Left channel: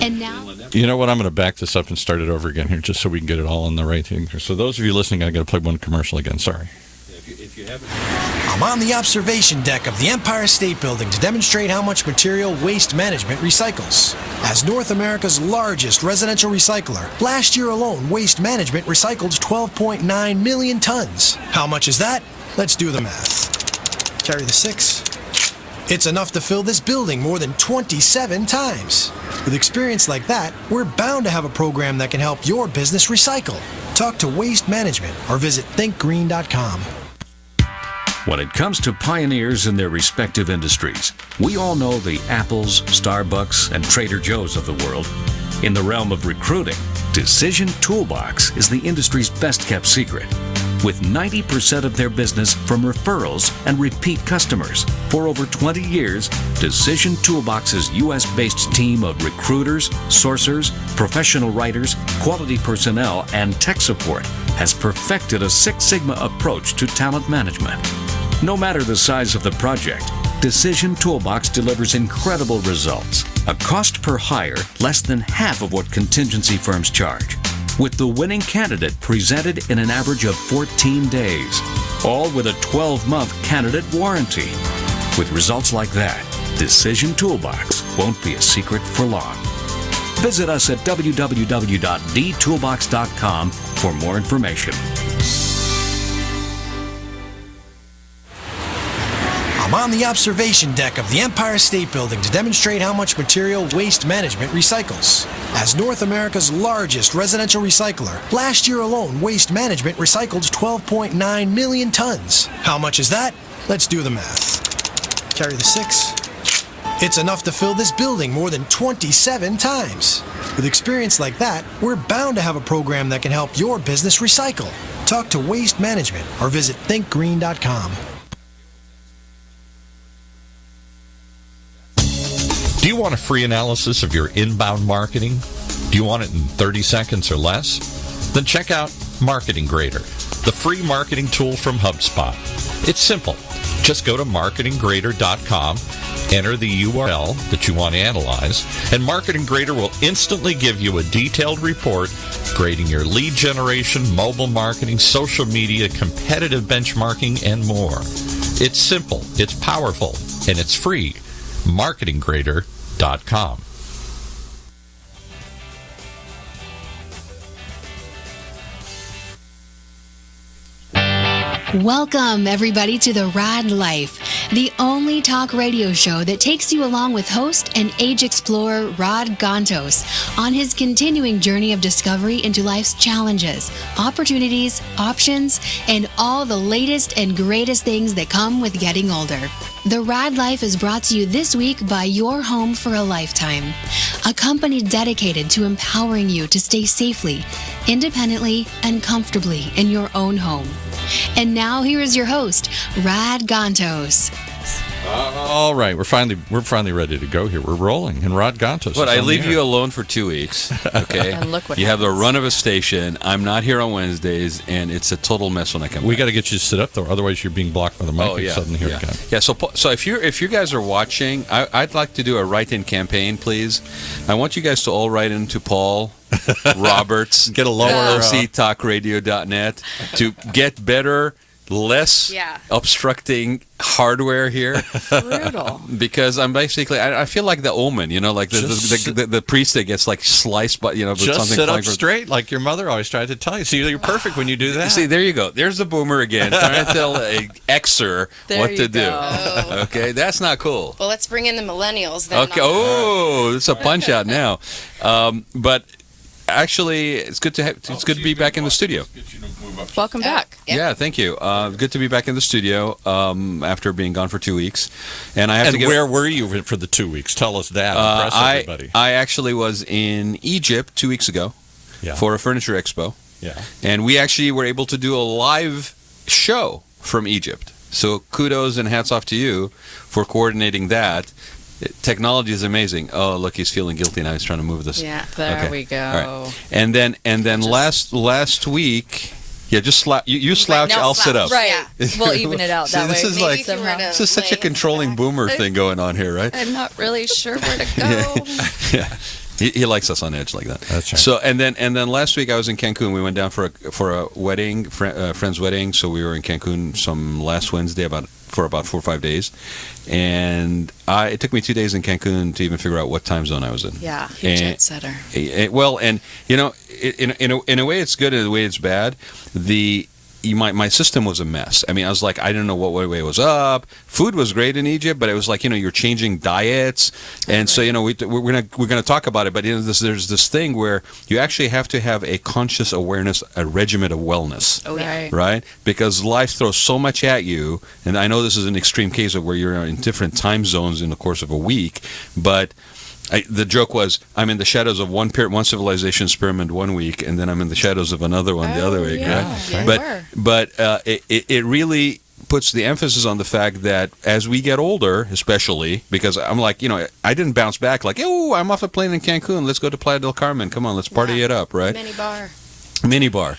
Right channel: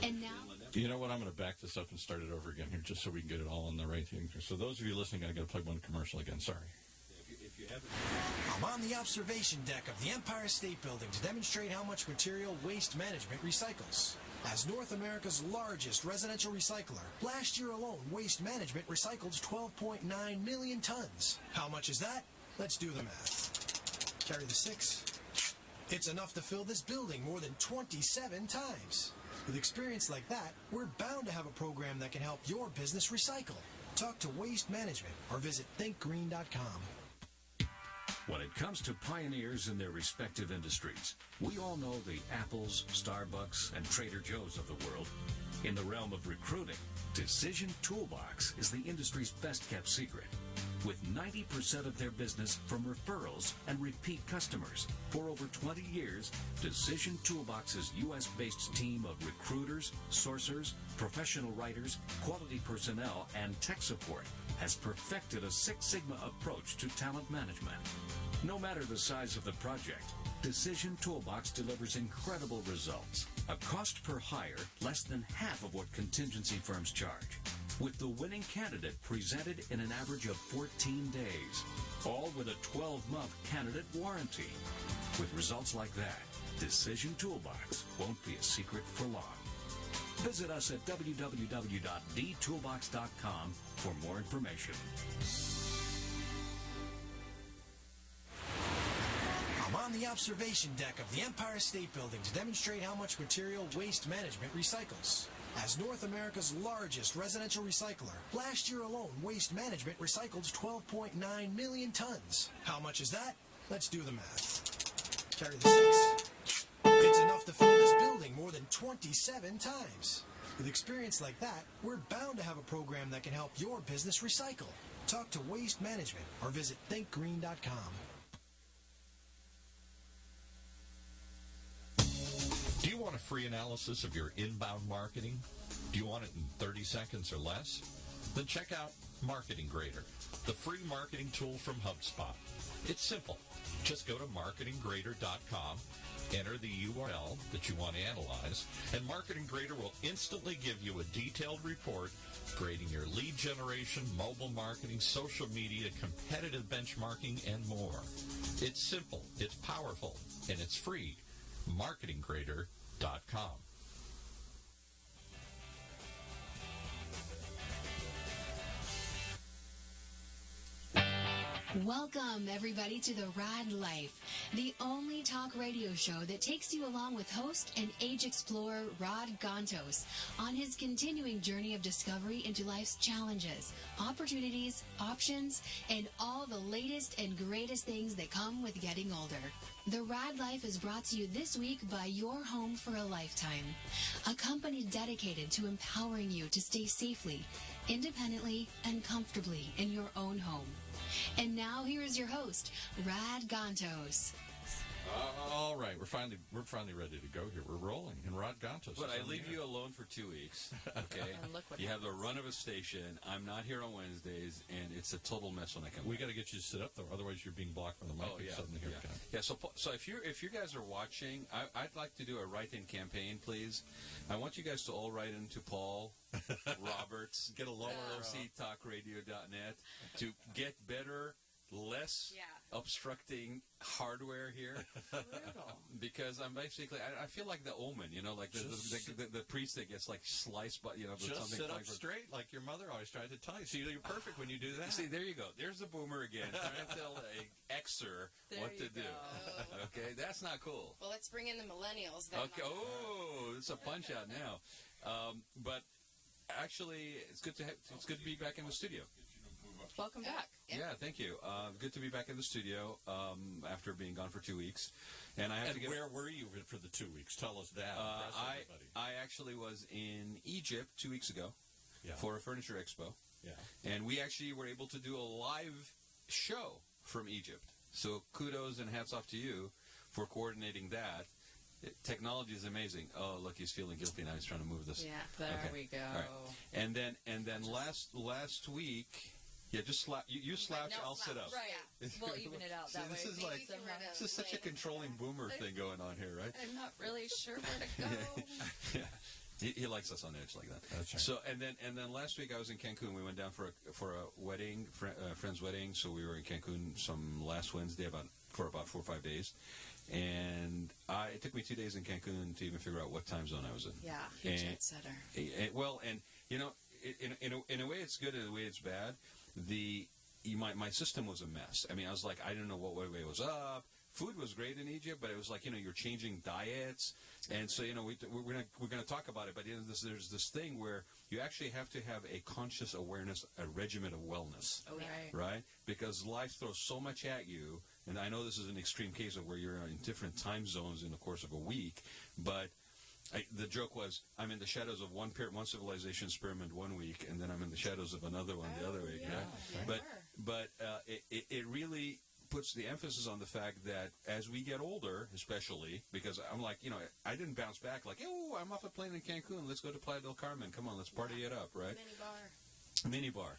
And now... You know what? I'm going to back this up and start it over again here just so we can get it all on the right thing. So those of you listening, I got to play one commercial again. Sorry. I'm on the observation deck of the Empire State Building to demonstrate how much material Waste Management recycles. As North America's largest residential recycler, last year alone, Waste Management recycled 12.9 million tons. How much is that? Let's do the math. Carry the 6. It's enough to fill this building more than 27 times. With experience like that, we're bound to have a program that can help your business recycle. Talk to Waste Management or visit thinkgreen.com. When it comes to pioneers in their respective industries, we all know the Apples, Starbucks, and Trader Joe's of the world. In the realm of recruiting, Decision Toolbox is the industry's best-kept secret. With 90% of their business from referrals and repeat customers. For over 20 years, Decision Toolbox's U.S.-based team of recruiters, sourcers, professional writers, quality personnel, and tech support has perfected a Six Sigma approach to talent management. No matter the size of the project, Decision Toolbox delivers incredible results. A cost per hire less than half of what contingency firms charge, with the winning candidate presented in an average of 14 days, all with a 12-month candidate warranty. With results like that, Decision Toolbox won't be a secret for long. Visit us at www.dtoolbox.com for more information. I'm on the observation deck of the Empire State Building to demonstrate how much material Waste Management recycles. As North America's largest residential recycler, last year alone, Waste Management recycled 12.9 million tons. How much is that? Let's do the math. Carry the 6. It's enough to fill this building more than 27 times. With experience like that, we're bound to have a program that can help your business recycle. Talk to Waste Management or visit thinkgreen.com. Do you want a free analysis of your inbound marketing? Do you want it in 30 seconds or less? Then check out Marketing Grader, the free marketing tool from HubSpot. It's simple. Just go to marketinggrader.com, enter the URL that you want to analyze, and Marketing Grader will instantly give you a detailed report grading your lead generation, mobile marketing, social media, competitive benchmarking, and more. It's simple, it's powerful, and it's free. marketinggrader.com. Welcome, everybody, to the Raad Life, the only talk radio show that takes you along with host and age explorer Raad Gantos on his continuing journey of discovery into life's challenges, opportunities, options, and all the latest and greatest things that come with getting older. The Raad Life is brought to you this week by Your Home for a Lifetime, a company dedicated to empowering you to stay safely, independently, and comfortably in your own home. And now here is your host, Raad Gantos. All right, we're finally ready to go here. We're rolling, and Raad Gantos. But I leave you alone for 2 weeks, okay? And look what you have the happens. run of a station. I'm not here on Wednesdays, and it's a total mess when I come back. We got to get you to sit up though, otherwise you're being blocked by the mic. Oh, yeah. Suddenly here yeah. again. Yeah. So if you guys are watching, I'd like to do a write-in campaign, please. I want you guys to all write into Paul Roberts, Get a lower lctalkradio.net to get better, less obstructing hardware here. Brutal. Because I'm basically, I feel like the Omen, you know, like the priest that gets like sliced, but with Just something sit up flying from- straight like your mother always tried to tell you. See, you're perfect when you do that. See, there you go. There's the boomer again, trying to tell an Xer what to do. Okay, that's not cool. Well, let's bring in the millennials then. Okay. Oh, it's a punch out now. But actually, it's good to be back in the studio. Welcome back. Yeah, thank you. Good to be back in the studio after being gone for 2 weeks. And I have to where were you for the 2 weeks? Tell us that. Impress everybody. I actually was in Egypt 2 weeks ago for a furniture expo. Yeah. And we actually were able to do a live show from Egypt. So kudos and hats off to you for coordinating that. Technology is amazing. Oh, look, he's feeling guilty now. He's trying to move this. Yeah, there we go. All right. And then last week, just you slouch, I'll sit up. Right. We'll even it out that way. This is Maybe if you were to this is such a lay controlling boomer thing going on here, right? I'm not really sure where to go. Yeah. He likes us on edge like that. That's right. So and then last week I was in Cancun. We went down for a wedding, friend's wedding. So we were in Cancun last Wednesday for about 4 or 5 days, and it took me 2 days in Cancun to even figure out what time zone I was in. Yeah, jet setter. Well, and in a way it's good, in a way it's bad. My system was a mess. I mean, I was like, I didn't know what way it was up. Food was great in Egypt, but it was like, you're changing diets, and so we're gonna talk about it. But there's this thing where you actually have to have a conscious awareness, a regimen of wellness. Oh yeah. Right? Because life throws so much at you, and I know this is an extreme case of where you're in different time zones in the course of a week, but the joke was, I'm in the shadows of one civilization's pyramid 1 week, and then I'm in the shadows of another one the other week. Yeah. Right? Yeah, But it really puts the emphasis on the fact that as we get older, especially, because I'm like, I didn't bounce back like, oh, I'm off a plane in Cancun, let's go to Playa del Carmen, come on, let's party it up, right? Mini bar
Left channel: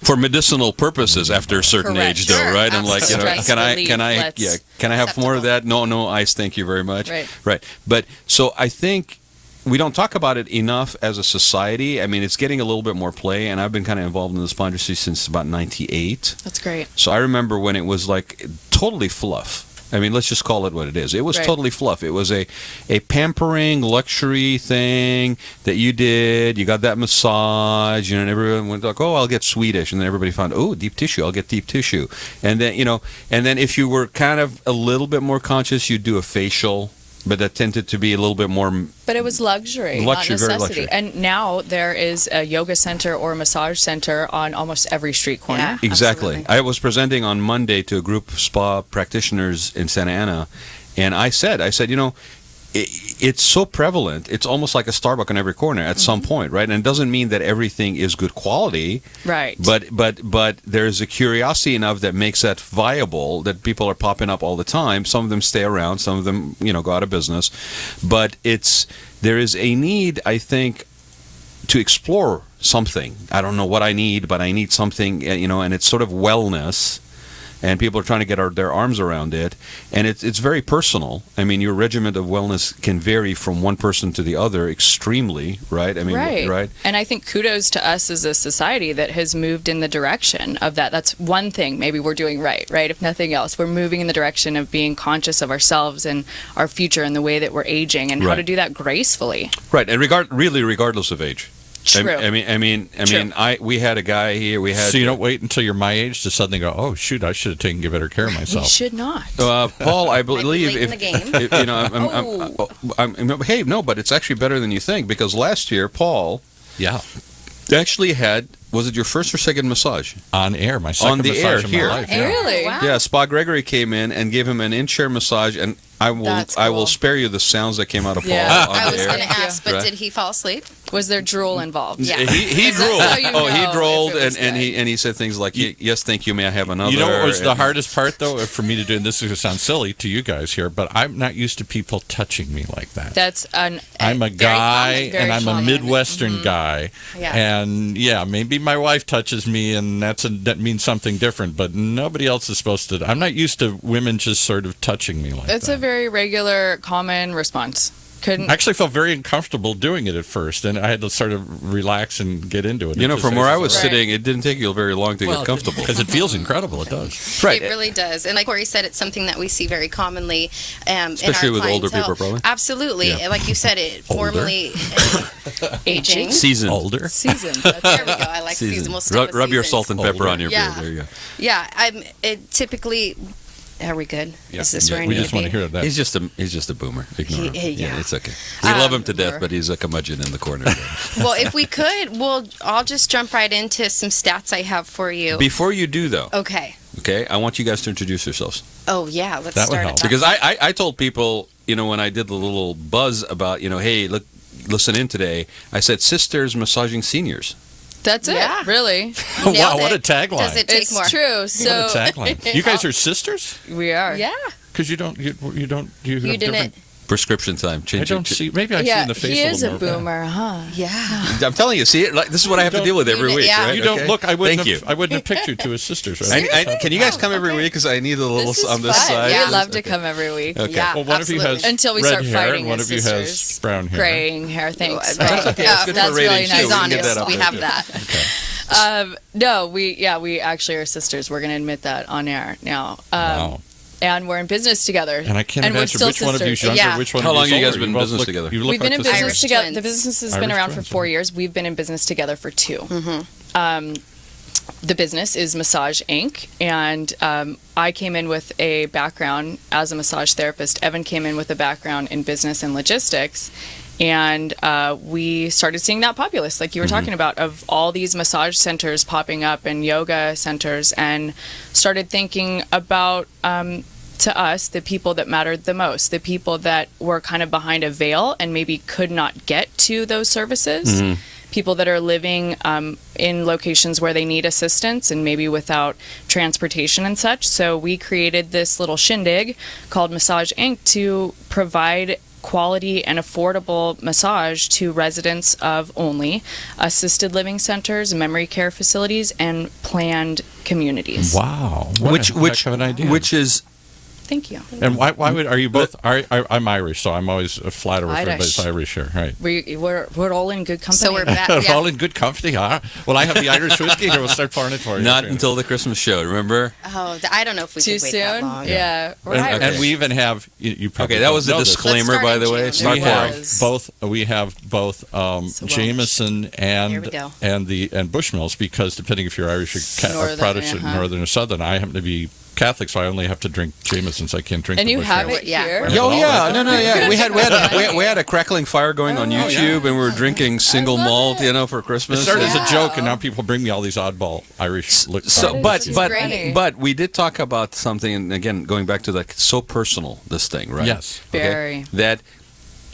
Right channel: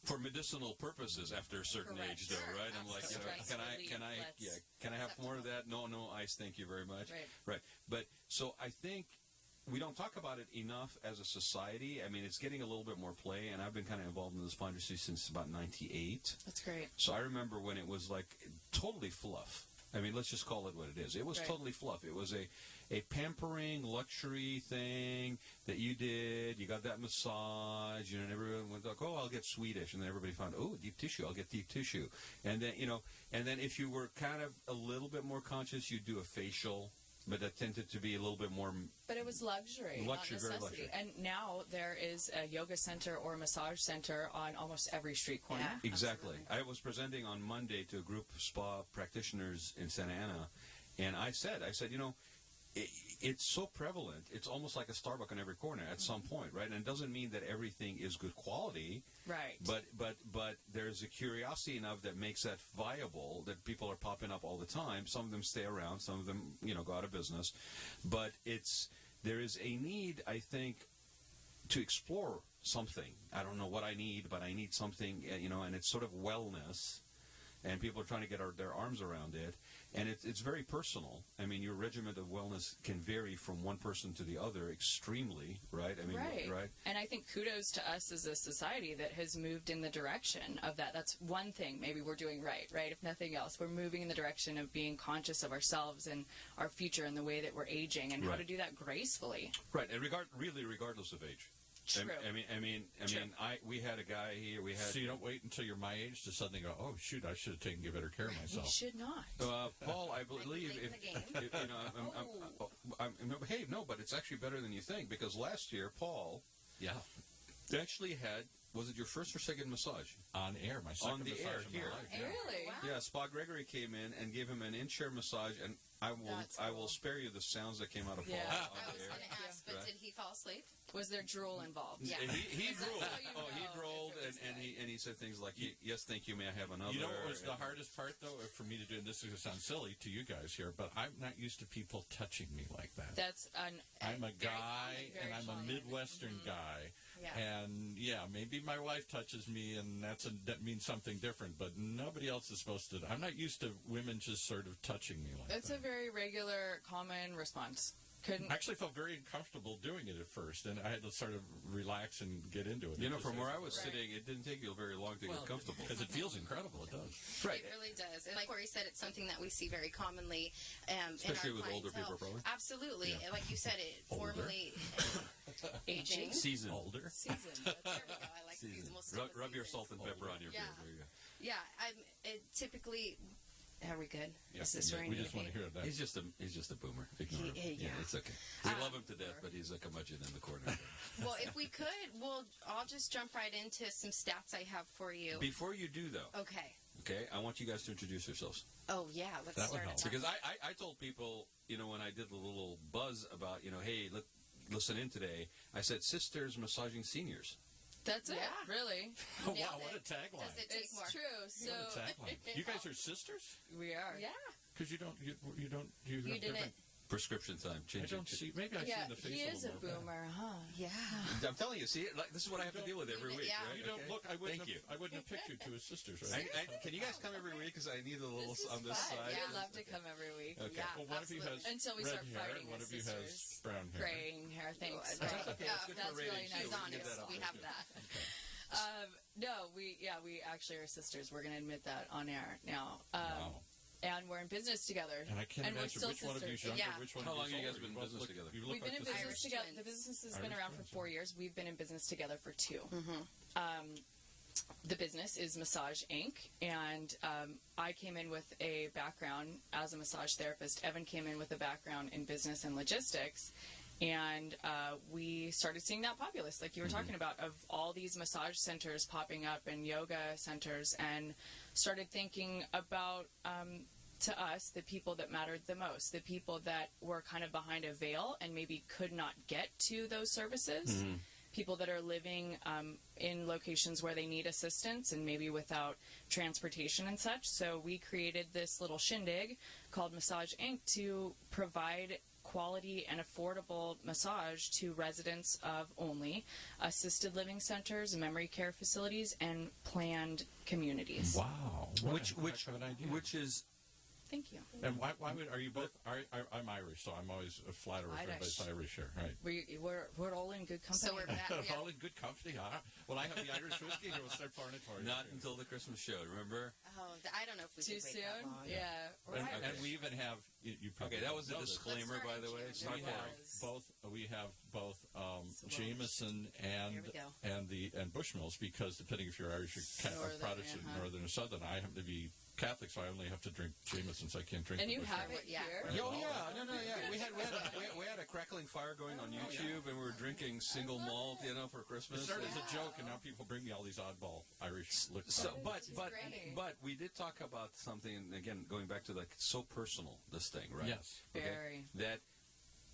for medicinal purposes after a certain Correct. age, though, Sure, right? I'm like, absolutely. can I have more of that? No, ice, thank you very much. Right. But so I think we don't talk about it enough as a society. I mean, it's getting a little bit more play, and I've been kind of involved in the spa industry since about '98. That's great. So I remember when it was like totally fluff. I mean, let's just call it what it is. It was totally fluff. It was a pampering luxury thing that you did. You got that massage, and everyone went like, "Oh, I'll get Swedish," and then everybody found, "Oh, deep tissue. I'll get deep tissue." And then and then if you were kind of a little bit more conscious, you'd do a facial. But that tended to be a little bit more. But it was luxury, not very necessity. luxury. And now there is a yoga center or a massage center on almost every street corner. Yeah. Exactly. Absolutely. I was presenting on Monday to a group of spa practitioners in Santa Ana, and I said, it's so prevalent. It's almost like a Starbucks on every corner at some point, right? And it doesn't mean that everything is good quality, Right. But there's a curiosity enough that makes that viable, that people are popping up all the time. Some of them stay around, some of them go out of business, but there is a need, I think, to explore something. I don't know what I need, but I need something, and it's sort of wellness. And people are trying to get their arms around it, and it's very personal. I mean, your regimen of wellness can vary from one person to the other extremely, right? I mean, right? And I think kudos to us as a society that has moved in the direction of that. That's one thing maybe we're doing right? If nothing else, we're moving in the direction of being conscious of ourselves and our future and the way that we're aging and how to do that gracefully. Right, and regardless of age. True. I mean, we had a guy here. So you don't wait until you're my age to suddenly go, oh shoot, I should have taken better care of You myself. should not. Paul, I believe late in the game. hey, no, but it's actually better than you think, because last year Paul Yeah, actually had, was it your first or second massage? on air, my second On the massage air of my here. life. Yeah. Really? Wow. Yeah, Spa Gregory came in and gave him an in-chair massage, and I will That's I will cool. spare you the sounds that came out of Paul Yeah. on I the was air. going to ask, but Right. did he fall asleep? Was there drool involved? Yeah. He That's drooled. how you know He if drooled, it was and good. he said things like, "Yes, thank you. May I have another?" You know what was the And- hardest part, though, for me to do, and this is going to sound silly to you guys here, but I'm not used to people touching me like that. That's I'm a very guy, common, very and I'm a common. Midwestern guy, Yeah. and maybe my wife touches me, and that means something different, but nobody else is supposed to. I'm not used to women just sort of touching me like It's that. a very regular, common response. I actually felt very uncomfortable doing it at first, and I had to sort of relax and get into it. From where I was Right. sitting, it didn't take you very long to get comfortable. because it feels incredible. It does. Right. It really does. And like Cory said, it's something that we see very commonly Especially in our with older clientele. people, probably. Absolutely. Yeah. Like you said, it formally aging. Seasoned. Older. Season. There we go. I like season. We'll stick with Rub your seasons. salt and pepper Older. on your Yeah. beard. There you go. Yeah, it typically. Are we good? Yeah. Is this where I We need just to want be? to hear that. He's just a boomer. Ignore him. Yeah. It's okay. We love him to death, but he's a curmudgeon in the corner. Well, if we could, I'll just jump right into some stats I have for you. Before you do, though, Okay. I want you guys to introduce yourselves. Oh yeah, let's That would start help. at that. Because I told people, when I did the little buzz about, hey, look, listen in today, I said sisters massaging seniors. That's it. Yeah. Really. Nailed Wow, what a it. tagline. Does it take It's more? true. So What a tagline. You guys are sisters? we are. Yeah. Because you have You didn't. different. Prescription time. I don't see. Maybe I see Yeah, in the face he a is a little more. boomer, huh? Yeah. I'm telling you, see it. Like, this is what I have to deal with every week. Yeah. Right? You don't Okay? look. I wouldn't. Thank have, you. I wouldn't have picked you to his sisters. Right? Can you guys come every week? Because I need a little This is on this fun. side. Yeah. We'd love to Okay. come every week. Okay. Yeah. Well, one of you has Until we red start hair, fighting and one as of you has sisters. brown hair. Graying hair, thanks. That's Right. okay. It's good for That's ratings, really too. nice. He's We can get honest. that up We there, have too. that. No, we actually are sisters. We're going to admit that on air now. Wow. And we're in business together. And I can't we're imagine still which one of you is sisters. younger, Yeah. which one How of long you have you is guys older. been in both business look- together? You look We've been like in the same. business Irish together. twins. The business has been Irish around twins, for 4 yeah. years. We've been in business together for 2. The business is Massage Inc. And I came in with a background as a massage therapist. Evin came in with a background in business and logistics. And we started seeing that populace, like you were talking about, of all these massage centers popping up and yoga centers, and started thinking about, to us, the people that mattered the most, the people that were kind of behind a veil and maybe could not get to those services. People that are living in locations where they need assistance and maybe without transportation and such. So we created this little shindig called Massage Inc. to provide quality and affordable massage to residents of only assisted living centers, memory care facilities, and planned communities. Wow. What a heck of an idea. Which is Thank you. And why would are you both? I'm Irish, so I'm always flattered if everybody's Irish. Irish here, right? We're all in good company. So we're back. We're Yeah. all in good company, huh? Well, I have the Irish whiskey here. We'll start pouring it for you. not until the Christmas show. Remember? Oh, I don't know if we too could wait that soon. long. Yeah. We're And, Irish. and we even have you probably Okay, that don't was the know this. disclaimer, Let's by start the in way. June. Start We It pouring. have both. We have both Jameson Here we go. and Bushmills, because depending if you're Irish or Northern, Protestant, uh-huh. Northern or Southern, I happen to be Catholic, so I only have to drink Jameson, so I can't drink. And the you have Bushmills. it Yeah. here. Yeah. Oh yeah, no, yeah. We had a crackling fire going on YouTube, and we were drinking single malt, for It Christmas. started as Yeah. a joke, and now people bring me all these oddball Irish. So, That is great. but we did talk about something, and again, going back to like so personal, this thing, right? Yes. Very. That,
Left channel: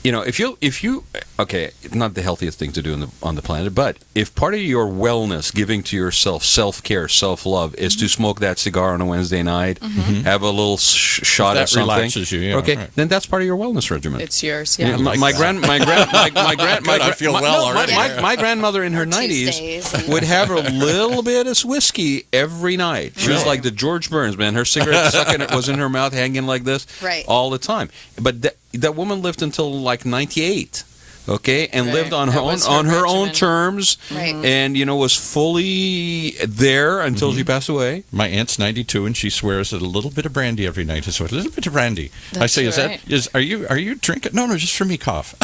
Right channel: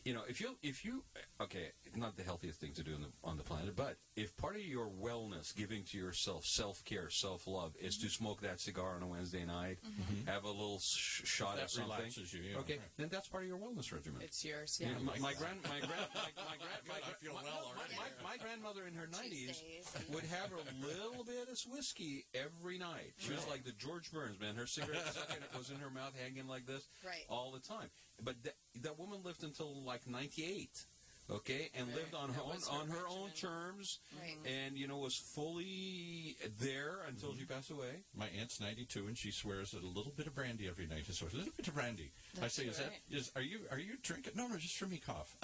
if you okay, not the healthiest thing to do on the planet, but if part of your wellness, giving to yourself, self-care, self-love, is to smoke that cigar on a Wednesday night, have a little shot That of something, relaxes you, yeah, okay, right. then that's part of your wellness regimen. It's yours. Yeah. My grandmother in her Tuesdays 90s would have a little bit of whiskey every night. She was like the George Burns, man. Her cigarette was in her mouth, hanging like this, Right. all the time. But that woman lived until like 98. Okay, and Right. lived on her That own was her own regimen. terms, Right. and was fully there until she passed away. My aunt's 92, and she swears that a little bit of brandy every night is what. A little bit of brandy. I That's say, right. are you drinking? No, just for me, cough.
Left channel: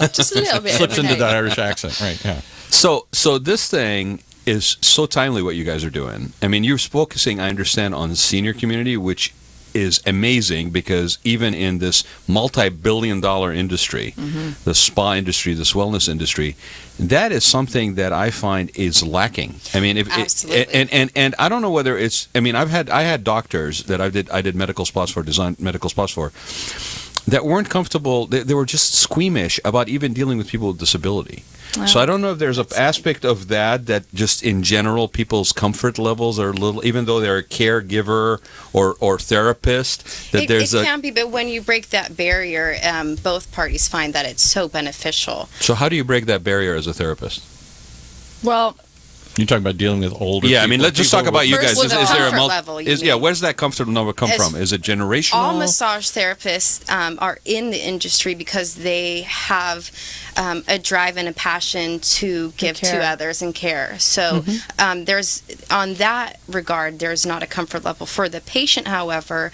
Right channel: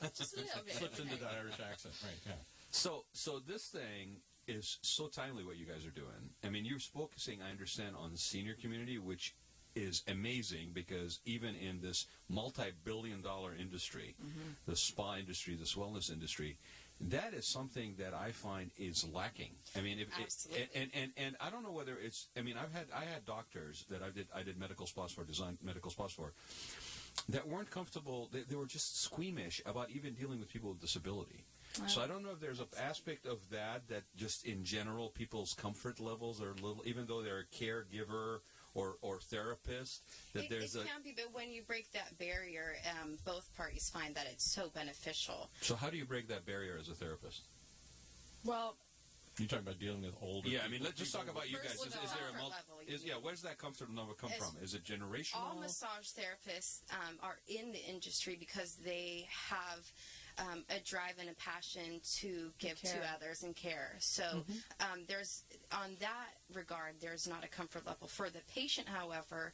Right. Just a little bit. Slips into Right. that Irish accent, right? Yeah. So this thing is so timely, what you guys are doing. I mean, you're focusing, I understand, on the senior community, which is amazing, because even in this multi-billion-dollar industry, the spa industry, this wellness industry, that is something that I find is lacking. I mean, Absolutely. and I don't know whether it's. I mean, I had doctors that I did medical spas for, designed medical spas for, that weren't comfortable. They were just squeamish about even dealing with people with disability. So I don't know if there's an aspect of that just in general people's comfort levels are a little, even though they're a caregiver or therapist, that It there's can be, but when you break that barrier, both parties find that it's so beneficial. So how do you break that barrier as a therapist? Well, You're talking about dealing with older. Yeah, I people, me's just talk about you First, guys. with the Is there a comfort level, you mean. where does that comfort level come from? Is it generational? All massage therapists are in the industry because they have a drive and a passion to give to care. others and care. So there's, on that regard, there's not a comfort level. For the patient, however,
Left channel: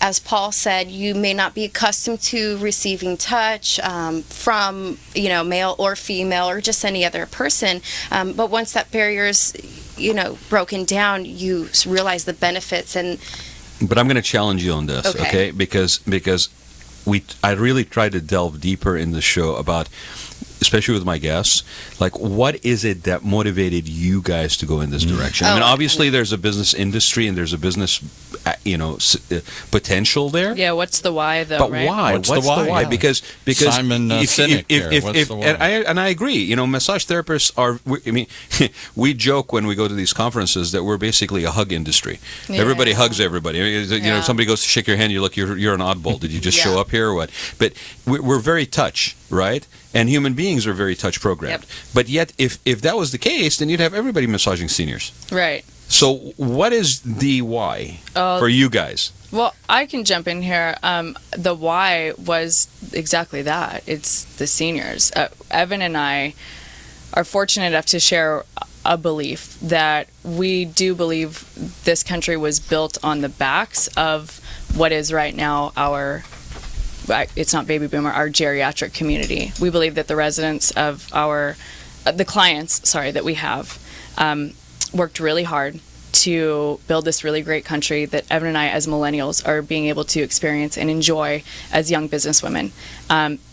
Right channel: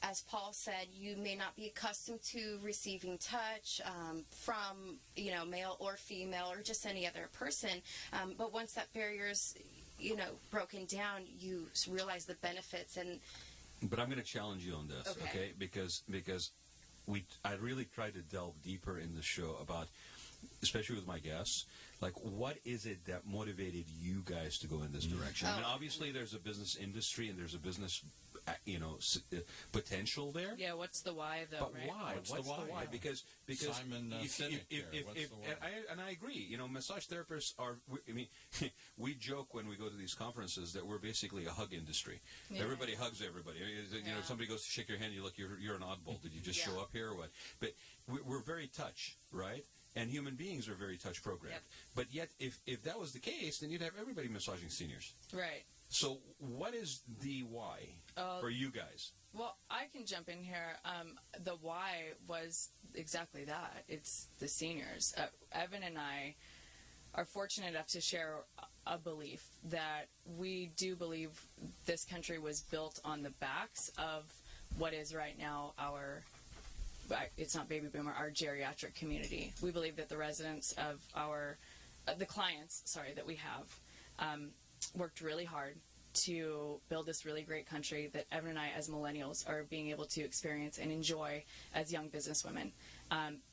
as Paul said, you may not be accustomed to receiving touch from, male or female or just any other person. But once that barrier is, broken down, you realize the benefits. And But I'm going to challenge you on this, Okay. okay? Because I really try to delve deeper in the show about especially with my guests, like what is it that motivated you guys to go in this direction? I mean, obviously there's a business industry and there's a business, potential there. Yeah, what's the why though? But right? why? What's the why? Yeah. Because Simon Sinek there. What's the why? And I agree. Massage therapists are. I mean, we joke when we go to these conferences that we're basically a hug industry. Yeah. Everybody hugs everybody. If somebody goes to shake your hand, you're like, you're an oddball. Did you just show up here or what? But we're very touch, right? And human beings are very touch programmed. Yep. But yet, if that was the case, then you'd have everybody massaging seniors. Right. So, what is the why for you guys? Well, I can jump in here. The why was exactly that. It's the seniors. Evin and I are fortunate enough to share a belief that we do believe this country was built on the backs of what is right now it's not baby boomer, our geriatric community. We believe that the residents of the clients, that we have, worked really hard to build this really great country that Evin and I, as millennials, are being able to experience and enjoy as young businesswomen.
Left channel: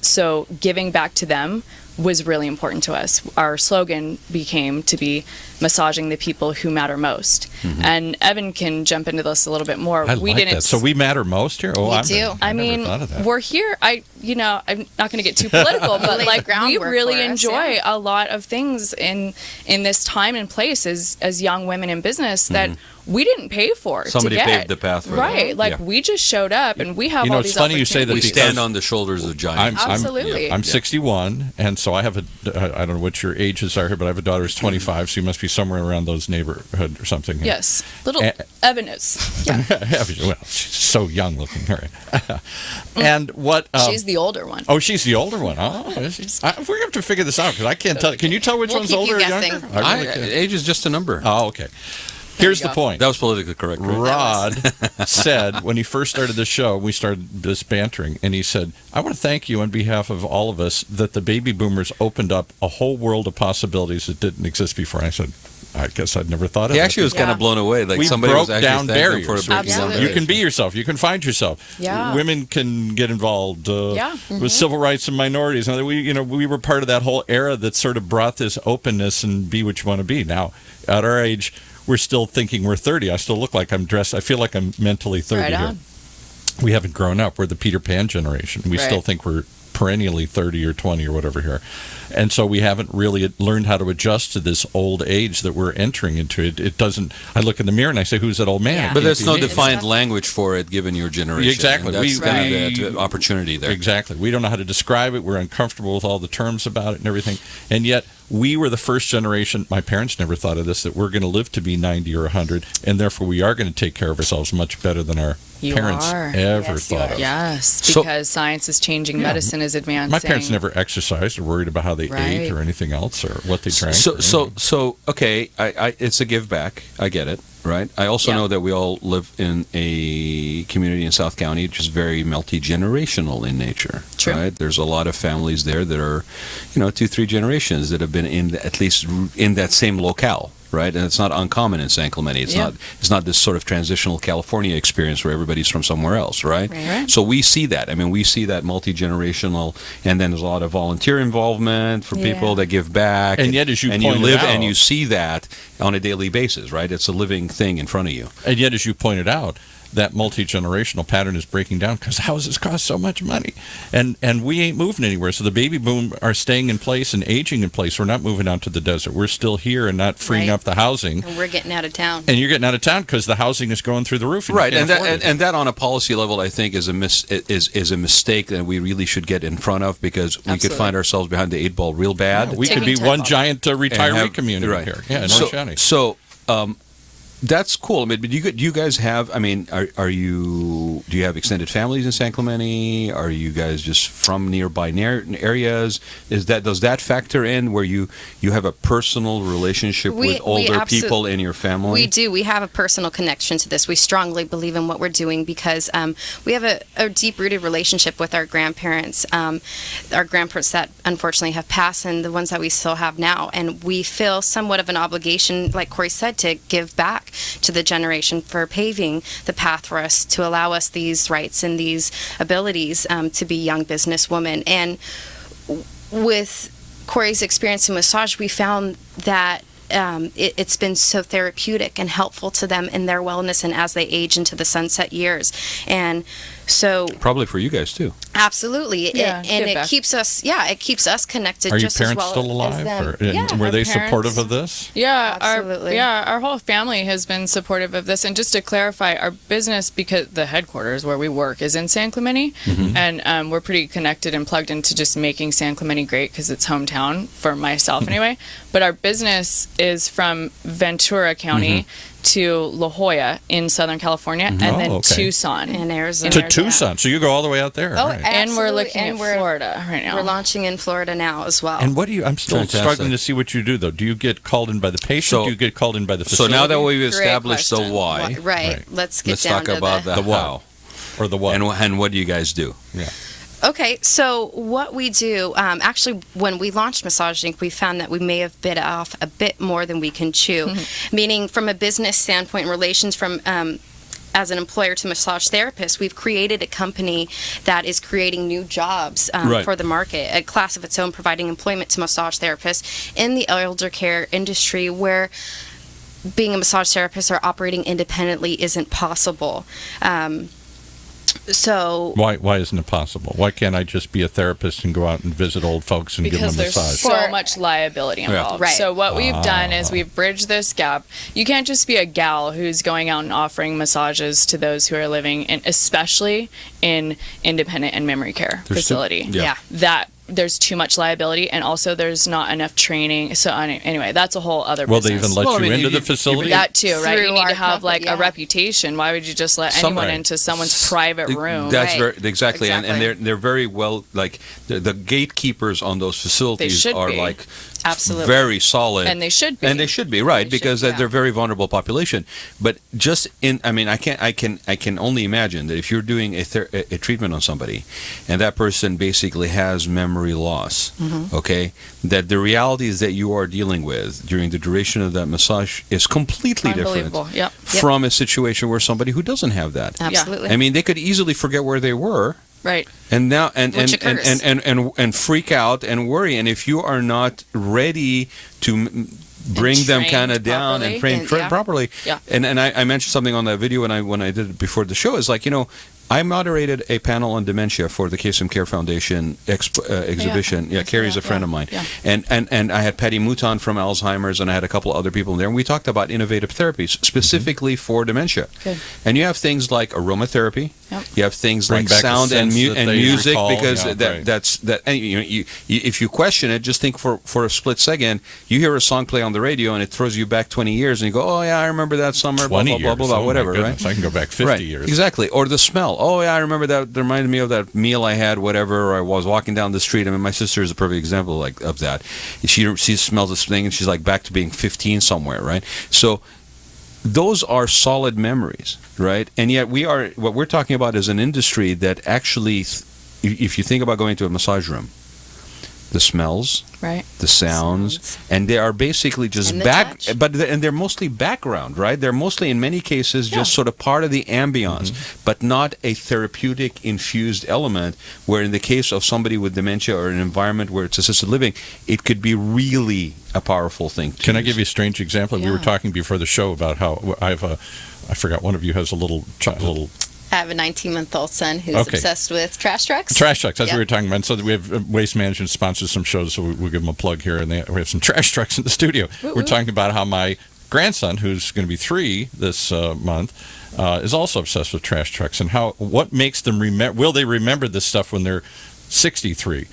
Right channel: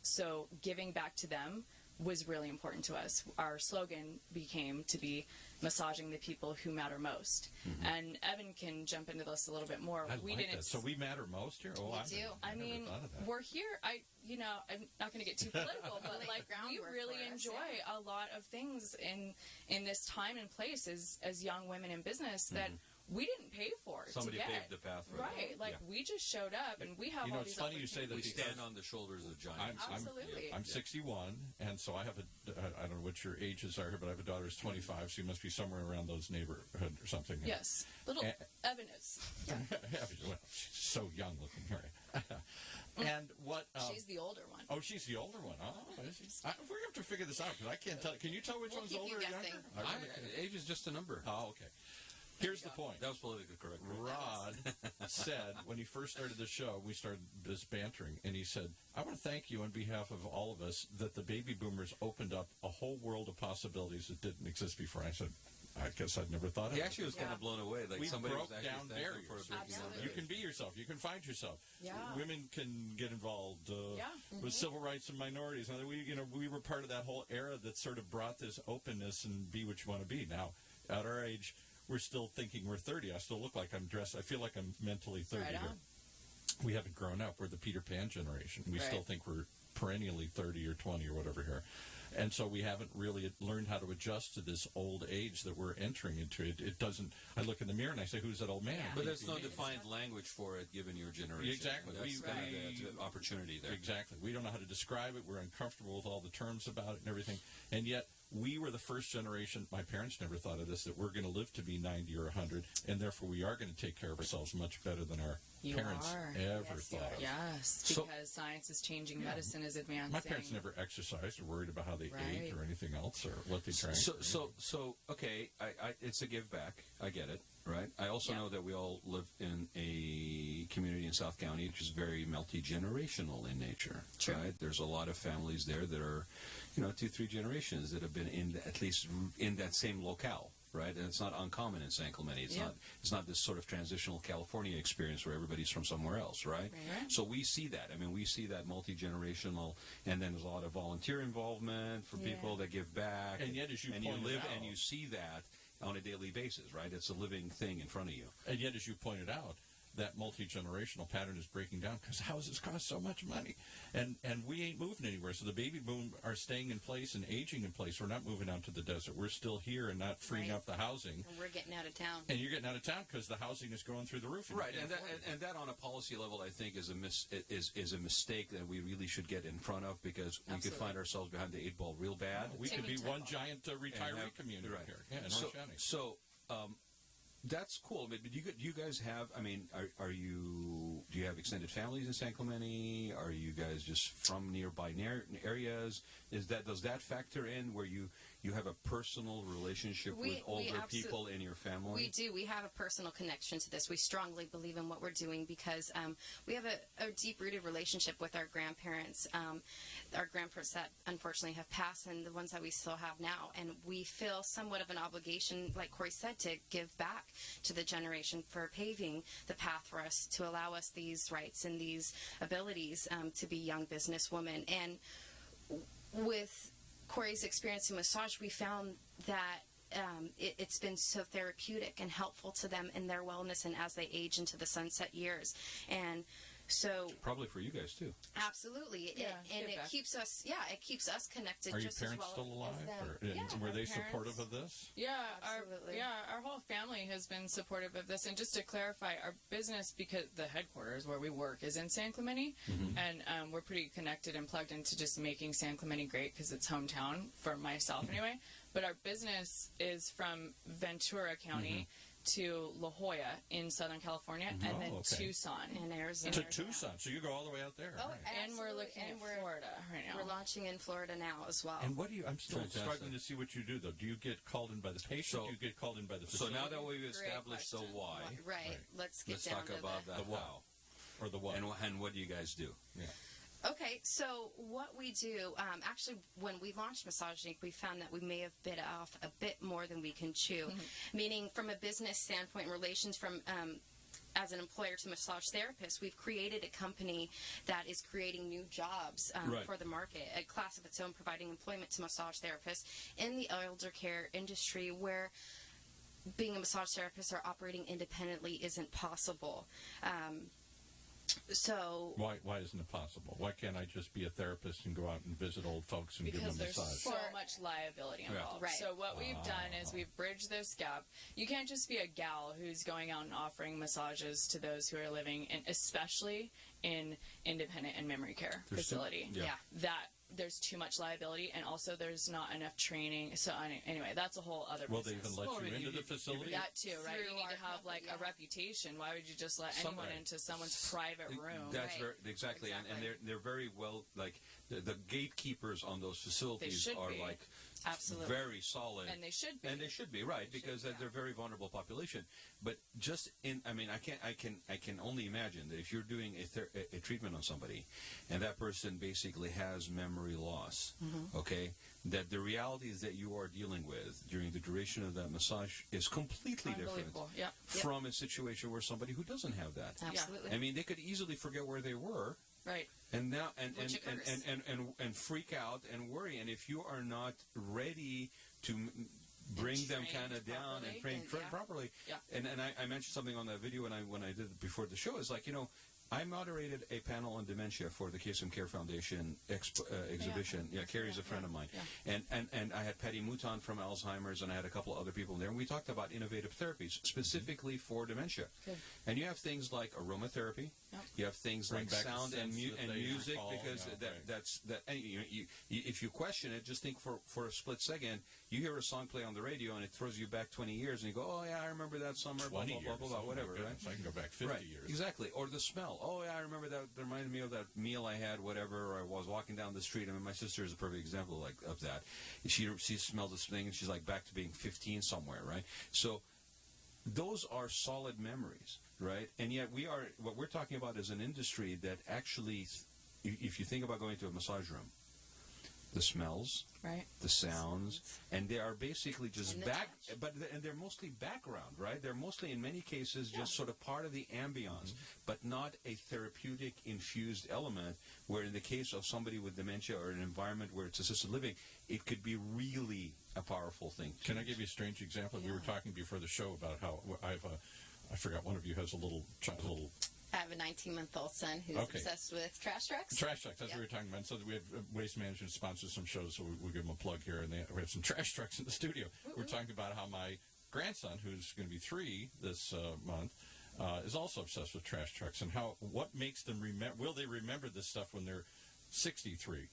So giving back to them was really important to us. Our slogan became to be massaging the people who matter most. Mm-hmm. And Evin can jump into this a little bit more. I like that. So we matter most here? We do. I mean, we're here. I'm not going to get too political, but like we really enjoy a lot of things in this time and place as young women in business that we didn't pay for. Somebody to get. paved the path for right. Like we just showed up and we have all these it's funny you say that. We stand on the shoulders of giants. Absolutely. I'm 61, and so I have I don't know what your ages are here, but I have a daughter who's 25, so you must be somewhere around those neighborhood or something. Yes. Little Evin is. Yeah. Well, she's so young looking. Right. And what? She's the older one. Oh, she's the older one. Oh, we're going to have to figure this out because I can't tell. Can you tell which one's older or younger? Age is just a number. Oh, okay. Here's the point. That was politically correct. Right? Rod said when he first started the show, we started this bantering, and he said, I want to thank you on behalf of all of us that the baby boomers opened up a whole world of possibilities that didn't exist before. And I said, I guess I'd never thought of it. He actually was kind of blown away. Like we somebody broke was actually down barriers. For breaking down barriers. You can be yourself. You can find yourself. Yeah. Women can get involved with civil rights and minorities. And we were part of that whole era that sort of brought this openness and be what you want to be. Now, at our age, we're still thinking we're 30. I still look like I'm dressed. I feel like I'm mentally 30 right here. on. We haven't grown up. We're the Peter Pan generation. We still think we're perennially 30 or 20 or whatever here. And so we haven't really learned how to adjust to this old age that we're entering into. It doesn't. I look in the mirror and I say, "Who's that old man?" Yeah. But there's no defined language for it, given your generation. Exactly. And that's kind of the opportunity there. Exactly. We don't know how to describe it. We're uncomfortable with all the terms about it and everything. And yet, we were the first generation. My parents never thought of this, that we're going to live to be 90 or 100, and therefore we are going to take care of ourselves much better than our parents ever thought of. Yes, because science is changing, medicine is advancing. My parents never exercised or worried about how they ate or anything else or what they drank. So okay, it's a give back. I get it, right? I also know that we all live in a community in South County which is very multi-generational in nature. True. Right? There's a lot of families there that are, 2-3 generations that have been at least in that same locale. Right, and it's not uncommon in San Clemente. It's not this sort of transitional California experience where everybody's from somewhere else, right? So we see that. I mean, we see that multi-generational, and then there's a lot of volunteer involvement for people that give back. And yet, as you and pointed you live out, and you see that on a daily basis, right? It's a living thing in front of you. And yet, as you pointed out, that multi-generational pattern is breaking down because houses cost so much money. And we ain't moving anywhere. So the baby boom are staying in place and aging in place. We're not moving out to the desert. We're still here and not freeing up the housing. And we're getting out of town. And you're getting out of town because the housing is going through the roof. And right, and that on a policy level, I think, is a mistake that we really should get in front of because we could find ourselves behind the 8 ball real bad. We could be one giant retiree community here. Yeah, in Orange County. So that's cool. I mean, but do you guys have? I mean, do you have extended families in San Clemente? Are you guys just from nearby areas? Does that factor in where you have a personal relationship with older people in your family? We do. We have a personal connection to this. We strongly believe in what we're doing because we have a deep-rooted relationship with our grandparents. Our grandparents that unfortunately have passed, and the ones that we still have now, and we feel somewhat of an obligation, like Cory said, to give back to the generation for paving the path for us to allow us these rights and these abilities to be young businesswomen. And with Cory's experience in massage, we found that it's been so therapeutic and helpful to them in their wellness and as they age into the sunset years. And so Probably for you guys too. absolutely, Yeah, and give it back. keeps us connected Are your just as parents well still as alive? them. Or, Yeah, were our they parents- supportive of this? Yeah, Absolutely. our whole family has been supportive of this. And just to clarify, our business, because the headquarters where we work is in San Clemente, and we're pretty connected and plugged into just making San Clemente great because it's hometown for myself anyway. But our business is from Ventura County to La Jolla in Southern California, and then okay. Tucson. In Arizona. To Tucson. So you go all the way out there. Oh, right. And we're absolutely. looking And at we're- Florida right now. We're launching in Florida now as well. And what do you? I'm still Fantastic. struggling to see what you do, though. Do you get called in by the patient? So- do you get called in by the So facility? now that we've Great established the question. why, Right. Right. Let's get let's down talk to about the what? how. or the what? And what do you guys do? yeah. Okay, so what we do, actually, when we launched Massage Inc., we found that we may have bit off a bit more than we can chew, meaning from a business standpoint, relations from as an employer to massage therapists, we've created a company that is creating new jobs Right. for the market, a class of its own, providing employment to massage therapists in the elder care industry where being a massage therapist or operating independently isn't possible. So Why isn't it possible? Why can't I just be a therapist and go out and visit old folks and because give them a there's massage? so For- much liability involved. Right. So what we've done is we've bridged this gap. You can't just be a gal who's going out and offering massages to those who are living in, especially in independent and memory care facility. yeah. That there's too much liability, and also there's not enough training. So anyway, that's a whole other Will they business. even let Well, I you mean, into you- the facility? That too, right? Through You need our to have company, like yeah. a reputation. Why would you just let Some- anyone Right. into someone's private room? That's Right. very exactly, and Exactly. they're very well, like the gatekeepers on those facilities should are be. like Absolutely. very solid, And they should be. and they should be right They should, because yeah. they're a very vulnerable population. But just I mean, I can only imagine that if you're doing a treatment on somebody, and that person basically has memory loss, okay, that the realities that you are dealing with during the duration of that massage is completely different Unbelievable. Yep. from a situation where somebody who doesn't have that. Absolutely. I mean, they could easily forget where they were, Right. and now and Which and, occurs. and freak out and worry. And if you are not ready to bring them trained kind of down properly. and train And, yeah. properly, Yeah. and I mentioned something on that video when I did it before the show, is like, I moderated a panel on dementia for the KSM Care Foundation exhibition. Yeah, Carrie's a friend of mine. Yeah. And I had Patty Mouton from Alzheimer's, and I had a couple other people in there, and we talked about innovative therapies specifically for dementia. Good. And you have things like aromatherapy. Yep. You have things Bring like back the sound and, sense that they music, recall. because Yeah, right. that's that. And you, if you question it, just think for a split second. You hear a song play on the radio, and it throws you back 20 years, and you go, "Oh yeah, I remember that summer." 20 blah blah years. blah blah, Oh, my whatever, right? goodness. I can go back 50 right. years. Exactly. Or the smell. Oh yeah, I remember that. That reminded me of that meal I had, whatever. Or I was walking down the street. I mean, my sister is a perfect example like of that. She smells this thing, and she's like back to being 15 somewhere, right? So those are solid memories, right? And yet what we're talking about is an industry that actually, if you think about going to a massage room, the smells, Right. the sounds, and they are basically just And the touch. and they're mostly background, right? They're mostly in many cases just sort of part of the ambiance, but not a therapeutic infused element, where in the case of somebody with dementia or an environment where it's assisted living, it could be really a powerful thing to Can I use. give you a strange example? We were Yeah. talking before the show about how I forgot, one of you has a little I have a 19-month-old son who's Okay. obsessed with trash trucks. trash trucks. That's what Yep. we were talking about. So we have Waste Management sponsors some shows, so we'll give them a plug here. And we have some trash trucks in the studio. We're talking about how my grandson, who's going to be 3 this month, is also obsessed with trash trucks, and what makes them remember. Will they remember this stuff when they're 63?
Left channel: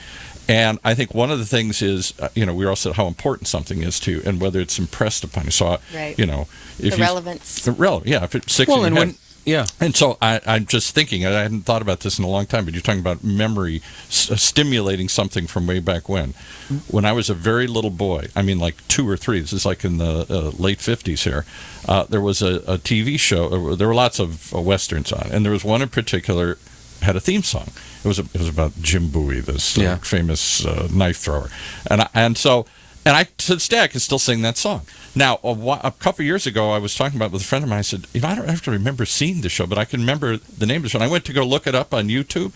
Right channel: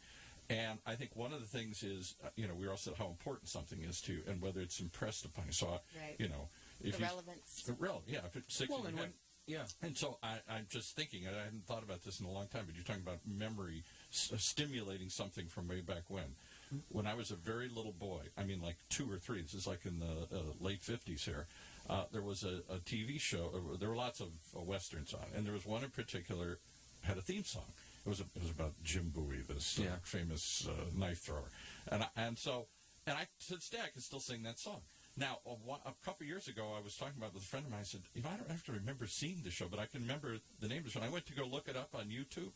And I think one of the things is, we also how important something is to, and whether it's impressed upon you. So, Right. if The relevance. yeah, if it's 60, Well, and when and so I'm just thinking, I hadn't thought about this in a long time, but you're talking about memory stimulating something from way back when. When I was a very little boy, I mean like 2 or 3, this is like in the late 50s here, there was a TV show, there were lots of Westerns on, and there was one in particular had a theme song. It was about Jim Bowie, this famous knife thrower. And I to this day I can still sing that song. Now, a couple of years ago, I was talking about it with a friend of mine. I said, I don't have to remember seeing the show, but I can remember the name of the show. And I went to go look it up on YouTube.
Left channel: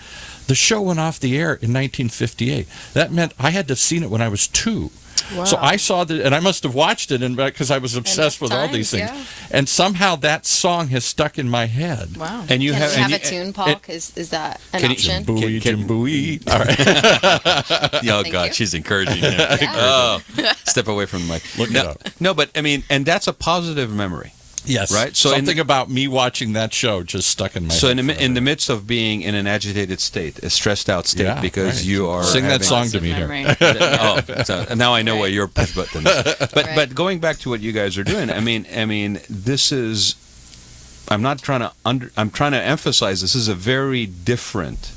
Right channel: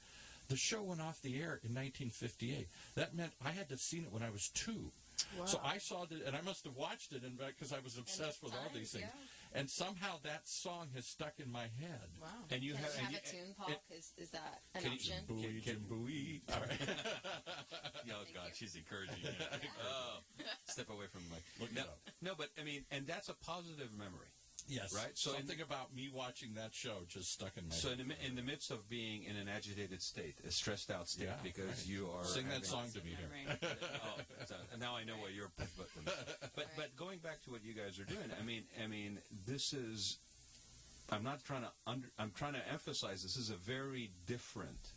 The show went off the air in 1958. That meant I had to have seen it when I was 2. Wow. So I saw that, and I must have watched it, and because I was obsessed with all these things, and somehow that song has stuck in my head. Wow. And you Can have, we have and a tune, Paul? Is that an Can you- option? Booey, Can- Jimbooey. All right. Oh Thank God, you. she's encouraging him. Oh, step away from the mic. Look it no, up. no, but I mean, and that's a positive memory. Yes. Right? So something about me watching that show just stuck in my So head. in the forever. midst of being in an agitated state, a stressed out state, Yeah, because right. you are Sing that having- song to me here. Memory. Oh, so now I know what your push button is. But Right. going back to what you guys are doing, I mean, this is. I'm not trying to I'm trying to emphasize this is a very different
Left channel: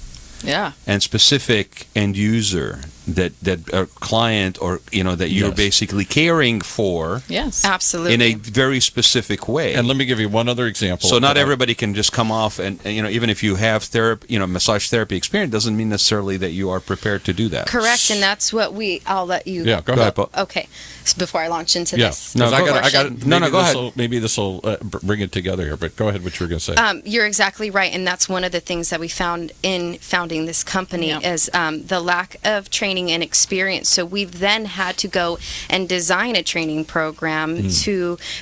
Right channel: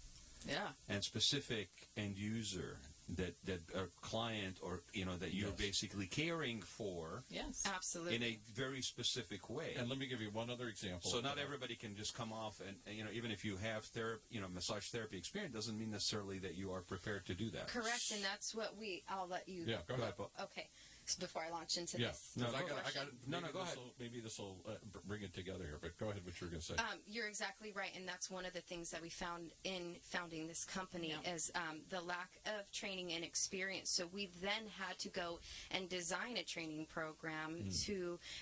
Yeah. and specific end user that a client or that you're Yes. basically caring for Yes. Absolutely. in a very specific way. And let me give you one other example. So not that I- everybody can just come off and even if you have therapy, massage therapy experience, doesn't mean necessarily that you are prepared to do that. Correct, and that's what I'll let you. Yeah, go ahead. Paul. Okay, so before I launch into Yeah. this. No, I go- got. No, go ahead. Maybe this will bring it together here. But go ahead. What you were going to say? You're exactly right, and that's one of the things that we found in founding this company Yeah. is the lack of training and experience. So we've then had to go and design a training program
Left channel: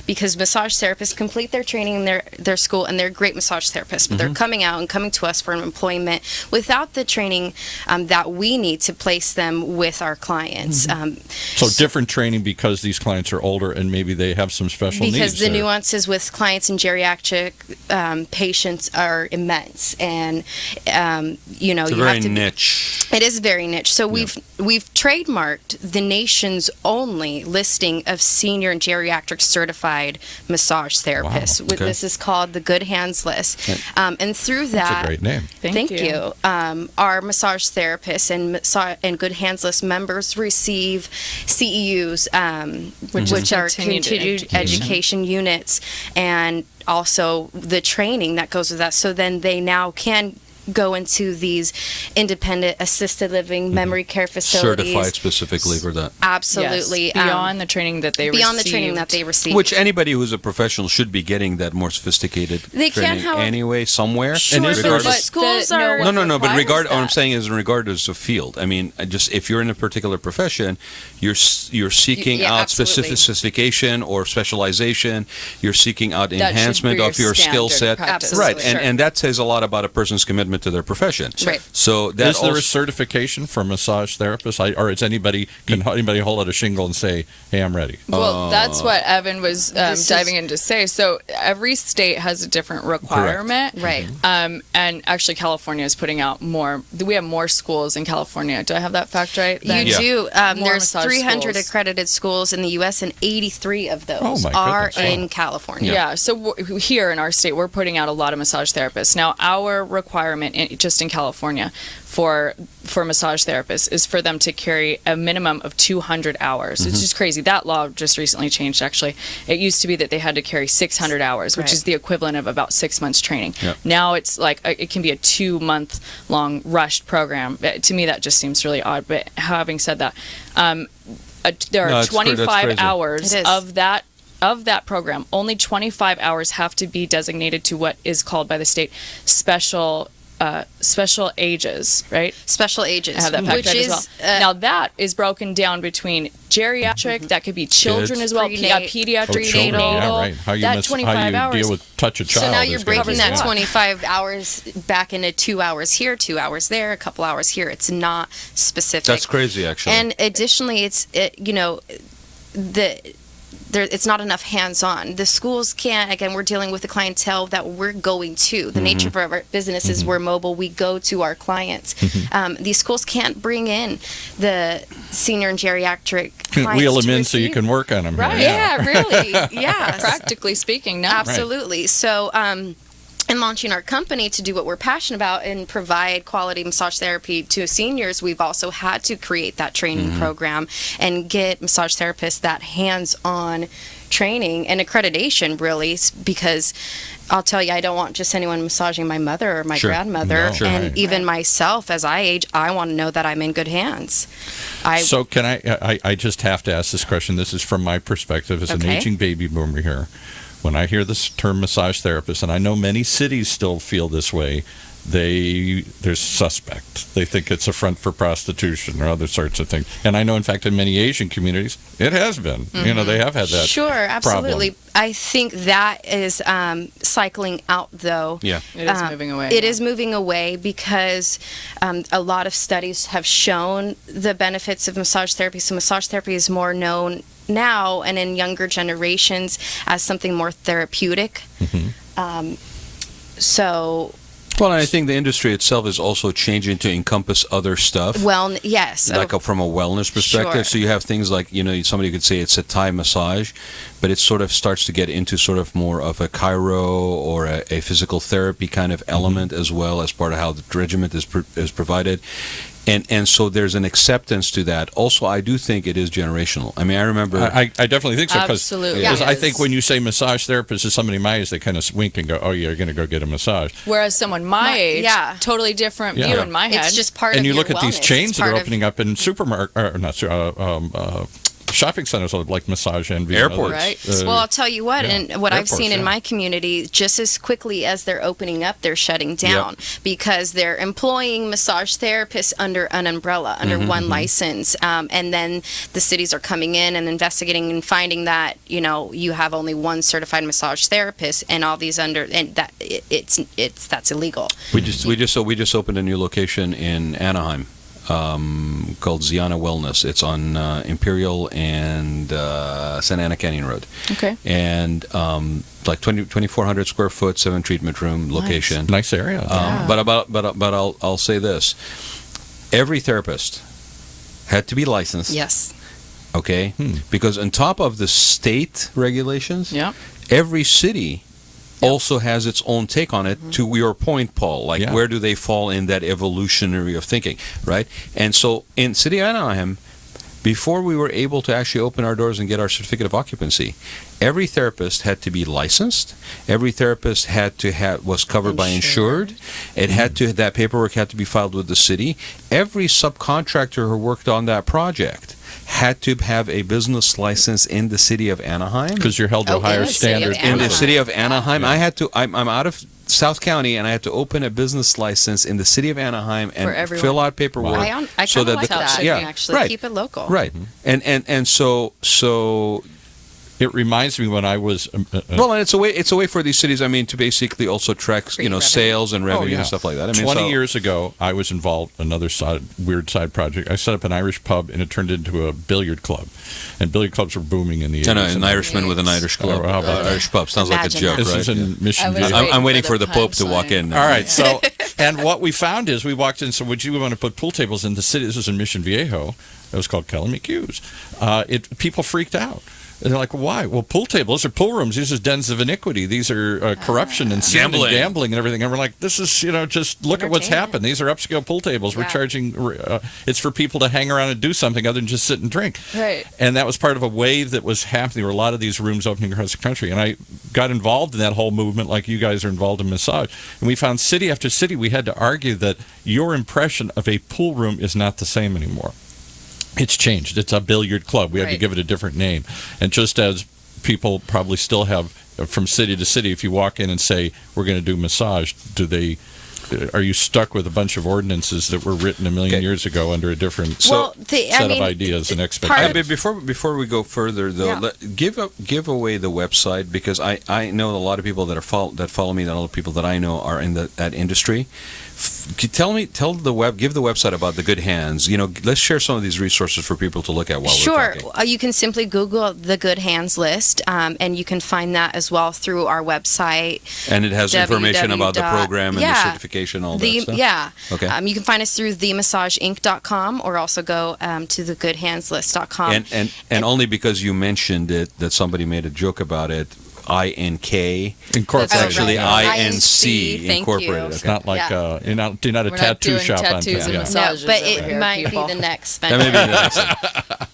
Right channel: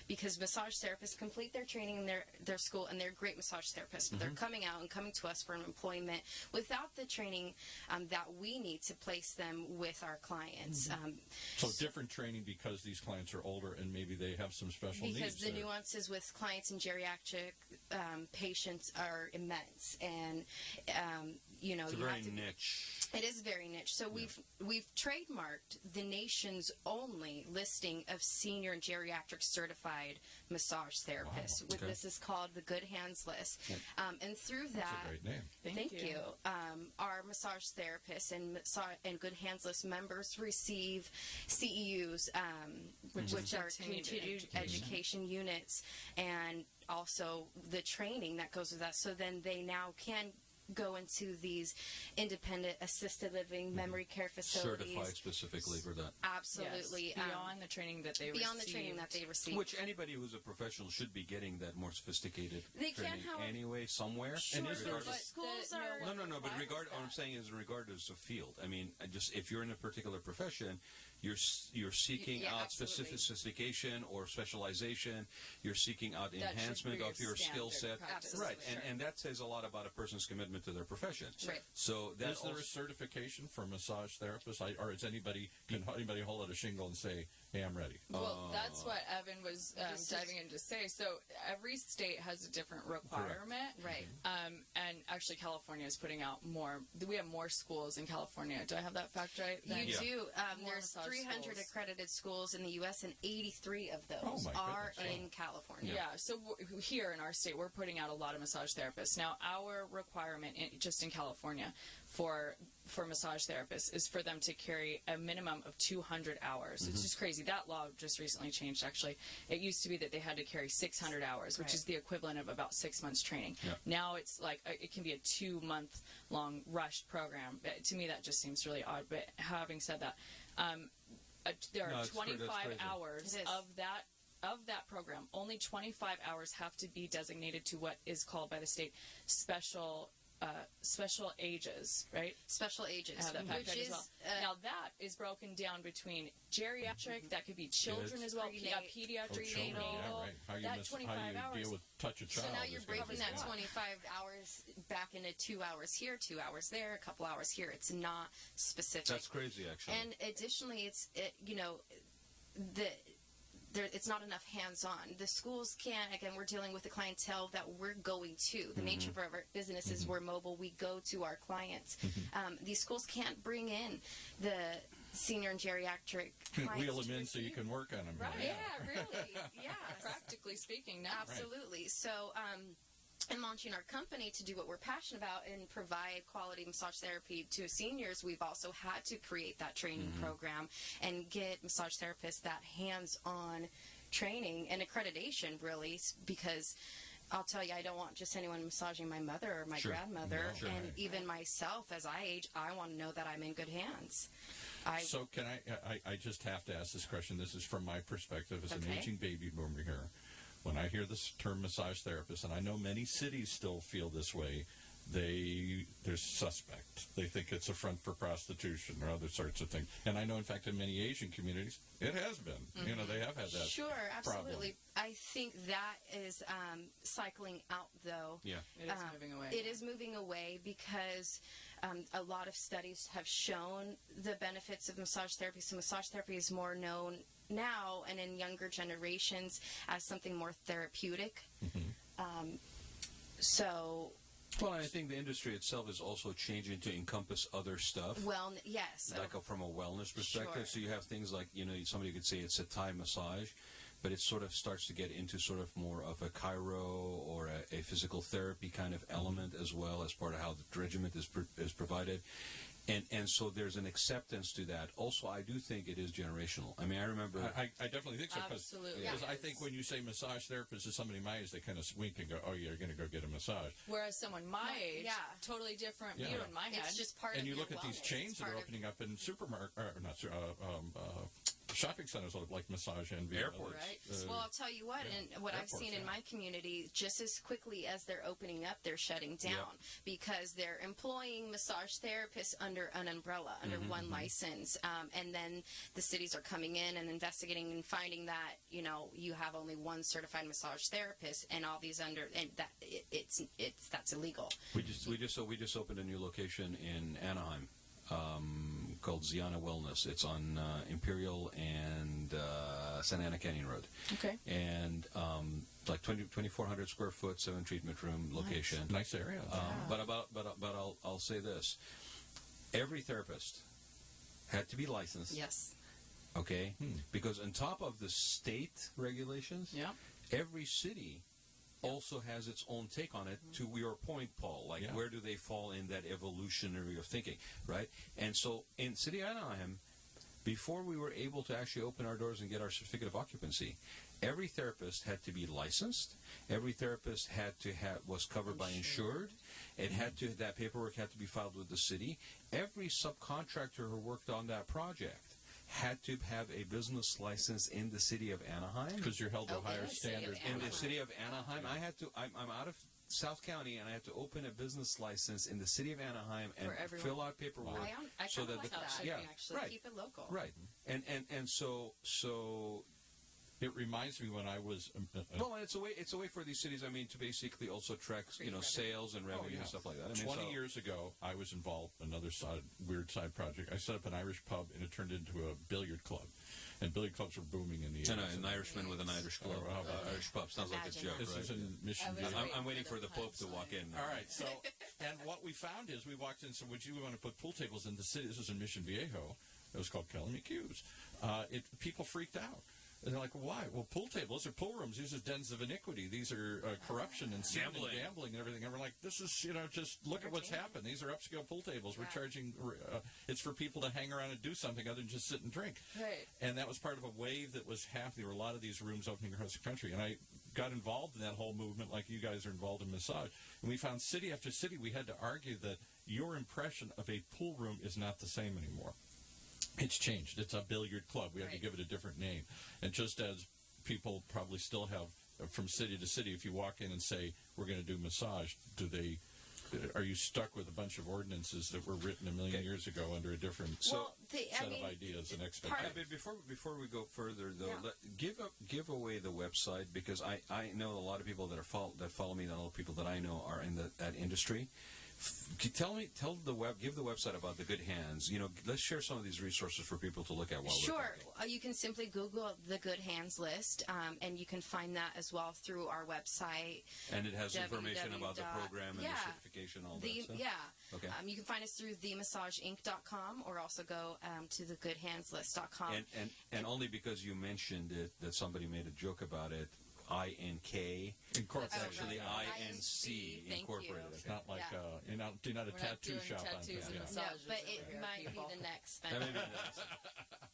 because massage therapists complete their training in their school, and they're great massage therapists, but they're coming out and coming to us for employment without the training that we need to place them with our clients. So different training because these clients are older and maybe they have some special needs. Because the there. nuances with clients and geriatric patients are immense, and It's you a very have to. niche. It is very niche. So we've trademarked the nation's only listing of senior and geriatric certified massage therapists. Wow, okay. This is called the Good Hands List, and through That's that. a great name. Thank you. Our massage therapists and Good Hands List members receive CEUs, which are continued continued education units, and also the training that goes with that. So then they now can go into these independent assisted living memory care facilities. Certified specifically for that. Absolutely. Yes. Beyond the training that they beyond received. the training that they receive. Which anybody who's a professional should be getting that more sophisticated They can, training however- anyway, somewhere. Sure, And but regardless- schools the- are. No, but requires what I'm that. saying is regardless of field. I mean, if you're in a particular profession, you're seeking Yeah, out absolutely. specification or specialization. You're seeking out That should enhancement be of your skill standard set. practice. Right, Absolutely. and that says a lot about a person's commitment to their profession. Right. So that Is there also, a certification for massage therapists, or is anybody hold out a shingle and say, "Hey, I'm ready"? Well, that's what Evan was This is- diving in to say. So every state has a different requirement. Right. And actually, California is putting out more. We have more schools in California. Do I have that fact right? You Then? Yeah. do. More There's massage 300 schools. accredited schools in the U.S., and 83 of those Oh, my are goodness. in California. Yeah. So here in our state, we're putting out a lot of massage therapists. Now, our requirement just in California for massage therapists is for them to carry a minimum of 200 hours. It's just crazy. That law just recently changed, actually. It used to be that they had to carry 600 hours, which Right. is the equivalent of about 6 months training. Yep. Now it's like it can be a 2-month-long rushed program. To me, that just seems really odd. But having said that, there No, are that's 25 crazy. hours It is. of that program. Only 25 hours have to be designated to what is called by the state special ages, right? Special ages, I have that fact which right is as well. Now that is broken down between geriatric, that could be children Kids. as well, Prenat- pediatric, Children, neonatal. yeah, right. How you, that 25 hours. deal with touch a child. so now is you're gonna breaking be that different. 25 hours back into 2 hours here, 2 hours there, a couple hours here. It's not specific. that's crazy, actually. And additionally, it's not enough hands-on. The schools can't. Again, we're dealing with the clientele that we're going to. The nature of our business is we're mobile. We go to our clients. These schools can't bring in the senior and geriatric clients. Wheel them to in so you receive. can work on them. Right. Here. Yeah, really. Yeah. Practically speaking, no. Absolutely. So, in launching our company to do what we're passionate about and provide quality massage therapy to seniors, we've also had to create that training program and get massage therapists that hands-on training and accreditation, really, because I'll tell you, I don't want just anyone massaging my mother or my Sure. grandmother, No. Sure, and right. even myself as I age. I want to know that I'm in good hands. So can I just have to ask this question. This is from my perspective as an Okay. aging baby boomer here. When I hear this term massage therapist, and I know many cities still feel this way, there's suspect. They think it's a front for prostitution or other sorts of things. And I know, in fact, in many Asian communities, it has been. They have had that. Sure, absolutely. problem. I think that is cycling out, though. Yeah. It is moving away. It is moving away because a lot of studies have shown the benefits of massage therapy. So massage therapy is more known now and in younger generations as something more therapeutic. So... Well, and I think the industry itself is also changing to encompass other stuff. Well, yes. Like from a wellness perspective. Sure. So you have things like, somebody could say it's a Thai massage, but it sort of starts to get into sort of more of a chiro or a physical therapy kind of element as well as part of how the regimen is provided. And so there's an acceptance to that. Also, I do think it is generational. I mean, I remember... I definitely think so. Absolutely. Because Yes. I think when you say massage therapist to somebody my age, they kind of wink and go, oh, you're going to go get a massage. Whereas someone my age, yeah. totally different view in my head. It's just part of And you your look at these wellness. chains It's that are part of- opening up in shopping centers like Massage Envy. and Airports. others. Right. Well, I'll tell you what, yeah. and what I've Airports, seen in yeah. my community, just as quickly as they're opening up, they're shutting down because they're employing massage therapists under an umbrella, under one license. And then the cities are coming in and investigating and finding that, you have only one certified massage therapist and all these and that that's illegal. We just opened a new location in Anaheim called Ziana Wellness. It's on Imperial and Santa Ana Canyon Road. Okay. And like 2,400 square foot, 7 treatment room location. Nice area. But I'll say this: every therapist had to be licensed. Yes. Okay. Because on top of the state regulations, Yeah. every city also has its own take on it. To your point, Paul, like where do they fall in that evolutionary of thinking, right? And so in City of Anaheim, before we were able to actually open our doors and get our certificate of occupancy, every therapist had to be licensed. Every therapist was covered by insured. It had to, that paperwork had to be filed with the city. Every subcontractor who worked on that project had to have a business license in the city of Anaheim. Because you're held to a higher standard. In the city of Anaheim, I'm out of South County, and I had to open a business license in the city of Anaheim and fill out paperwork. I kind of like that. Actually, right, keep it local. right. And so It reminds me when I was... well, and it's a way for these cities, I mean, to basically also track, sales and revenue and stuff like that. I mean, 20 years ago, I was involved in another weird side project. I set up an Irish pub, and it turned into a billiard club. And billiard clubs were booming in the 80s. I know, an Irishman with an Irish club, how about Irish pub. Sounds like a Imagine joke, that. This right? is in Mission I was View. I'm waiting for the the Pope to walk in. All right, so, and what we found is we walked in, so would you want to put pool tables in the city? This was in Mission Viejo. It was called Calamicuse. People freaked out. And they're like, why? Well, pool tables, these are pool rooms. These are dens of iniquity. These are corruption and sin and gambling and everything. And we're like, this is, just look at what's happened. These are upscale pool tables. We're charging, it's for people to hang around and do something other than just sit and drink. Right. And that was part of a wave that was happening. There were a lot of these rooms opening across the country. And I got involved in that whole movement like you guys are involved in massage. And we found city after city, we had to argue that your impression of a pool room is not the same anymore. It's changed. It's a billiard club. We had to give it a different name. And just as people probably still have from city to city, if you walk in and say, we're going to do massage, are you stuck with a bunch of ordinances that were written a million years ago under a different set of ideas and expectations? Before we go further, though, give away the website, because I know a lot of people that follow me, that a lot of people that I know are in that industry. Give the website about the Good Hands. Let's share some of these resources for people to look at while we're talking. Sure. You can simply Google the Good Hands list, and you can find that as well through our website. And it has information about the program and the certification, all that stuff? Yeah. Okay. You can find us through themassageinc.com or also go to thegoodhandslist.com. And only because you mentioned it that somebody made a joke about it. INK Incorporated. It's actually right. INC Thank Incorporated. you. Okay. It's not like you're not a We're not tattoo doing shop tattoos on and town. No, massages but over it here, might people. be the next That venture. may be the next one.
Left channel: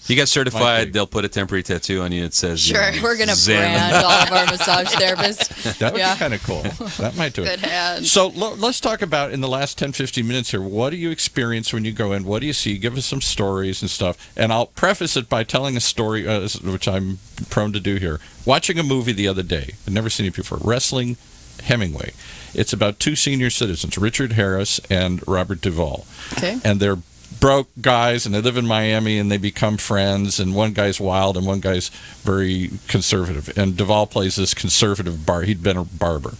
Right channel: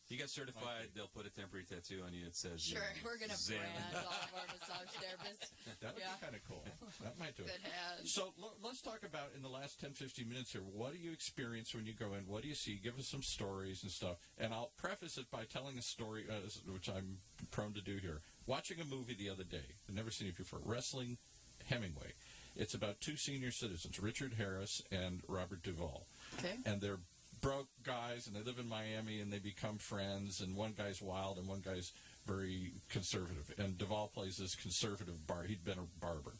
You get Might certified, be. they'll put a temporary tattoo on you that says, Sure. We're going to Zen. brand all of our massage therapists. That would Yeah. be kind of cool. That might do it. Good Hands. So let's talk about, in the last 10, 15 minutes here, what do you experience when you go in? What do you see? Give us some stories and stuff. And I'll preface it by telling a story, which I'm prone to do here. Watching a movie the other day. I'd never seen it before. Wrestling Hemingway. It's about two senior citizens, Richard Harris and Robert Duvall. Okay. And they're broke guys, and they live in Miami, and they become friends, and one guy's wild and one guy's very conservative. And Duvall plays this conservative he'd been a barber.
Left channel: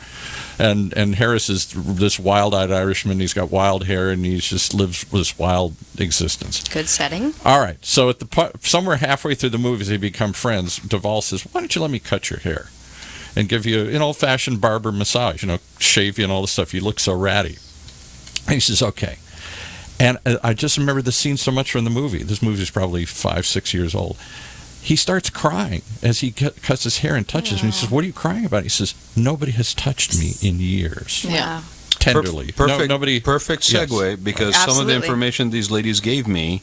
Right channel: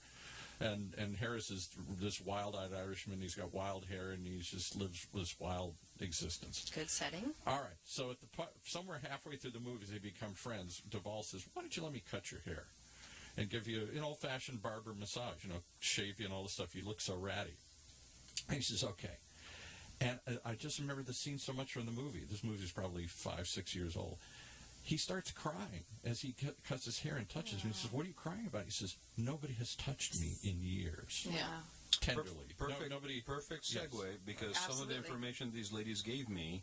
And Harris is this wild-eyed Irishman. He's got wild hair, and he just lives this wild existence. Good setting. All right. So somewhere halfway through the movies, they become friends. Duvall says, "Why don't you let me cut your hair and give you an old-fashioned barber massage? Shave you and all this stuff. You look so ratty." And he says, "Okay." And I just remember the scene so much from the movie. This movie is probably 5-6 years old. He starts crying as he cuts his hair and touches me. He says, "What are you crying about?" He says, "Nobody has touched me in years." Yeah. Tenderly. Perfect, perfect segue, yes. because some of the Absolutely. information these ladies gave me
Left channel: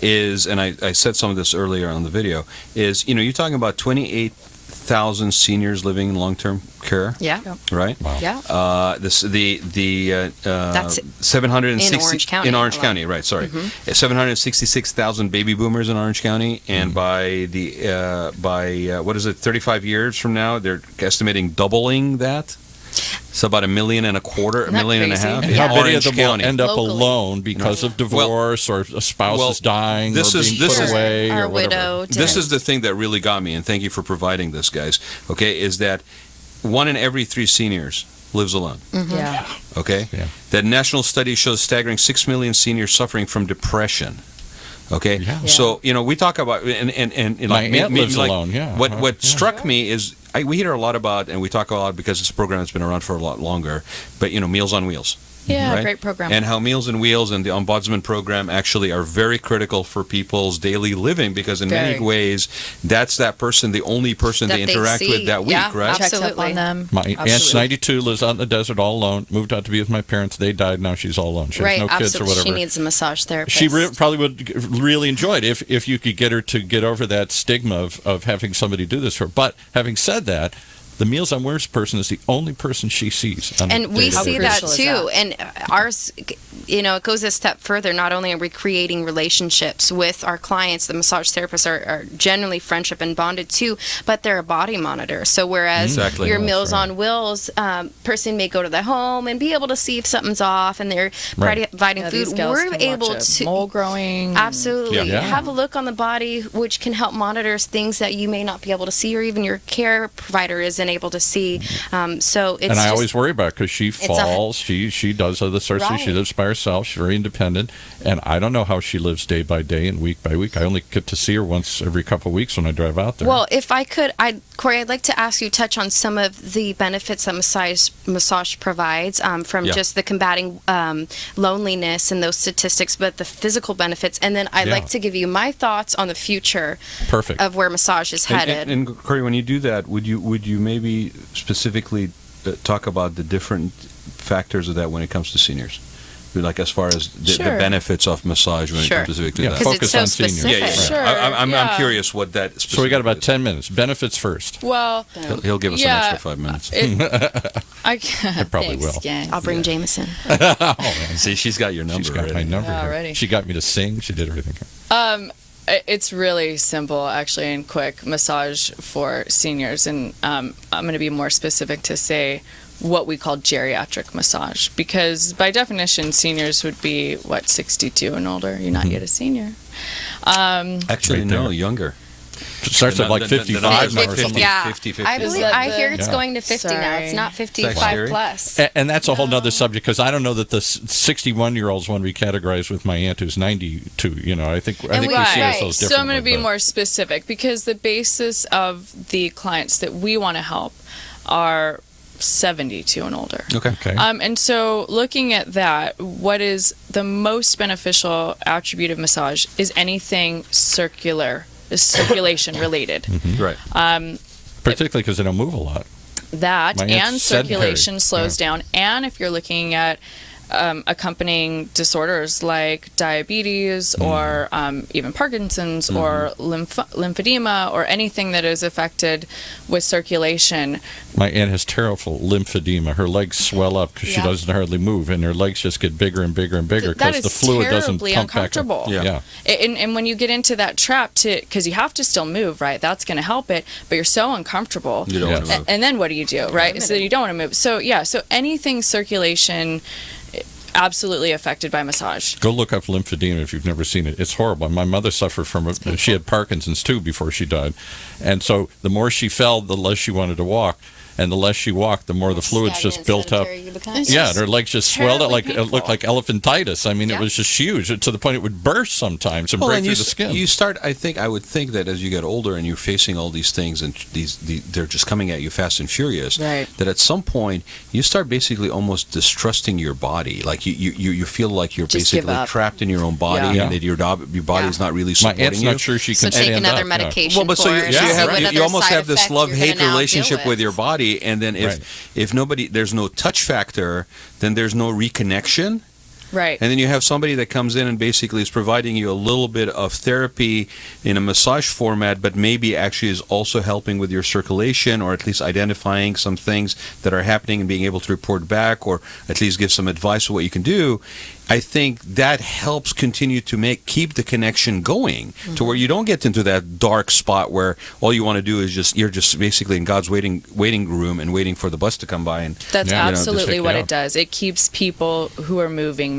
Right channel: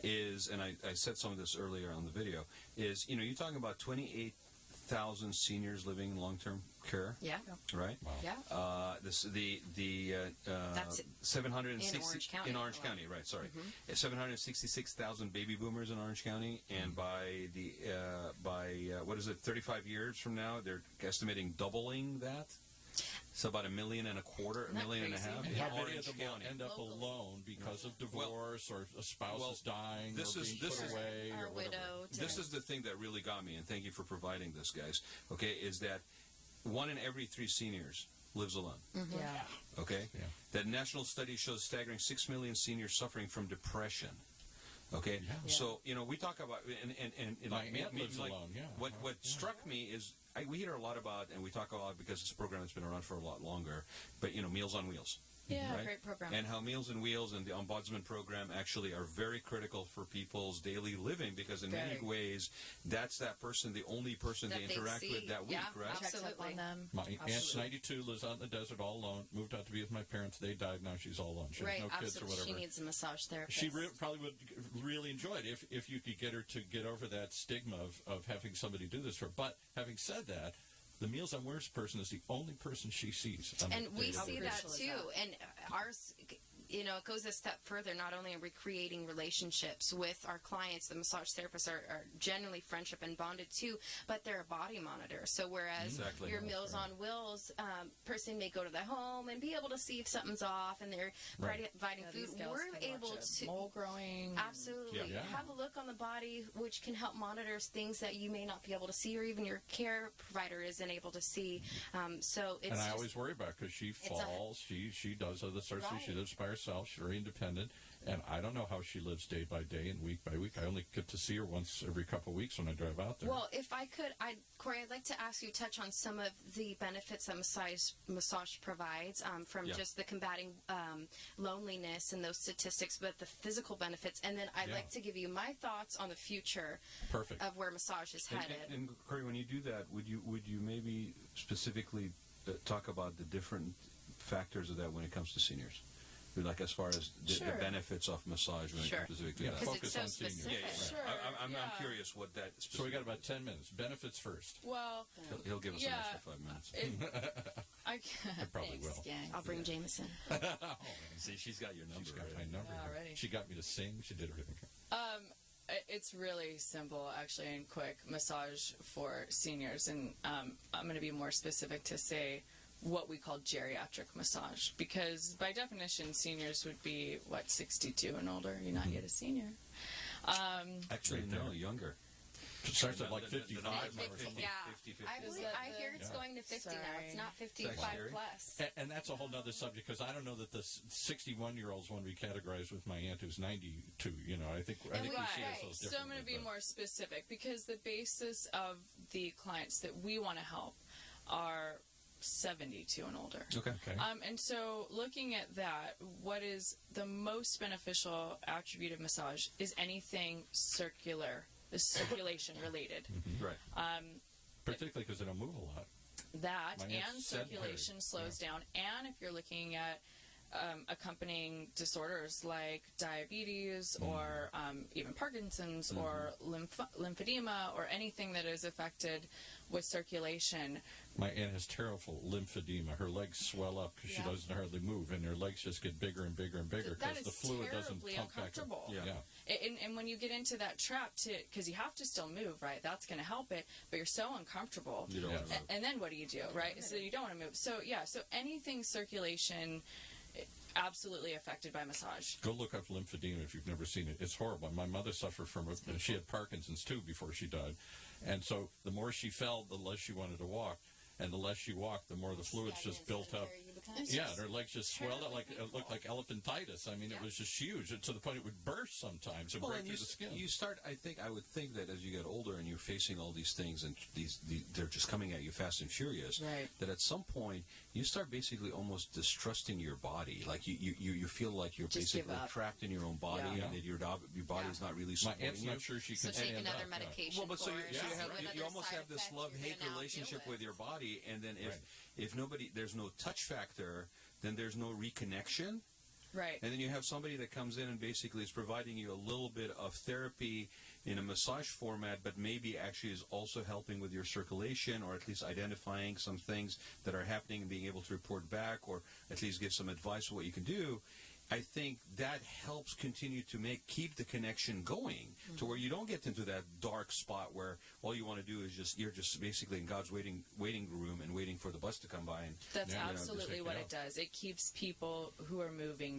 is, and I said some of this earlier on the video, is, you're talking about 28,000 seniors living in long-term care, Yeah. right? Wow. Yeah. That's 760 in Orange County in Orange alone. County, right? Sorry, 766,000 baby boomers in Orange County, and by what is it? 35 years from now, they're estimating doubling that. It's about 1.25 million, Isn't that $1.5 million crazy? And in how many Orange of them County. will end up Locally. alone because of divorce or a spouse is dying this or is- being this put is- away Our or whatever. widow. This is the thing that really got me, and thank you for providing this, guys. Okay, is that 1 in every 3 seniors lives alone. Yeah. Okay, Yeah. that national study shows staggering 6 million seniors suffering from depression. Okay, Yeah. so we talk about and My aunt lives alone, yeah. What Yeah. struck me is we hear a lot about, and we talk a lot because it's a program that's been around for a lot longer. But Meals on Wheels. Yeah, Right? great program. And how Meals on Wheels and the Ombudsman program actually are very critical for people's daily living, because in many Very. ways, that's that person, the only person That they they interact see. with that week, Yeah, right? Checks up Absolutely. on them. My aunt's Absolutely. 92, lives out in the desert all alone, moved out to be with my parents. They died. Now she's all alone. She Right. has no kids or Absolutely. whatever. She needs a massage therapist. She probably would really enjoy it if you could get her to get over that stigma of having somebody do this for her. But having said that, the Meals on Wheels person is the only person she sees. On a And we day-to-day see basis. that crucial is too. that? And ours, it goes a step further. Not only are we creating relationships with our clients, the massage therapists are generally friendship and bonded too, but they're a body monitor. So whereas Exactly. your That's Meals right. on Wheels person may go to the home and be able to see if something's off, and they're Right. providing Yeah, food, these gals we're can able watch a to mole growing. absolutely Yeah. have a look on the body, which can help monitor things that you may not be able to see, or even your care provider isn't able to see. So it's And I just, always worry about it because she falls. She does other sorts of things. She Right. lives by herself. She's very independent. And I don't know how she lives day by day and week by week. I only get to see her once every couple of weeks when I drive out there. Well, if I could, Cory, I'd like to ask you to touch on some of the benefits that massage provides from Yeah. just the combating loneliness and those statistics, but the physical benefits. And then I'd Yeah. like to give you my thoughts on the future Perfect. of where massage is headed. And Cory, when you do that, would you maybe specifically talk about the different factors of that when it comes to seniors? Like as far as the Sure. benefits of massage when Sure. it comes specifically Yeah. to that. Because Focus it's so on seniors. specific. Yeah. Sure, I'm yeah. curious what that specifically So we got about is. 10 minutes. Benefits first. Well, He'll give us Yeah. an extra 5 minutes. I I probably will. I'll bring Jameson. See, she's got your number She's got my already. number. Yeah, here. already. She got me to sing. She did everything. It's really simple, actually, and quick massage for seniors. And I'm going to be more specific to say what we call geriatric massage, because by definition, seniors would be, 62 and older. You're not yet a senior. Actually, Right no, there. younger. It starts at like The 55 number's now like or 50. something. Yeah, 50. I Is believe that I the- hear it's Yeah. going to 50 now. It's not Scary. 55 plus. And that's a whole nother subject because I don't know that the 61-year-olds one we categorize with my aunt who's 92. I think we see ourselves differently. So I'm going to be but- more specific, because the basis of the clients that we want to help are 72 and older. Okay. Okay. And so looking at that, what is the most beneficial attribute of massage is anything circulation related. Right. Particularly because they don't move a lot. That My aunt's and sedentary. circulation slows down. And if you're looking at accompanying disorders like diabetes or even Parkinson's or lymphedema or anything that is affected with circulation. My aunt has terrible lymphedema. Her legs swell up because she doesn't hardly move, and her legs just get bigger and bigger and bigger because the fluid doesn't pump back up. Yeah. And when you get into that trap, because you have to still move, right? That's going to help it, but you're so uncomfortable. You don't want to move. And then what do you do, right? So you don't want to move. So so anything circulation, absolutely affected by massage. Go look up lymphedema if you've never seen it. It's horrible. My mother suffered from it. She had Parkinson's too before she died. And so the more she fell, the less she wanted to walk. And the less she walked, the more the fluids just built up. Yeah, and her legs just swelled up like it looked like elephantitis. I mean, it was just huge to the point it would burst sometimes and break through the skin. You start. I would think that as you get older and you're facing all these things and they're just coming at you fast and furious. Right. That at some point you start basically almost distrusting your body. Like you feel like you're Just basically give up. trapped in your own body and that your body is not really My supporting aunt's you. not sure she So can take stand another up. medication. Well, but so for you it, have what you other almost side have this effect you're love-hate gonna now relationship deal with your body, and then if there's no touch factor, then there's no reconnection. Right. And then you have somebody that comes in and basically is providing you a little bit of therapy in a massage format, but maybe actually is also helping with your circulation, or at least identifying some things that are happening and being able to report back, or at least give some advice on what you can do. I think that helps continue to keep the connection going to where you don't get into that dark spot where all you want to do is you're just basically in God's waiting room and waiting for the bus to come by. And That's Yeah. absolutely what it does. It keeps people who are moving.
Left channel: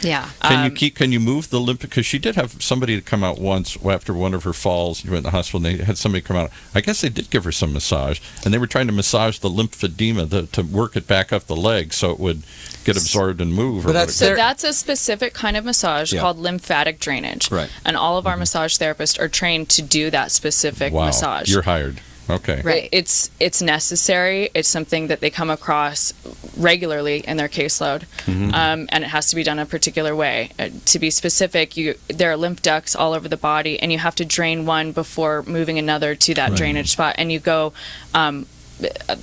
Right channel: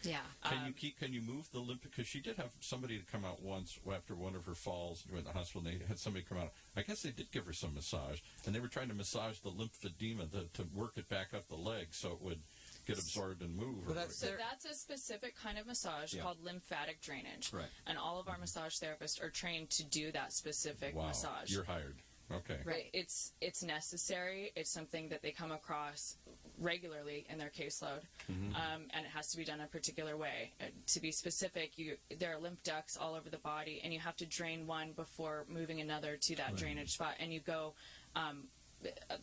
Yeah. Can you move the lymph? Because she did have somebody to come out once after one of her falls. She went in the hospital, and they had somebody come out. I guess they did give her some massage, and they were trying to massage the lymphedema to work it back up the leg so it would get absorbed and move. So that's a specific kind of massage Yeah. called lymphatic drainage. Right. And all of our massage therapists are trained to do that specific wow. massage. You're hired. Okay. Right. It's necessary. It's something that they come across regularly in their caseload, and it has to be done a particular way. To be specific, there are lymph ducts all over the body, and you have to drain one before moving another to that drainage spot, and you go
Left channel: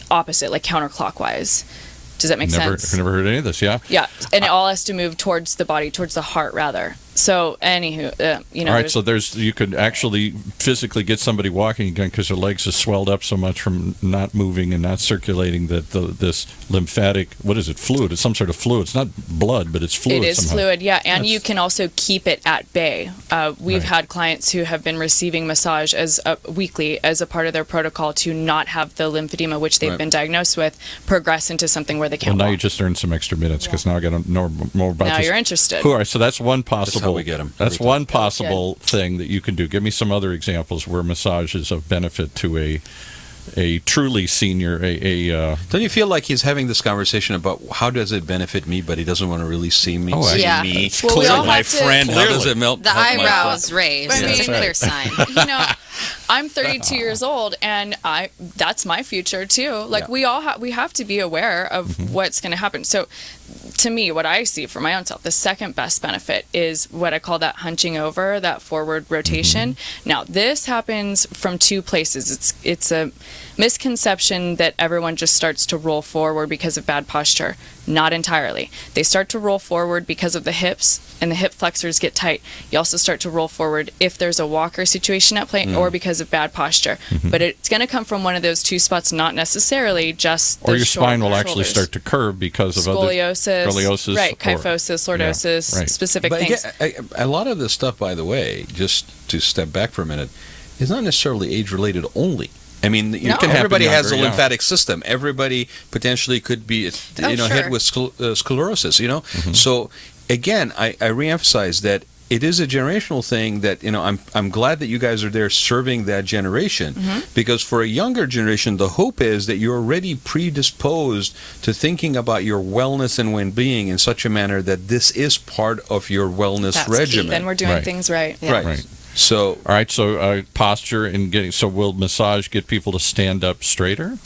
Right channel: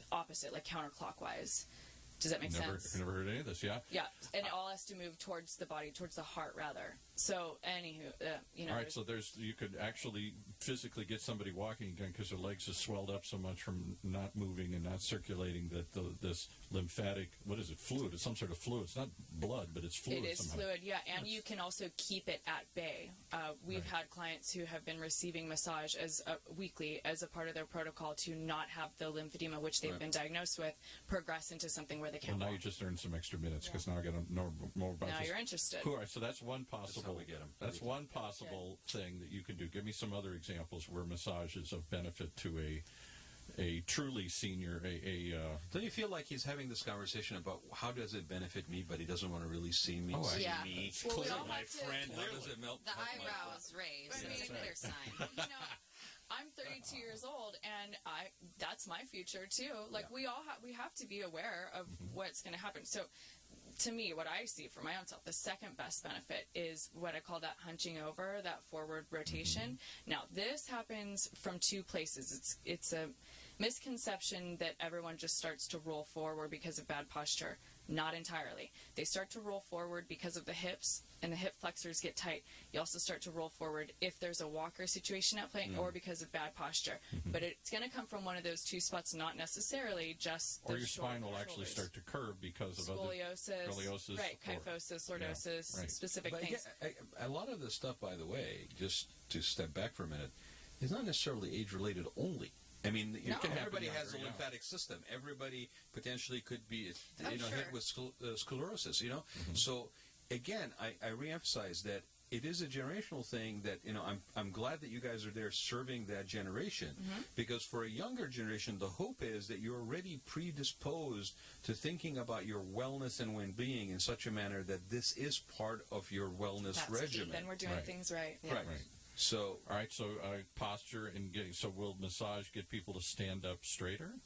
opposite, like counterclockwise. Does that make sense? I've never heard any of this. Yeah. Yeah, and it all has to move towards the body, towards the heart, rather. So, anywho, All right. So you could actually physically get somebody walking again because their legs are swelled up so much from not moving and not circulating that this lymphatic, what is it, fluid? It's some sort of fluid. It's not blood, but it's fluid. It is somehow. fluid, yeah, and you can also keep it at bay. We've Right. had clients who have been receiving massage weekly as a part of their protocol to not have the lymphedema, which they've Right. been diagnosed with, progress into something where they Well, can't now walk. you just earned some extra minutes because now I got to know more about Now this. you're interested. All right. So that's one possible. how we get 'em. That's Every one possible thing that you can do. Give me some other examples where massage is of benefit to a truly senior. don't you feel like he's having this conversation about how does it benefit me, but he doesn't want to really see me? Oh, see Yeah. me. Well, we all my have to- friend. How does Clearly. it melt? The help my eyebrows raised. I That's a mean- clear sign. You know, I'm 32 years old, and that's my future too. Like we have to be aware of what's going to happen. So, to me, what I see for my own self, the second best benefit is what I call that hunching over, that forward rotation. Now, this happens from two places. It's a misconception that everyone just starts to roll forward because of bad posture. Not entirely. They start to roll forward because of the hips, and the hip flexors get tight. You also start to roll forward if there's a walker situation at play or because of bad posture. But it's going to come from one of those two spots, not necessarily just the or your spine will actually shoulders. start to curve because of Scoliosis, right? or- Kyphosis, lordosis, right. specific But things. again, a lot of this stuff, by the way, just to step back for a minute, is not necessarily age-related only. I mean, No. It can everybody happen has a younger, yeah. lymphatic system. Everybody potentially could be, hit sure. with sclerosis. So again, I reemphasize that it is a generational thing. That I'm glad that you guys are there serving that generation, because for a younger generation, the hope is that you're already predisposed to thinking about your wellness and well-being in such a manner that this is part of your wellness That's key. regimen. Then we're doing Right. things right. Yeah. Right. So All right, so posture and getting. So will massage get people to stand up straighter?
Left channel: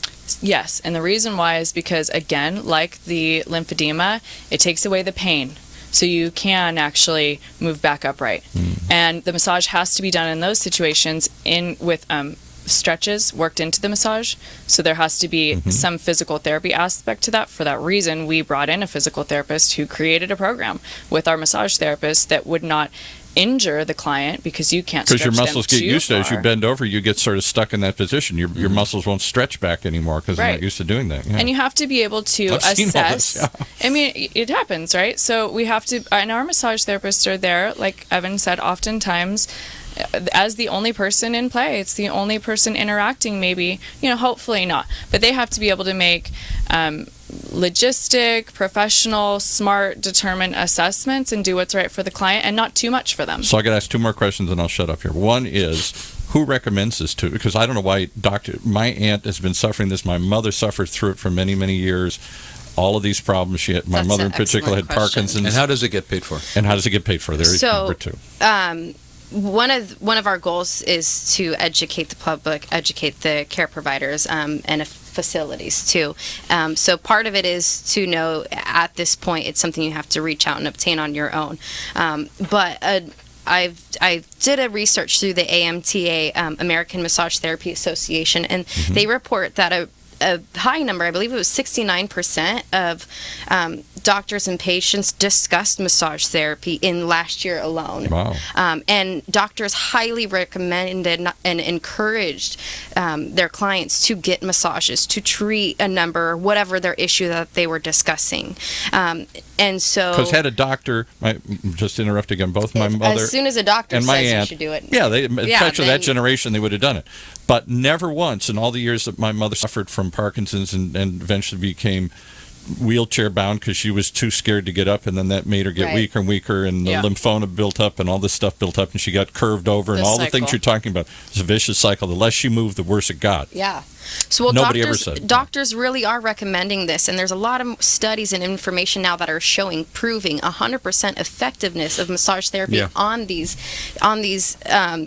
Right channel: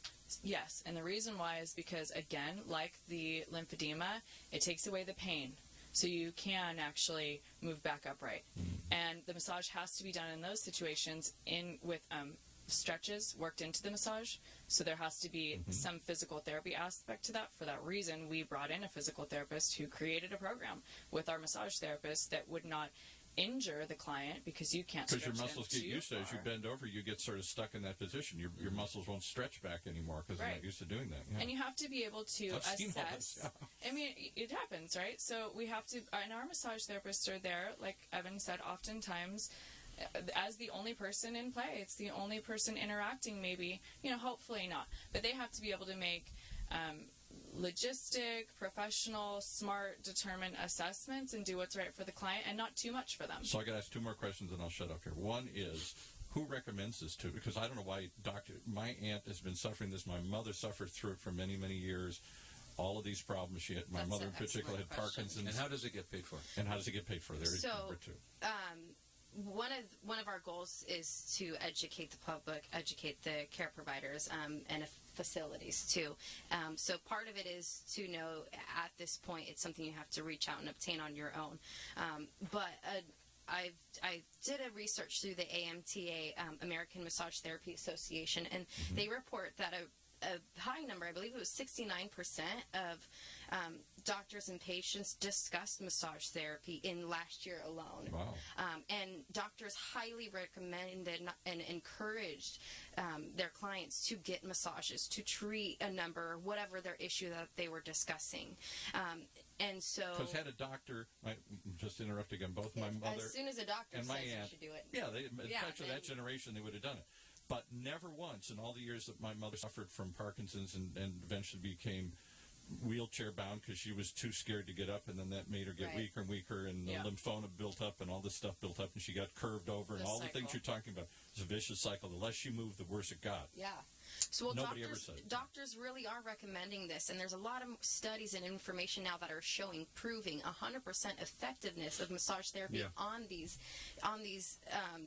Yes, and the reason why is because, again, like the lymphedema, it takes away the pain. So you can actually move back upright. And the massage has to be done in those situations with stretches worked into the massage. So there has to be some physical therapy aspect to that. For that reason, we brought in a physical therapist who created a program with our massage therapist that would not injure the client, because you can't stretch because your muscles them get too used to it. As you far. bend over, you get sort of stuck in that position. Your muscles won't stretch back anymore because they're Right. not used to doing that. Yeah. And you have to be able to I've seen all assess. this, yeah. I mean, it happens, right? So we have to, and our massage therapists are there, like Evin said, oftentimes as the only person in play. It's the only person interacting, maybe, hopefully not. But they have to be able to make logistic, professional, smart, determined assessments and do what's right for the client, and not too much for them. So I got to ask two more questions and I'll shut up here. One is, who recommends this to? Because I don't know why my aunt has been suffering this. My mother suffered through it for many, many years. All of these problems she had. My That's mother an in particular had excellent question. Parkinson's. And how does it get paid for? And how does it get paid for? There's number two. One of our goals is to educate the public, educate the care providers, and facilities too. So part of it is to know at this point it's something you have to reach out and obtain on your own. But I did a research through the AMTA, American Massage Therapy Association, and they report that a high number, I believe it was 69% of doctors and patients discussed massage therapy in last year alone. Wow. And doctors highly recommended and encouraged their clients to get massages, to treat a number, whatever their issue that they were discussing. And so... Because had a doctor, just interrupting again, both my mother as soon as a doctor and my says aunt, you should do it. Yeah, especially that then- generation, they would have done it. But never once in all the years that my mother suffered from Parkinson's and eventually became wheelchair bound because she was too scared to get up, and then that made her get Right. weaker and weaker, and the Yeah. lymphoma built up and all this stuff built up, and she got curved over, and The all the things cycle. you're talking about. It's a vicious cycle. The less she moved, the worse it got. Yeah. So Nobody ever said. doctors really are recommending this, and there's a lot of studies and information now that are proving 100% effectiveness of massage therapy Yeah. on these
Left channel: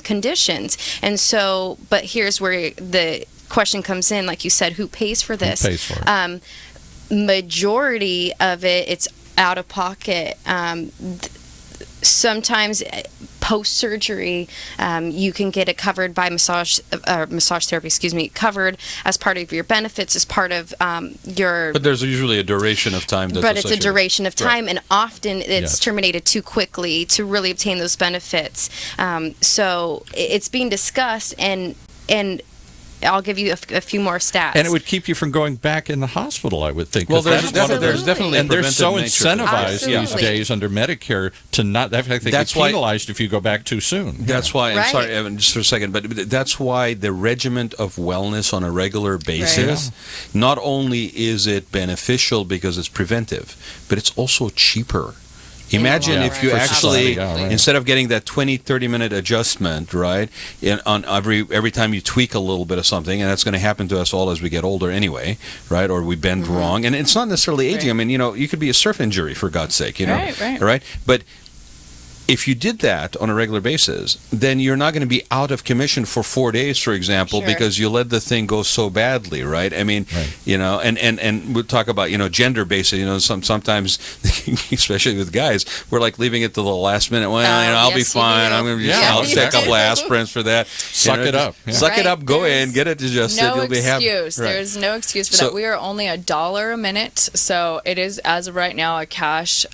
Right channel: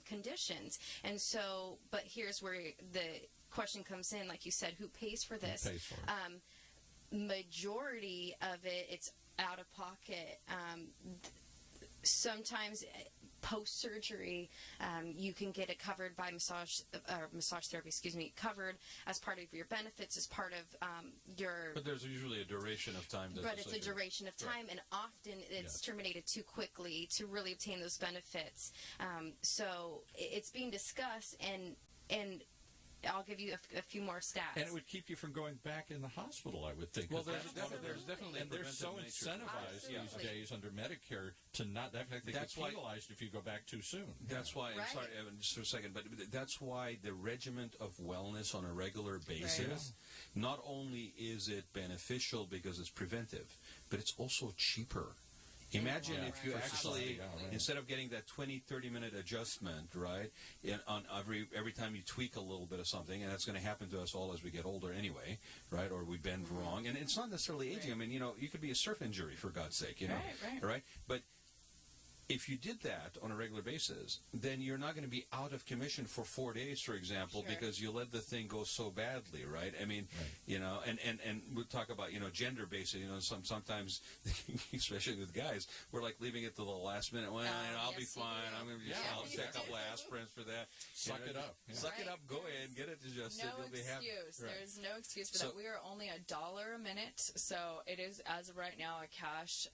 conditions. And so, but here's where the question comes in, like you said, who pays for this? Who pays for it? Majority of it's out of pocket. Sometimes post-surgery, you can get it covered by massage therapy, covered as part of your benefits, as part of your... But there's usually a duration of time that's But it's a associated. duration of time, and often it's Yes. terminated too quickly to really obtain those benefits. So it's being discussed, and I'll give you a few more stats. And it would keep you from going back in the hospital, I would think. Well, 'cause that's one of there's definitely a and they're so preventive nature to it. incentivized these Absolutely. days under Medicare to not. In fact, they That's get why- penalized if you go back too soon. That's why, I'm Right. sorry, Evan, just for a second, but that's why the regiment of wellness on a regular basis, not only is it beneficial because it's preventive, but it's also cheaper. Imagine long if you run. actually, Yeah, right. instead of getting that 20, 30-minute adjustment, right, on every time you tweak a little bit of something, and that's going to happen to us all as we get older anyway, right, or we bend wrong, and it's not necessarily aging. Right. I mean, you could be a surf injury, for God's sake, Right. right? But if you did that on a regular basis, then you're not going to be out of commission for 4 days, for example, Sure. because you let the thing go so badly, right? I mean, Right. and we'll talk about, gender based, sometimes, especially with guys, we're like leaving it to the last minute. Well, I'll be yes, you fine. do. I'm going to Yeah, I'll take a couple of exactly. aspirins for that. Suck it up. Yeah. Suck it Right. up, go There's in, get it adjusted, No you'll be happy. excuse. Right. There's no excuse for So- that. We are only $1 a minute, so it is, as of right now, a cash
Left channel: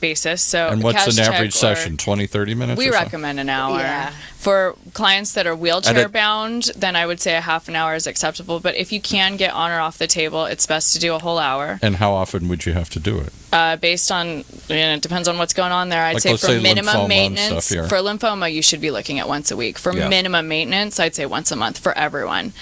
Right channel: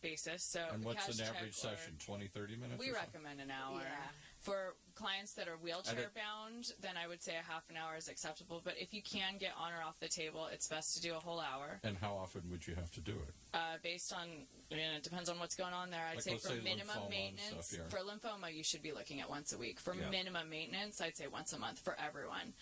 basis. So And what's cash an check average or- session? 20, 30 minutes? We or so? recommend an hour. Yeah. For clients that are wheelchair And bound, then I would say a half an hour is acceptable. But if you can get on or off the table, it's best to do a whole hour. And how often would you have to do it? Based on, it depends on what's going on there. I'd Like, say let's for say minimum lymphoma and maintenance, stuff here. for lymphoma, you should be looking at once a week. For Yeah. minimum maintenance, I'd say once a month for everyone.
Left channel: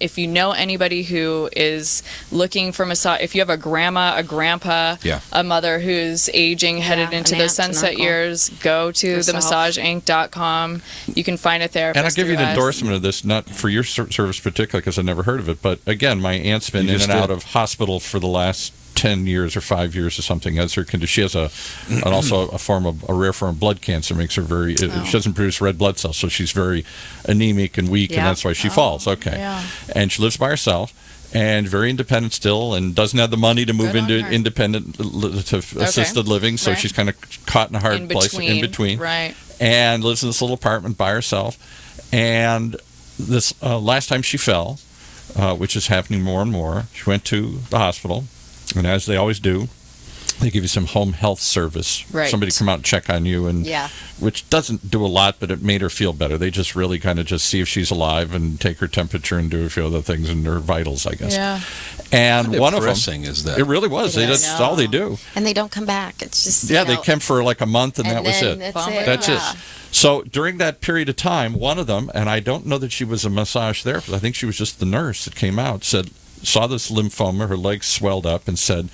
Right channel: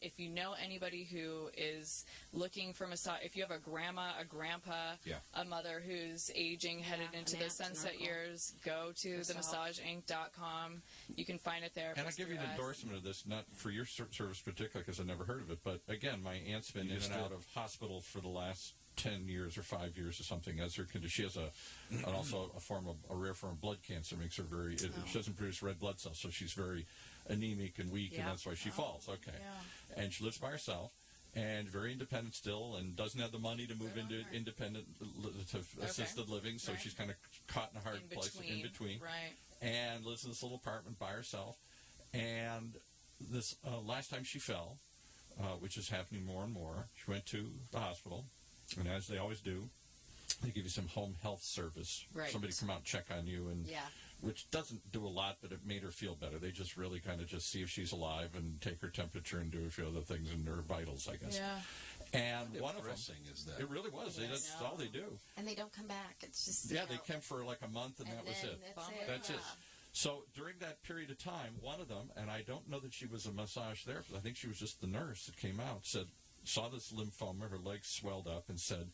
If you know anybody who is looking for massage, if you have a grandma, a grandpa, Yeah. a mother who's aging, headed an into aunt, the an sunset uncle. years, go to Yourself. themassageinc.com. You can find a therapist. And I'll give you an through us. endorsement of this, not for your service particularly, because I've never heard of it. But again, my aunt's been You in just and out did. of hospital for the last 10 years or 5 years or something as her condition. She has and also a rare form of blood cancer makes her very, she doesn't produce red blood cells, so she's very anemic and weak, and Yeah. that's why she falls. Okay. yeah. And she lives by herself and very independent still, and doesn't have the money to move Good on into her. independent to assisted living, so Right. she's kind of caught in a hard place in between. Right. And lives in this little apartment by herself. And this last time she fell, which is happening more and more, she went to the hospital, and as they always do, they give you some home health service. Right. Somebody come out and check on you, and which doesn't do a lot, but it made her feel better. They just really kind of just see if she's alive and take her temperature and do a few other things in her vitals, I guess. Yeah. And How one of them, depressing is that? it really was. It That's is. all they do. And they don't come back. It's just They came for like a month, and that was then it. That's it. That's yeah. it. So during that period of time, one of them, and I don't know that she was a massage therapist, I think she was just the nurse that came out, saw this lymphoma, her legs swelled up, and said,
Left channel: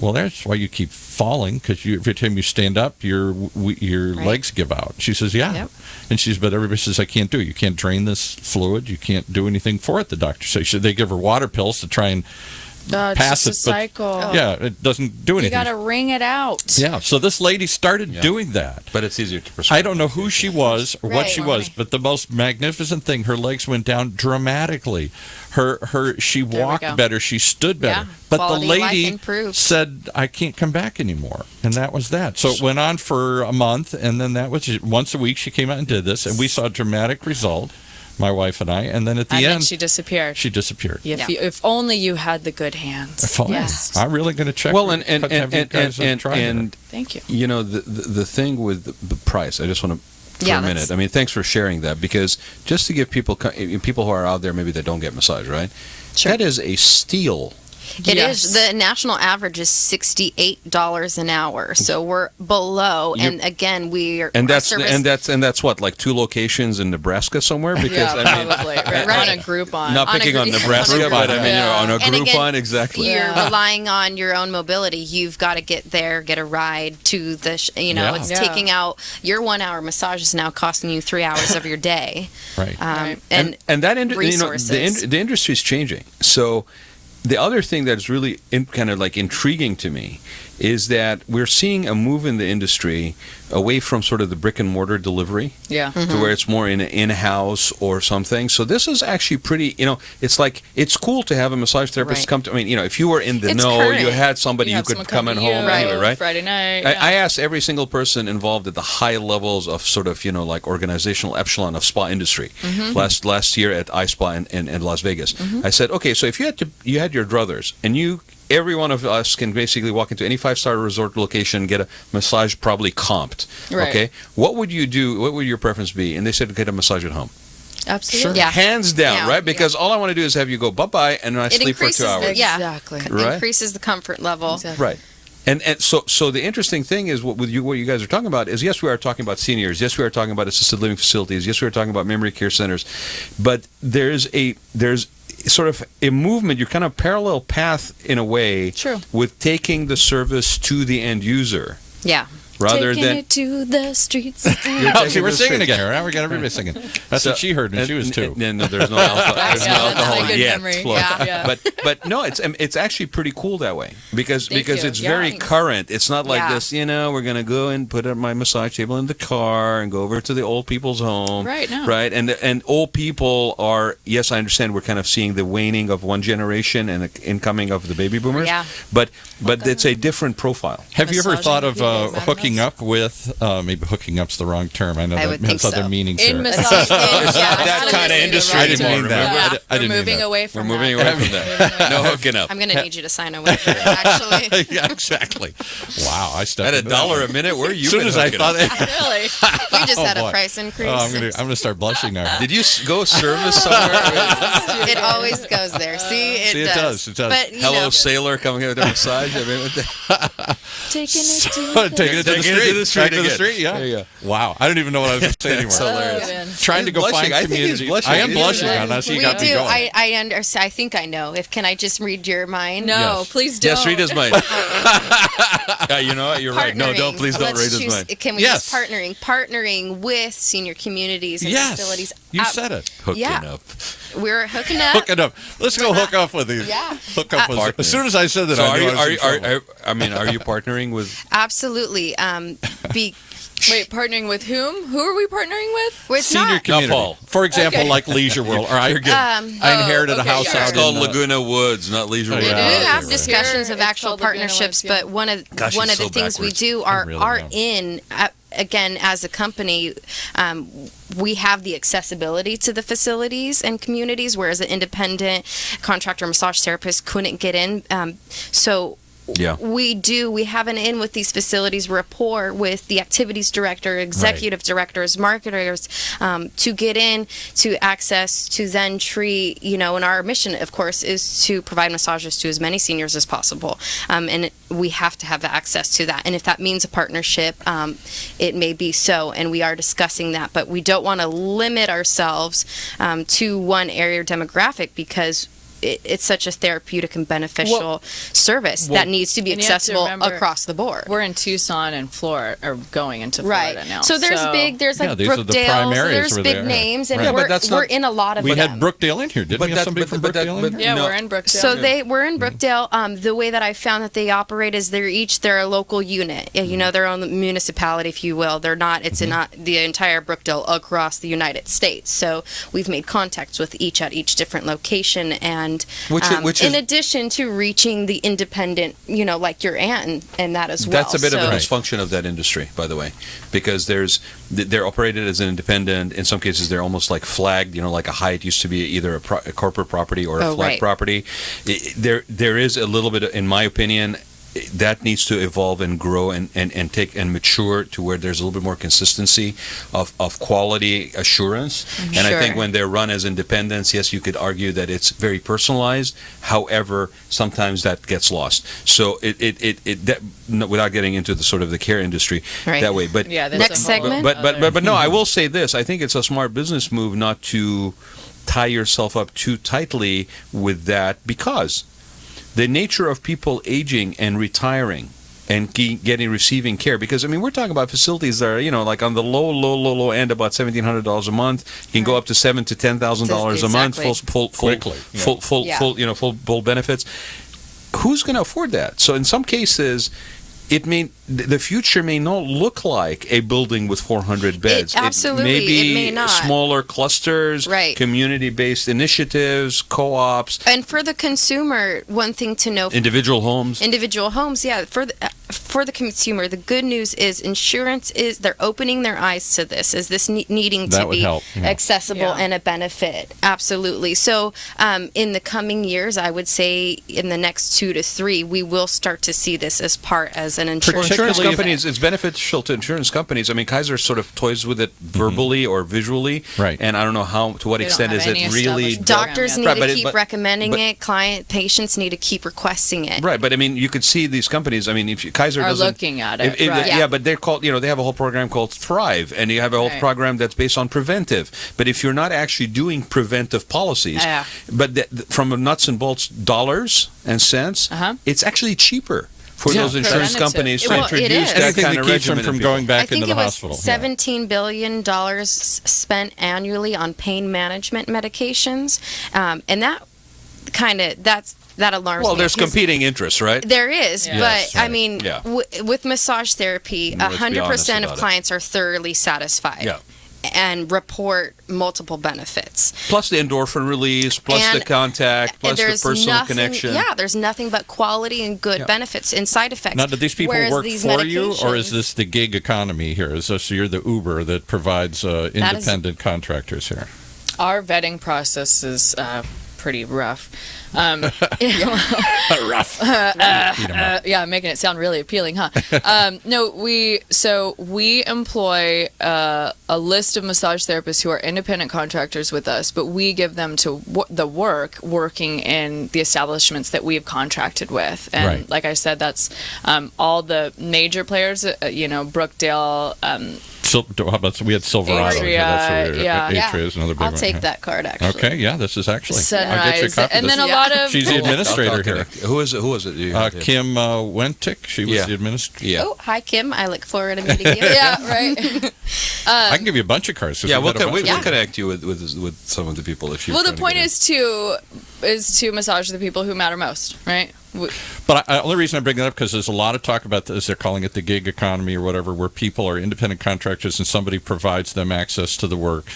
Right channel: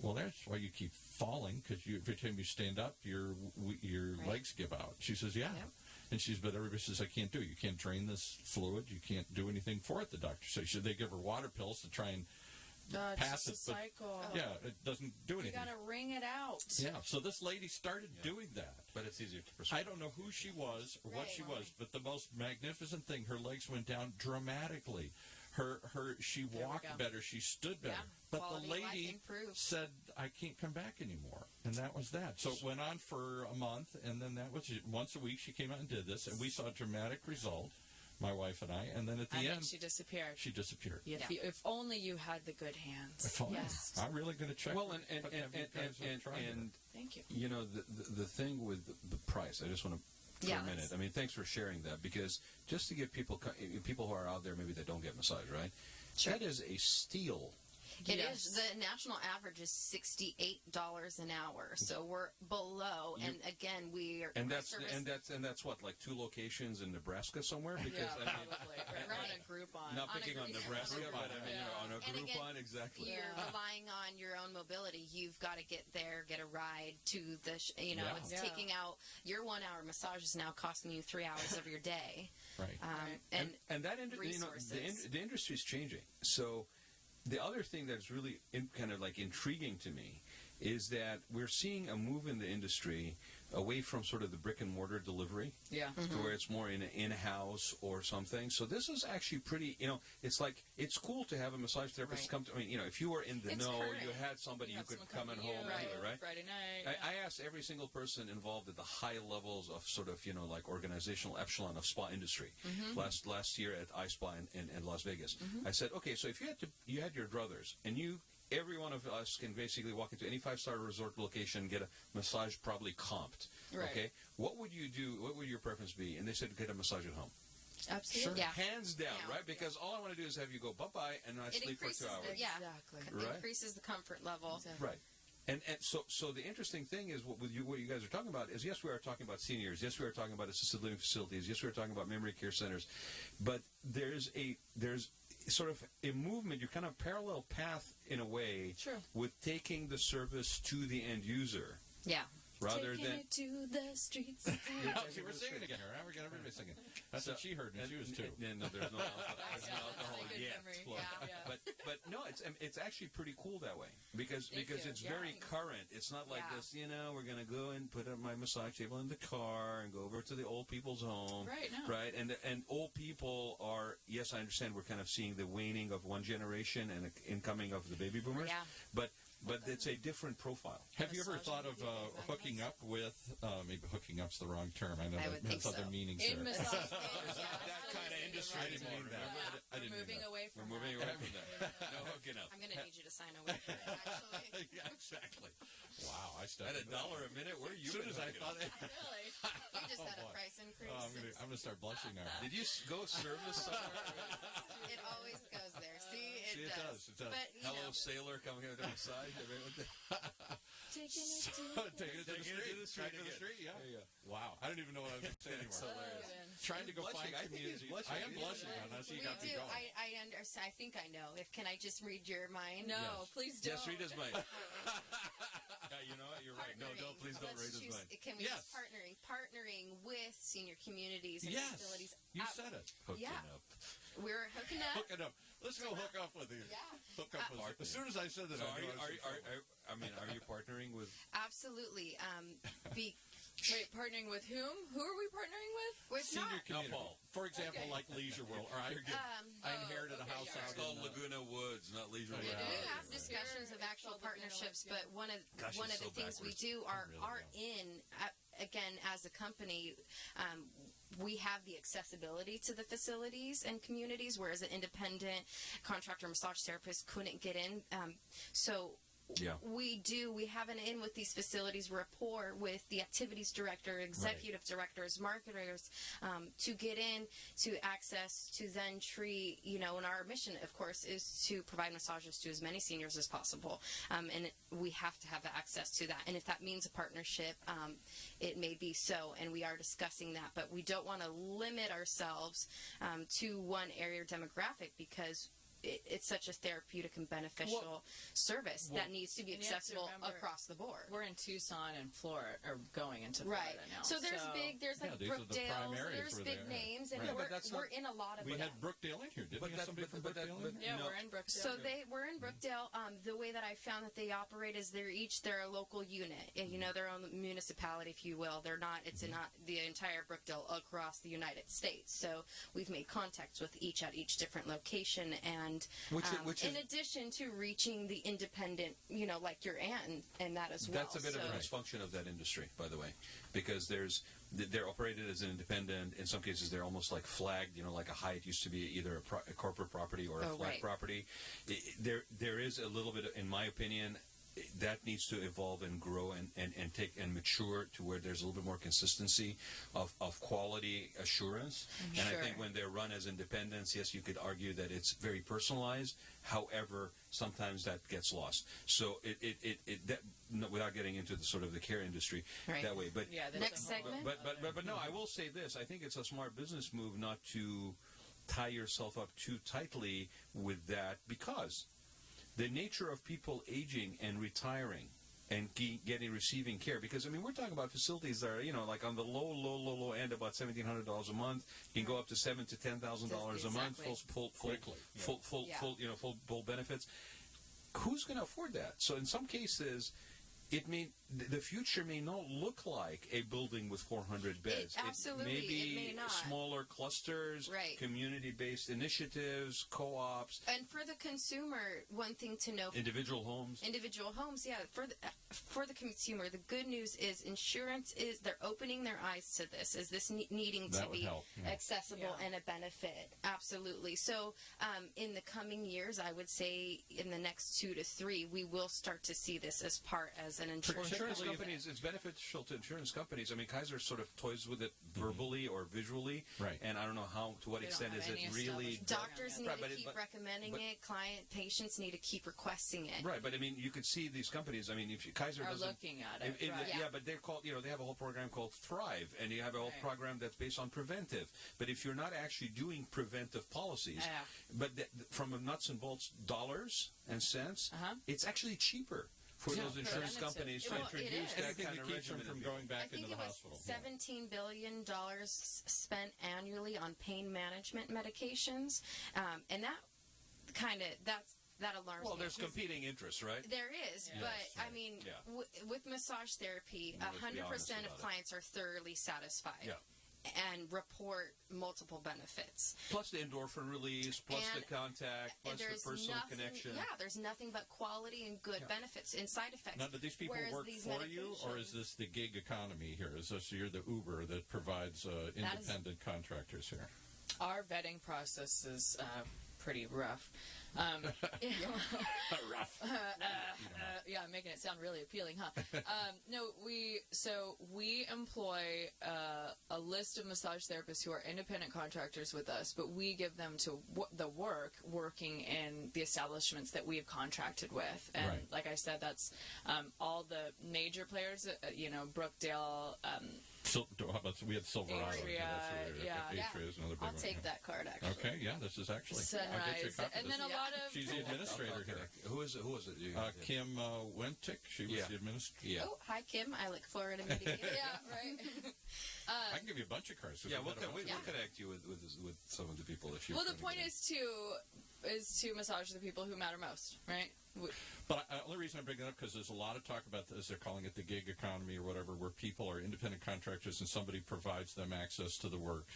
well, that's why you keep falling, because every time you stand up, your legs give out. She says, yeah. Yep. And she says, but everybody says, I can't do it. You can't drain this fluid. You can't do anything for it, the doctor says. They give her water pills to try and It's pass just it. a cycle. Yeah, it doesn't do You anything. got to wring it out. Yeah, so this lady started doing that. But it's easier to prescribe. I don't know who she was or what Right. she was, but the most magnificent thing, her legs went down dramatically. She we walked go. better, she stood better. Yeah, But quality the of life lady improved. said, I can't come back anymore. And that was that. So it went on for a month, and then that was once a week she came out and did this, and we saw a dramatic result, my wife and I, and then at the And end, then she disappeared. she disappeared. If only you had the good hands. If only. Yes. I'm really going to check. Well, have you guys try that. and Thank you. you know the thing with the price. I just want to for Yeah, a minute. that's- I mean, thanks for sharing that, because just to give people who are out there maybe that don't get massage, right? Sure. That is a steal. It Yes. is. The national average is $68 an hour, so we're below. And again, we're And our that's service- and that's what, like 2 locations in Nebraska somewhere, because Yeah, I mean, probably. Right. Right. On a Groupon. not On a picking on group- Nebraska, on a but I Groupon. mean, on a And again, Groupon, exactly. You're relying on your own mobility. You've got to get there, get a ride to the. Yeah. It's Yeah. taking out your 1 hour massage is now costing you 3 hours of your day. Right. Right. And And that resources. the industry is changing. So the other thing that's really kind of like intriguing to me is that we're seeing a move in the industry away from sort of the brick and mortar delivery Yeah. to where it's more in-house or something. So this is actually pretty, it's like, it's cool to have a massage therapist Right. come to, I mean, if you were in the It's know, current. you had somebody You who have could someone come in to home you, anyway, right? Friday night. I asked every single person involved at the high levels of sort of, like organizational echelon of spa industry last year at iSpa in Las Vegas. I said, okay, so if you had your druthers, and every one of us can basically walk into any 5-star resort location, get a massage probably comped. Right. Okay, what would you do? What would your preference be? And they said, get a massage at home. Absolutely. Yeah. Hands down, Yeah. right? Because all I want to do is have you go bye-bye, and then I it sleep for 2 increases hours. Exactly. It Right. increases the comfort level. Exactly. Right. And so the interesting thing is what you guys are talking about is, yes, we are talking about seniors, yes, we are talking about assisted living facilities, yes, we are talking about memory care centers, but there's sort of a movement, you're kind of parallel path in a way, True. with taking the service to the end user Yeah. rather Taking than it to the streets. Oh, taking see, we're the singing street. again. Now we got everybody singing. That's what she heard when she was 2. No, there's no alcohol, there's no Yeah, that's alcohol my good yet. memory. Flo. Yeah. But no, it's actually pretty cool that way because Thank you. it's Yeah. very current. It's not like Yeah. this, we're gonna go and put my massage table in the car and go over to the old people's home. Right, no. Right. And old people are, yes, I understand we're kind of seeing the waning of one generation and the incoming of the baby boomers. Yeah. But it's a different profile. Have you ever Massaging thought of people, madam hooking us? up with, maybe hooking up's the wrong term. I know I that would has think other so. meanings In here. massage. It's not that kind of industry I didn't anymore, mean that. remember? Yeah. I didn't We're mean moving that. away from We're moving that. away from that. No hooking up. I'm going to need you to sign a waiver, actually. Yeah, exactly. Wow, I stepped At into that $1 one. a minute, where you As soon been as I hooking thought up? it, Really? We just had boy. a price increase. I'm gonna start blushing now. Did you go service somewhere? It always goes there. See, it does. It does. But, Hello, sailor, coming here with a massage. I mean, Taking it to Taking it to the street. Back to the again. street. Yeah. There you go. Wow. I don't even know what I was going to say anymore. hilarious. Trying to go He's find blushing. I think he's community. blushing. I am He's blushing blushing. on us. You we got me do. going. I understand. I think I know. Can I just read your mind? No, Yes. please don't. Yes, read his mind. Yeah, you know what? You're right. No, don't. Please don't Let's read his choose- mind. Can we Yes. just partnering with senior communities and Yes. facilities? You said it. Hooking Yeah. up. We're hooking up. Hook it up. Let's go hook up with these. Yeah. Hook up with. Partner. As soon as I said that, So I are knew you? I was in trouble. Are you partnering with? Absolutely. Be Wait, partnering with whom? Who are we partnering with? well, it's Senior not. community. Paul. For example, Okay. like Leisure World. Or I inherited a okay, house yeah. out It's called in Laguna Woods, not Leisure Oh, World. We do yeah. have Right. discussions Here, of it's actual called Laguna partnerships, Woods, yeah. but one of Gosh, the he's so things we backwards. do I are really am. in again, as a company, we have the accessibility to the facilities and communities, whereas an independent contractor massage therapist couldn't get in. So Yeah. we have an in with these facilities, rapport with the activities director, executive directors, marketers, to get in, to access, to then treat, and our mission, of course, is to provide massages to as many seniors as possible. And we have to have access to that. And if that means a partnership, it may be so. And we are discussing that. But we don't want to limit ourselves to one area or demographic, because it's such a therapeutic and beneficial service that needs to be and you have to accessible remember, across the board. We're in Tucson and Florida, or going into Florida now. So there's like these are the prime Brookdale, so areas there's where big they are. names, and Right. we're in a lot of We them. had Brookdale in here, didn't we have somebody from Brookdale in here? Yeah, we're in Brookdale. So we're in Brookdale. The way that I found that they operate is they're a local unit. Their own municipality, if you will. They're not. It's not the entire Brookdale across the United States. So we've made contacts with each at each different location, and Which in is, addition to reaching the independent, like your aunt and that as well. that's a bit of a So- dysfunction of that industry, by the way, because they're operated as an independent. In some cases, they're almost like flagged. Like a Hyatt used to be either a corporate property or a flag property. There is a little bit, in my opinion, that needs to evolve and grow and take and mature to where there's a little bit more consistency of quality assurance. And I think when they're run as independents, yes, you could argue that it's very personalized. However, sometimes that gets lost. So without getting into the sort of the care industry that way. But yeah, Next segment? But no, I will say this. I think it's a smart business move not to tie yourself up too tightly with that, because the nature of people aging and retiring and receiving care, because we're talking about facilities that are like on the low end, about $1,700 a month. You can go up to $7,000 to $10,000 a month, full benefits. Who's going to afford that? So in some cases, the future may not look like a building with 400 beds. Absolutely, it may may not. Smaller clusters, community-based initiatives, co-ops. And for the consumer, one thing to know: individual homes. Yeah. For the consumer, the good news is insurance they're opening their eyes to this. Is this needing to be accessible and a benefit? Absolutely. So in the coming years, I would say in the next 2 to 3, we will start to see this as an insurance. Insurance companies, it's beneficial to insurance companies. Kaiser sort of toys with it verbally or visually, right? And I don't know to what extent is it really. Doctors need to keep recommending it. Patients need to keep requesting it. Right, but you could see these companies. If Kaiser are doesn't looking at it, yeah, but they're called. They have a whole program called Thrive, and you have a whole program that's based on preventive. But if you're not actually doing preventive policies, but from nuts and bolts dollars and cents, it's actually cheaper for those insurance companies to introduce that kind of regimen from going back into the hospital. I think it was $17 billion spent annually on pain management medications, and that alarms me. Well, there's competing interests, right? There is, but with massage therapy, 100% of clients are thoroughly satisfied. Yeah. And report multiple benefits. Plus the endorphin release, plus the contact, plus the personal connection. Yeah, there's nothing but quality and good benefits and side effects. Now, do these people work for you, or is this the gig economy here? Is this you're the Uber that provides independent contractors here? Our vetting process is pretty rough. Rough. Yeah, making it sound really appealing, huh? No, we employ a list of massage therapists who are independent contractors with us, but we give them to working in the establishments that we have contracted with. And like I said, that's all the major players, Brookdale. How about we had Silverado? Atria is another big one. I'll take that card, actually. Okay, yeah, this is actually Sunrise. I'll get you a copy. And then a lot of she's the administrator here. Who is it? Kim Wentick. She was the administrator. Yeah. Oh, hi, Kim. I look forward to meeting you. Yeah, right. I can give you a bunch of cards. Yeah, we'll connect you with some of the people if you. Well, the point is to massage the people who matter most, right? But the only reason I bring that up because there's a lot of talk about this. They're calling it the gig economy or whatever, where people are independent contractors and somebody provides them access to the work.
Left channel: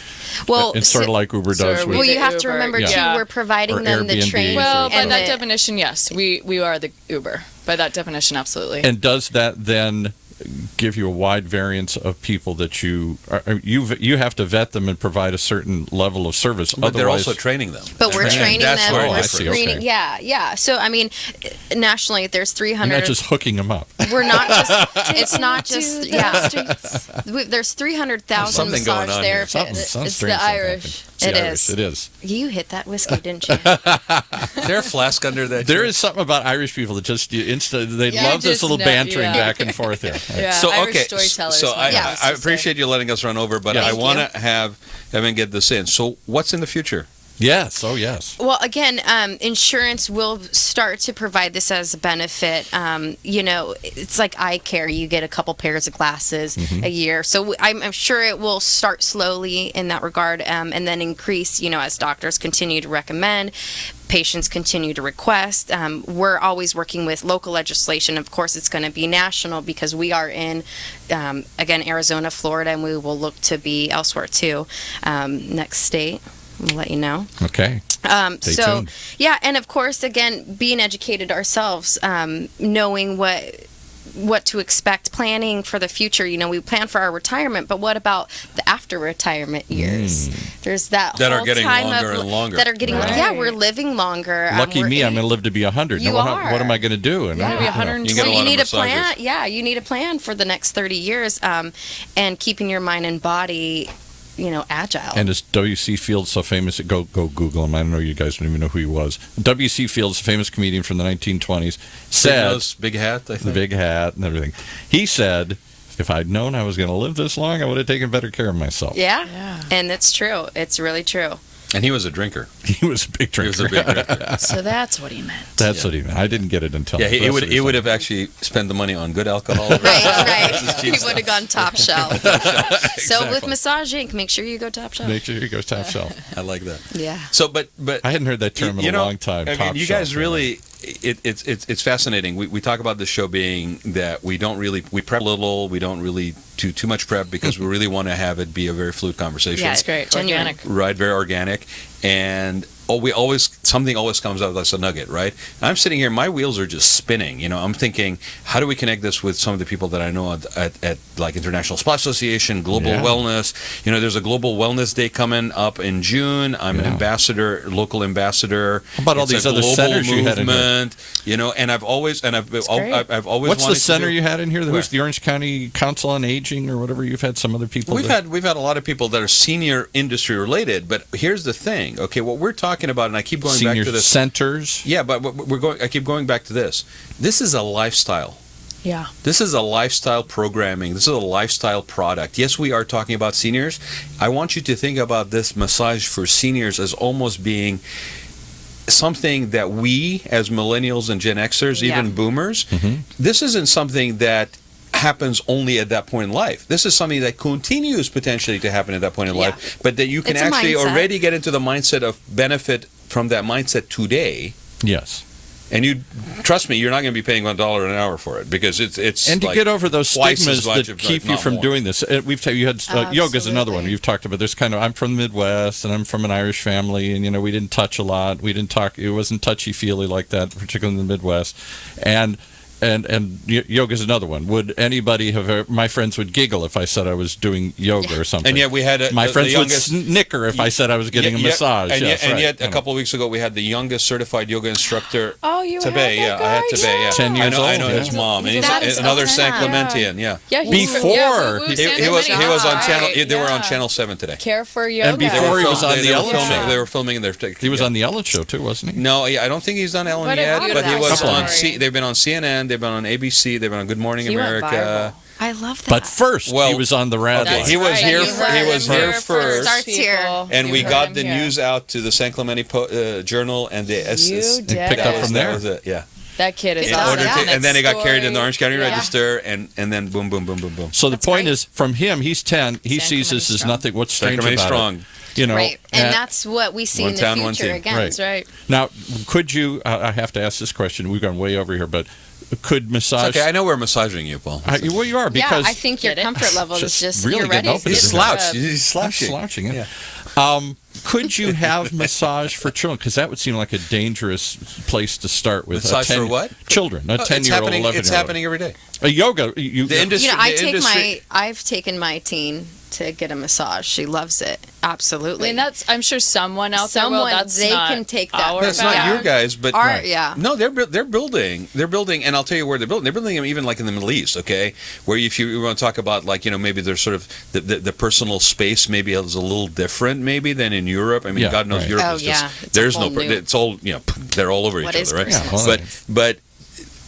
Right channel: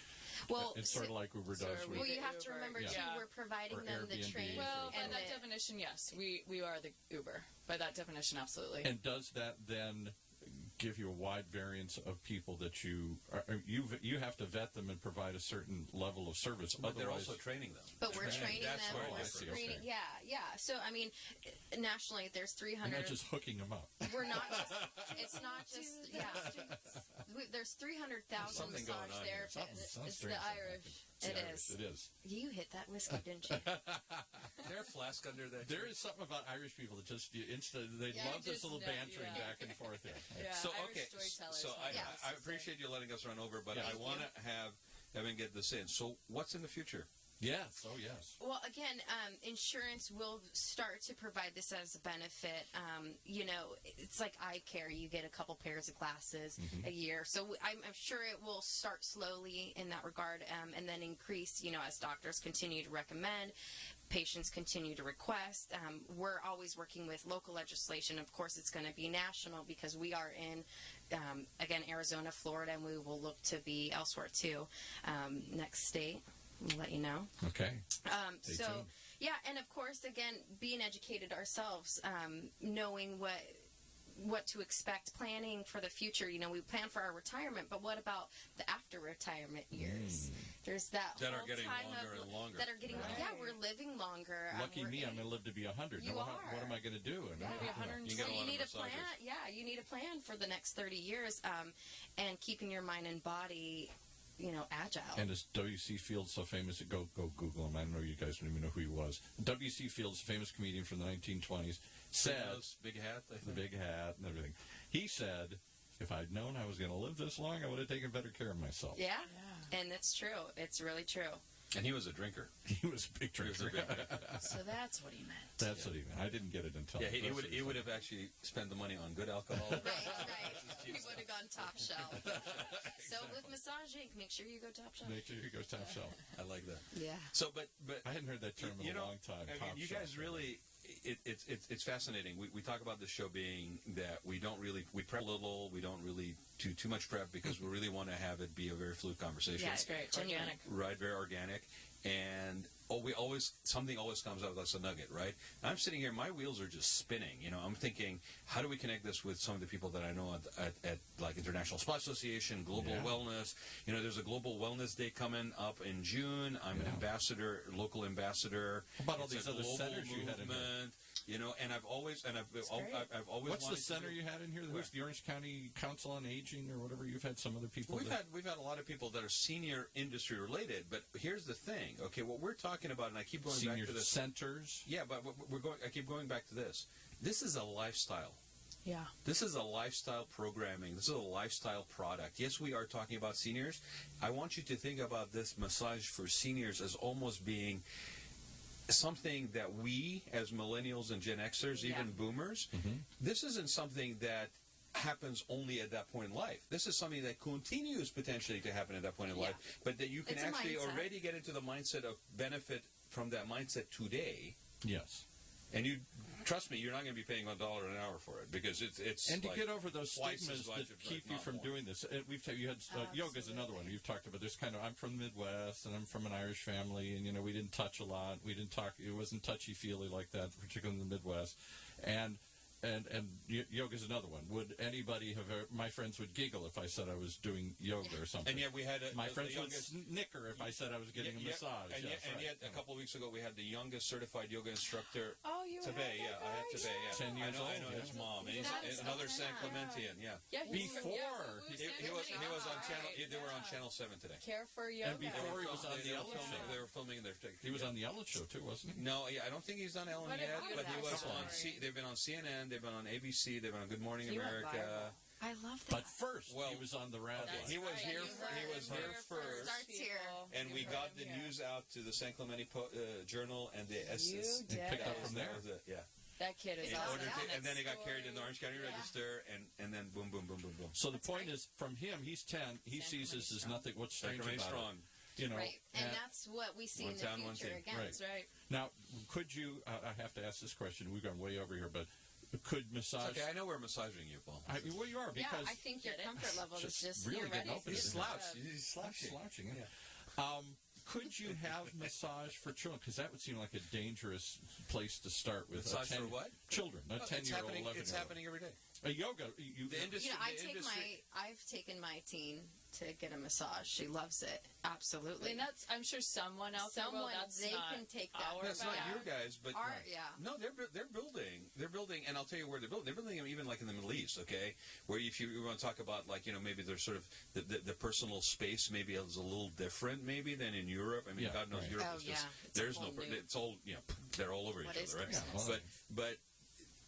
Well, it's sort of like Uber does. Well, you have to remember too, we're providing them the training. Well, by that definition, yes, we are the Uber. By that definition, absolutely. And does that then give you a wide variance of people that you have to vet them and provide a certain level of service. But they're Otherwise, also training them. But we're training That's them. where We're I see, screening. okay. Yeah. So I mean, nationally, there's you're 300. not just hooking them up. We're not just. It's not just. the Yeah. streets. There's 300,000 Something going massage on here. therapists. Something It's strange the happened. Irish. It's the It Irish. is. It is. You hit that whiskey, didn't you? Is there a flask under that? There chair? is something about Irish people that just they Yeah, love this just little know- bantering yeah. back and forth here. Yeah, So Irish okay, storytellers. so my I, dad used I to say. appreciate you letting us run over, but Yes. I Thank want you. to have Evin get this in. So what's in the future? Yes. Oh, yes. Well, again, insurance will start to provide this as a benefit. It's like eye care. You get a couple pairs of glasses a year. So I'm sure it will start slowly in that regard and then increase, as doctors continue to recommend. Patients continue to request. We're always working with local legislation. Of course, it's going to be national because we are in, again, Arizona, Florida, and we will look to be elsewhere too. Next state. We'll let you know. Okay. Stay tuned. Yeah, and of course, again, being educated ourselves, knowing what to expect, planning for the future. We plan for our retirement, but what about the after retirement years? There's that That are whole getting time longer of, and longer. That are getting Right. Yeah, we're living longer. Lucky we're me, in- I'm going to live to be 100. You Now, are. what am I going to do? And Yeah, I- be you know, 100. You get a So lot you of need a massages. plan. Yeah, you need a plan for the next 30 years, and keeping your mind and body, agile. And is W.C. Fields so famous? Go Google him. I don't know. You guys don't even know who he was. W.C. Fields, a famous comedian from the 1920s, said, Nose, big hat, I think. the big hat and everything. He said, if I'd known I was going to live this long, I would have taken better care of myself. Yeah, Yeah. and it's true. It's really true. And he was a drinker. He was a big He drinker. was a big drinker. So that's what he meant. That's what he meant. I didn't get it until Yeah, the he rest would of he his would life. have actually spent the money on good alcohol. Right. Cheap He would stuff. have gone top shelf. So with Exactly. Massage Inc., make sure you go top shelf. Make sure he goes top shelf. I like that. Yeah. So, but I hadn't heard that term in a long time. I mean, top you shelf, guys really, it's fascinating. We talk about this show being that we prep a little, we don't really do too much prep because we really want to have it be a very fluid conversation. Yeah, It's great. Genuine. Organic. Right, very organic, and something always comes out as a nugget, right? And I'm sitting here, my wheels are just spinning. I'm thinking, how do we connect this with some of the people that I know at like International Spa Association, Global Yeah. Wellness? There's a Global Wellness Day coming up in June. I'm an ambassador, local ambassador. How about all It's these a other global centers you had in here? movement, and I've always great. I've always What's the wanted to center do- you had in here? Where? Who's the Orange County Council on Aging or whatever? You've had some other people. We've had a lot of people that are senior industry related, but here's the thing. Okay, what we're talking about, and I keep going senior back to this. centers. Yeah, but I keep going back to this. This is a lifestyle. Yeah. This is a lifestyle programming. This is a lifestyle product. Yes, we are talking about seniors. I want you to think about this massage for seniors as almost being something that we, as millennials and Gen Xers, Yeah. even boomers, this isn't something that happens only at that point in life. This is something that continues potentially to happen at that point in Yeah. life, but that you can It's a actually mindset. already get into the mindset of benefit from that mindset today. Yes. And you trust me, you're not going to be paying $1 an hour for it because it's And to like get over those twice as stigmas much, that if keep you not from more. doing this. You had yoga is another one Absolutely. you've talked about. There's I'm from the Midwest and I'm from an Irish family, and we didn't touch a lot. We didn't talk. It wasn't touchy feely like that, particularly in the Midwest. And yoga is another one. Would anybody have? My friends would giggle if I said I was doing yoga or something. And yet we had my the friends youngest, would snicker if I said I was getting a massage. And Yes, yet, right. a couple of weeks ago we had the youngest certified yoga instructor. Oh, you had Tebe, that I had guy? Tebe, yeah. 10 years I know old, his yeah. mom, and That he's is another San awesome. Clementian, yeah. Yeah. he's Before woo-woo, he- He San was on Clemente. channel. Right, They were on yeah. channel 7 today. Care for yoga. And before he was on the they were Ellen filming. Show. They were filming their. He was on the Ellen Show too, wasn't he? No, I don't think he's done Ellen But yet, it but he was was that on. story. They've been on CNN. They've been on ABC. They've been on Good Morning He went America. I love that. But first, Well, he was on the Rad okay, Life. he was Right, here. you For, heard he him was here here first. Starts here. people. And You we heard got him the here. news out to the San Clemente Journal and the You did picked up it. from there. That was it, yeah. That kid is In awesome. order to- And then it got carried in the Orange County Yeah. Register, and then boom, boom, boom, boom, boom. So the That's point great. is, from him, he's 10. He San sees this Clemente as strong. nothing. What's strange Sacramento about strong. it? right, and that's what we see One in the town, one future team. again. Right. That's right. Now, could you? I have to ask this question. We've gone way over here, but could massage? It's okay, I know we're massaging you, Paul. Well, you are Yeah, because I think your Get it? comfort level is Just just really you're getting ready. open He's to slouched. it. He's I'm slouching. slouching it. Yeah. could you have massage for children? Because that would seem like a dangerous place to start with. Massage for what? Children, a 10-year-old, 11-year-old. It's happening every day. A yoga. The You industry. know, industry, I've taken my teen to get a massage. She loves it. Absolutely. I mean, I'm sure someone out there will. They can take that. That's not your guys, but Yeah. no, they're building, and I'll tell you where they're building. They're building them even like in the Middle East, okay, where if you want to talk about like maybe there's sort of the personal space maybe is a little different maybe than in Europe. I mean, God knows Europe is just there's no it's all they're all over each other, right? Yeah, but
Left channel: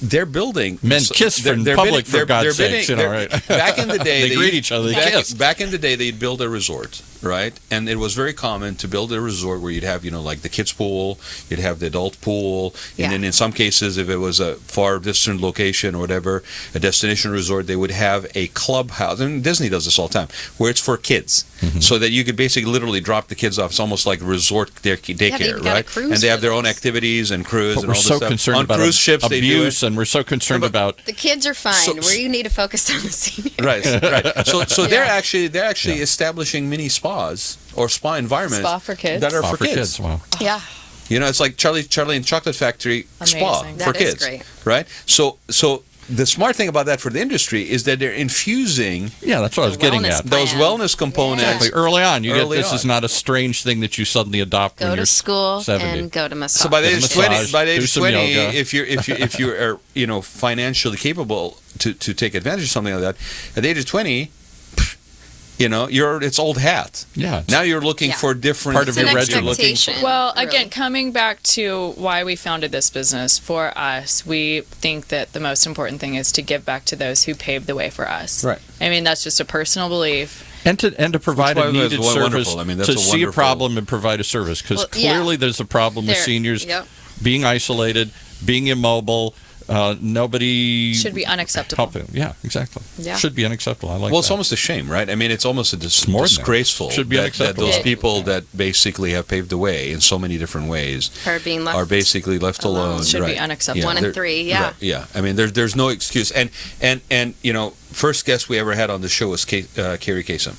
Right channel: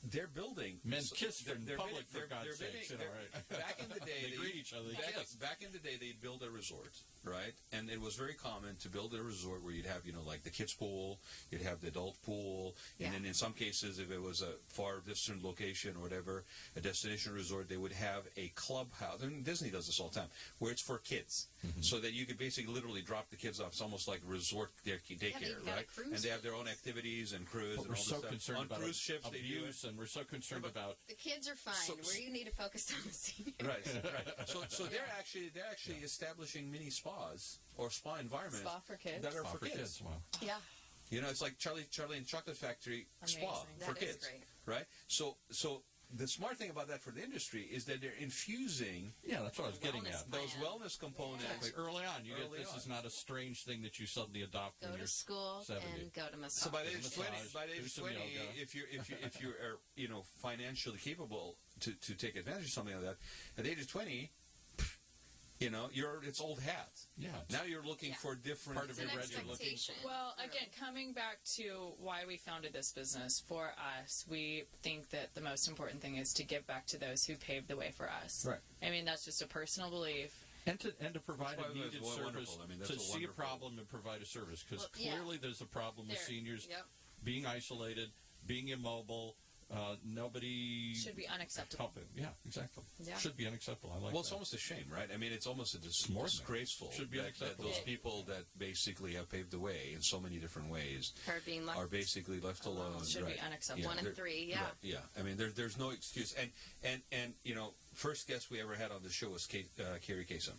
they're building. Men kiss in public, for God's sakes, right? Back in the day, they greet each other. They kiss. Back in the day, they'd build a resort, right? And it was very common to build a resort where you'd have, like the kids' pool, you'd have the adult pool, and then in some cases, if it was a far distant location or whatever, a destination resort, they would have a clubhouse. And Disney does this all the time, where it's for kids, so that you could basically literally drop the kids off. It's almost like resort daycare, right? And they have their own activities and crews and all this stuff. We're so concerned on about cruise ships, abuse, they do it. and we're so concerned about the kids are fine. Where you need to focus on the seniors. Right. So they're actually establishing mini spas or spa environments Spa for kids. that are for kids. Wow. Yeah. It's like Charlie and Chocolate Factory spa Amazing. for That is kids, great. right? So the smart thing about that for the industry is that they're infusing that's what I was getting wellness at. those plan. Wellness components. Exactly. Early on, this on. is not a strange thing that you suddenly adopt when Go you're to school 70. and go to massage. So by the Get a age 20, massage, by the do age some 20, yoga. if you are financially capable to take advantage of something like that, at the age of 20, it's old hat. Yeah. Now you're looking for different Part of It's your an regular looking. expectation. Well, really. again, coming back to why we founded this business, for us, we think that the most important thing is to give back to those who paved the way for us. Right. I mean, that's just a personal belief. And to provide Which, by a the way, is needed wonderful. service, I mean, that's to a see a wonderful- problem and provide a service. Because Well, yeah. clearly there's a problem with There- seniors yep. being isolated, being immobile, nobody Should be unacceptable. helping. Yeah, exactly. Yeah. Should be unacceptable. I like Well, it's that. almost a shame, right? I mean, it's almost more than that. disgraceful Should be that unacceptable. those Yeah. people that basically have paved the way in so many different ways Are being left are basically left alone. Should be right. unacceptable. 1 and they're- 3, yeah. Right, yeah. I mean, there's no excuse. And first guest we ever had on the show was Cory Kasem,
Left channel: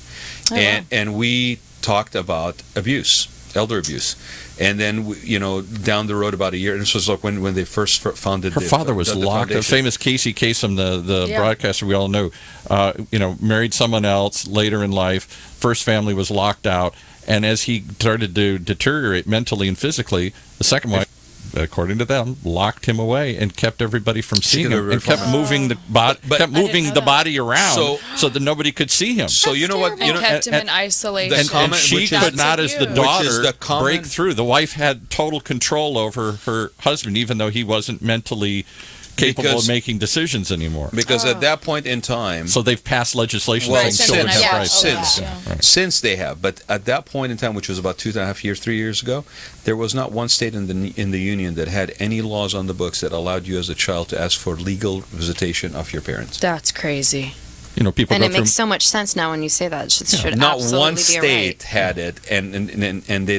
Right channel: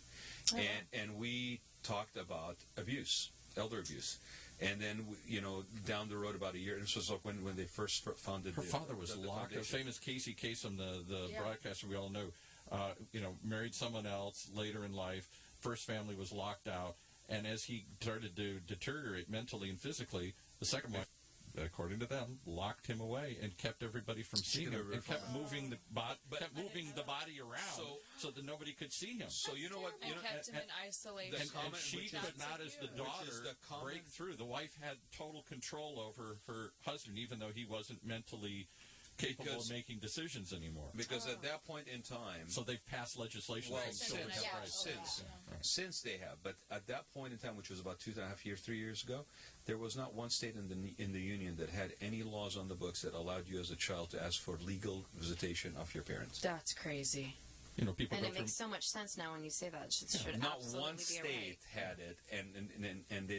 and we talked about abuse, elder abuse. And then, down the road about a year, and this was like when they first founded. Her father was the locked. The foundation. famous Casey Kasem, the Yeah. broadcaster we all know, married someone else later in life. First family was locked out, and as he started to deteriorate mentally and physically, the second wife, according to them, locked him away and kept everybody from seeing him, and kept moving the body around so that nobody could see him. So you know what? And kept him in isolation. And she which is- could not, as the Which is daughter, the common- break through. The wife had total control over her husband, even though he wasn't mentally capable of making decisions anymore. Because at that point in time, So they've passed legislation well, saying children have yeah. rights. since they have, but at that point in time, which was about 2.5 years, 3 years ago, there was not one state in the union that had any laws on the books that allowed you as a child to ask for legal visitation of your parents. That's crazy. People And go it through. makes so much sense now when you say that. It should Not absolutely one be a state right. had it, and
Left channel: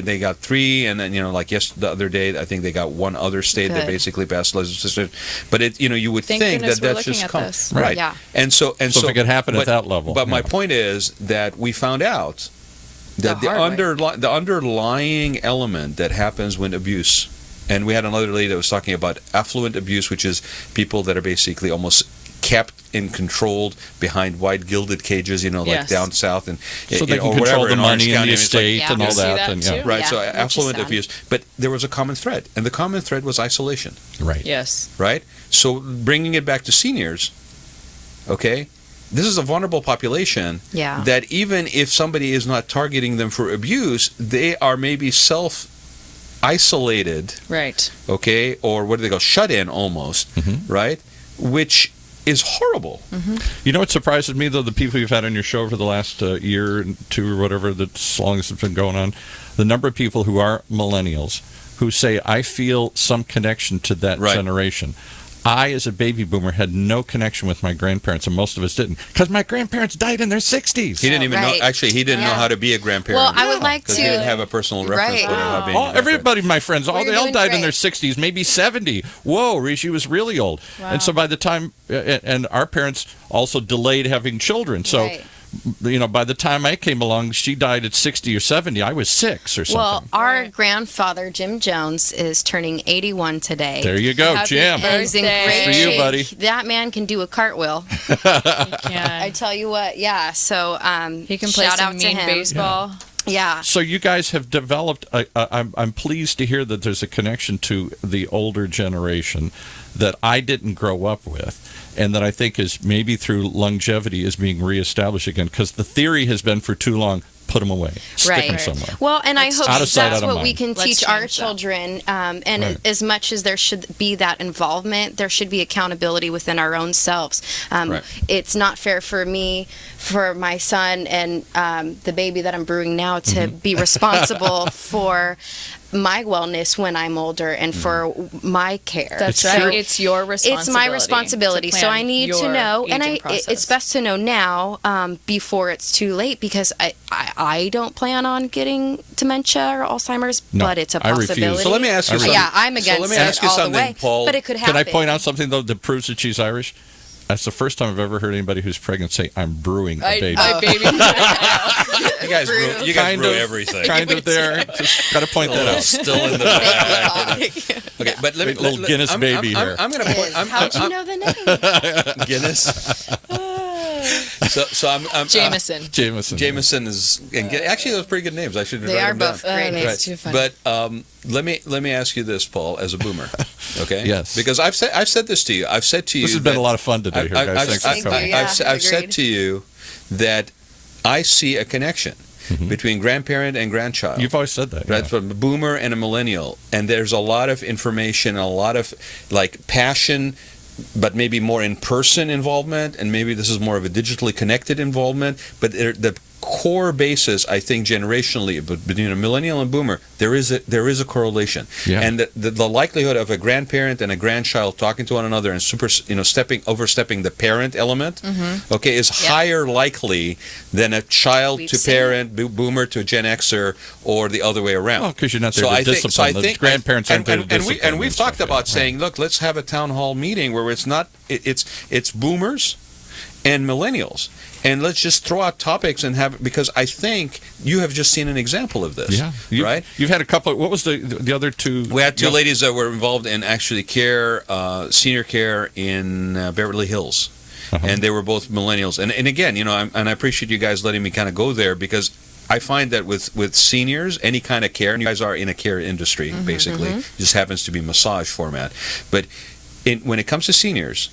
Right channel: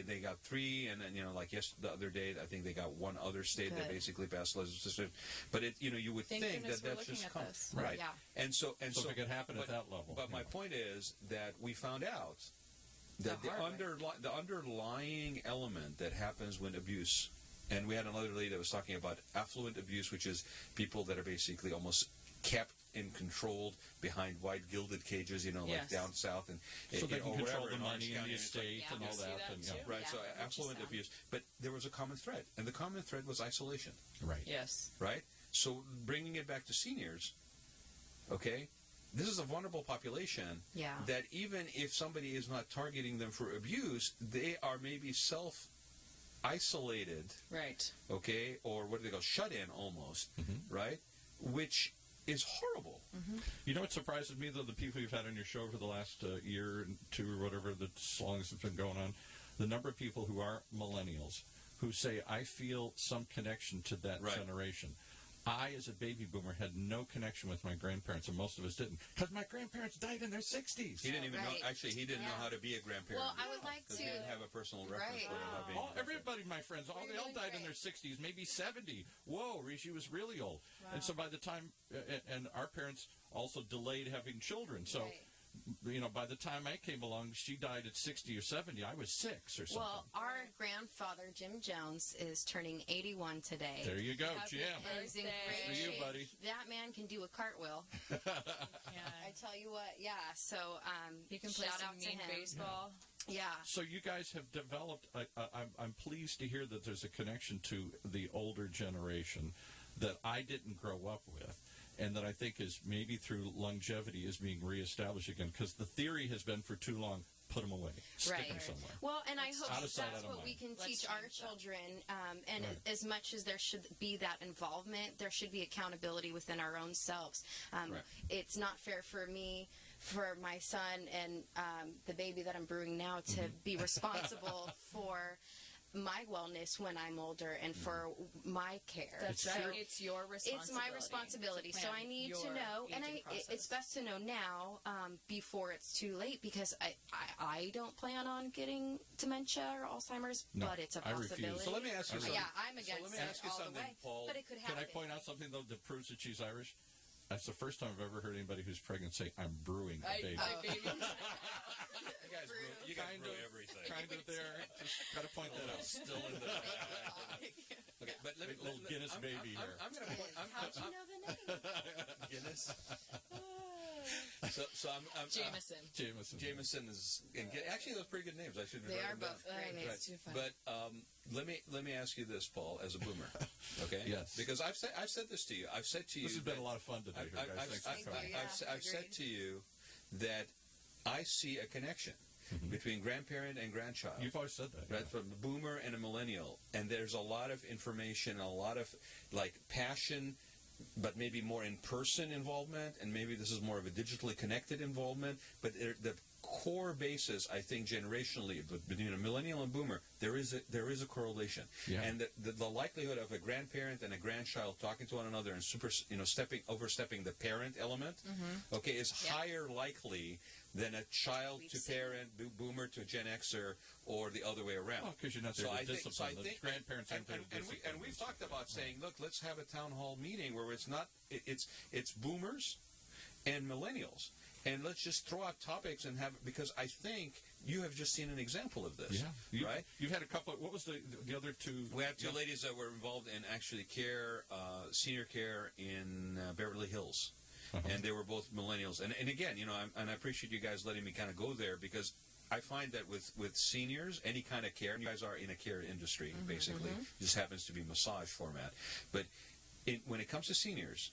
they got 3, and then like the other day, I think they got one other state that Good. basically passed legislation. But you would Thank think goodness that we're that's looking just at come this. right. Yeah. And so So if it could happen at that level, But my yeah. point is that we found out that The hard way. the underlying element that happens when abuse, and we had another lady that was talking about affluent abuse, which is people that are basically almost kept and controlled behind white gilded cages, like Yes. down south and So they or can control whatever, the in Orange money and County, the and it's like- estate Yeah. and all You see that. that And, too? right, so Yeah, which is affluent sad. abuse. But there was a common thread, and the common thread was isolation, Right. Yes. right? So bringing it back to seniors, okay, this is a vulnerable population Yeah. that even if somebody is not targeting them for abuse, they are maybe self-isolated, Right. okay, or what do they go, shut in almost, right? Which is horrible. You know what surprises me, though, the people you've had on your show for the last year and 2 or whatever, that's as long as it's been going on, the number of people who are millennials who say, I feel some connection to that Right. generation. I, as a baby boomer, had no connection with my grandparents, and most of us didn't, because my grandparents died in their 60s. He didn't even know. Right. Actually, he didn't know Yeah. how to be a grandparent. Well, I would like because to. he didn't have a personal reference Right. point of how being a grandparent. Everybody, my friends, Well, they you're all doing died in their great. 60s, maybe 70. Whoa, she was really old. Wow. And so by the time, and our parents also delayed having children. So Right. by the time I came along, she died at 60 or 70. I was 6 or something. Well, our grandfather, Jim Jones, is turning 81 today. There you go, Happy Jim. birthday. He's in great For you, shape. buddy. That man can do a cartway. I tell you what, yeah. So He can play shout some out to mean him. baseball. Yeah. So you guys have developed. I'm pleased to hear that there's a connection to the older generation that I didn't grow up with, and that I think is maybe through longevity is being reestablished again. Because the theory has been for too long, put them away, stick Right. them somewhere. Well, and I hope Out of sight, that's out of what we mind. can Let's teach our change that. children. And Right. as much as there should be that involvement, there should be accountability within our own selves. Right. It's not fair for me, for my son, and the baby that I'm brewing now to be responsible for my wellness when I'm older and for my care. That's It's right. true. It's your responsibility. It's my responsibility, to so plan I need to your know, and aging it's process. best to know now before it's too late, because I don't plan on getting dementia or Alzheimer's, No, but it's a I refuse. possibility. So let me ask you something. Yeah, I'm So against let me it ask you all the something, way, Paul. but it could Can happen. I point out something though that proves that she's Irish? That's the first time I've ever heard anybody who's pregnant say, "I'm brewing a baby." My baby. You guys brew everything. Kind of there. Just got to point that out. Still in the back. Okay, but let me Little Guinness baby here. I'm going to point. How'd you know the name? Guinness. So I'm Jameson. Jameson is and actually those are pretty good names. I should They write are them down. both great names. That's too funny. But let me ask you this, Paul, as a boomer, okay? Yes. Because I've said this to you. I've said to you. This has been that- a lot of fun today, here, guys. Thanks for Thank you, coming. yeah. I've said agreed. to you that I see a connection between grandparent and grandchild. You've always said that. Right, yeah. from a boomer and a millennial, and there's a lot of information, a lot of like passion, but maybe more in-person involvement, and maybe this is more of a digitally connected involvement. But the core basis, I think, generationally, between a millennial and boomer, there is a correlation, Yeah. and the likelihood of a grandparent and a grandchild talking to one another and overstepping the parent element, okay, is higher likely than a child We've to seen parent, boomer to Gen Xer, or the other way around. Well, because you're not there So to I think- discipline. so I The think- grandparents aren't there to discipline. and we've talked stuff, about yeah. saying, look, let's have a town hall meeting where it's boomers and millennials, and let's just throw out topics and have, because I think you have just seen an example of this. Yeah. Right. You've had a couple. What was the other two? We had two ladies that were involved in actually senior care in Beverly Hills. And they were both millennials. And again, I appreciate you guys letting me kind of go there, because I find that with seniors, any kind of care, and you guys are in a care industry, basically, it just happens to be massage format. But when it comes to seniors,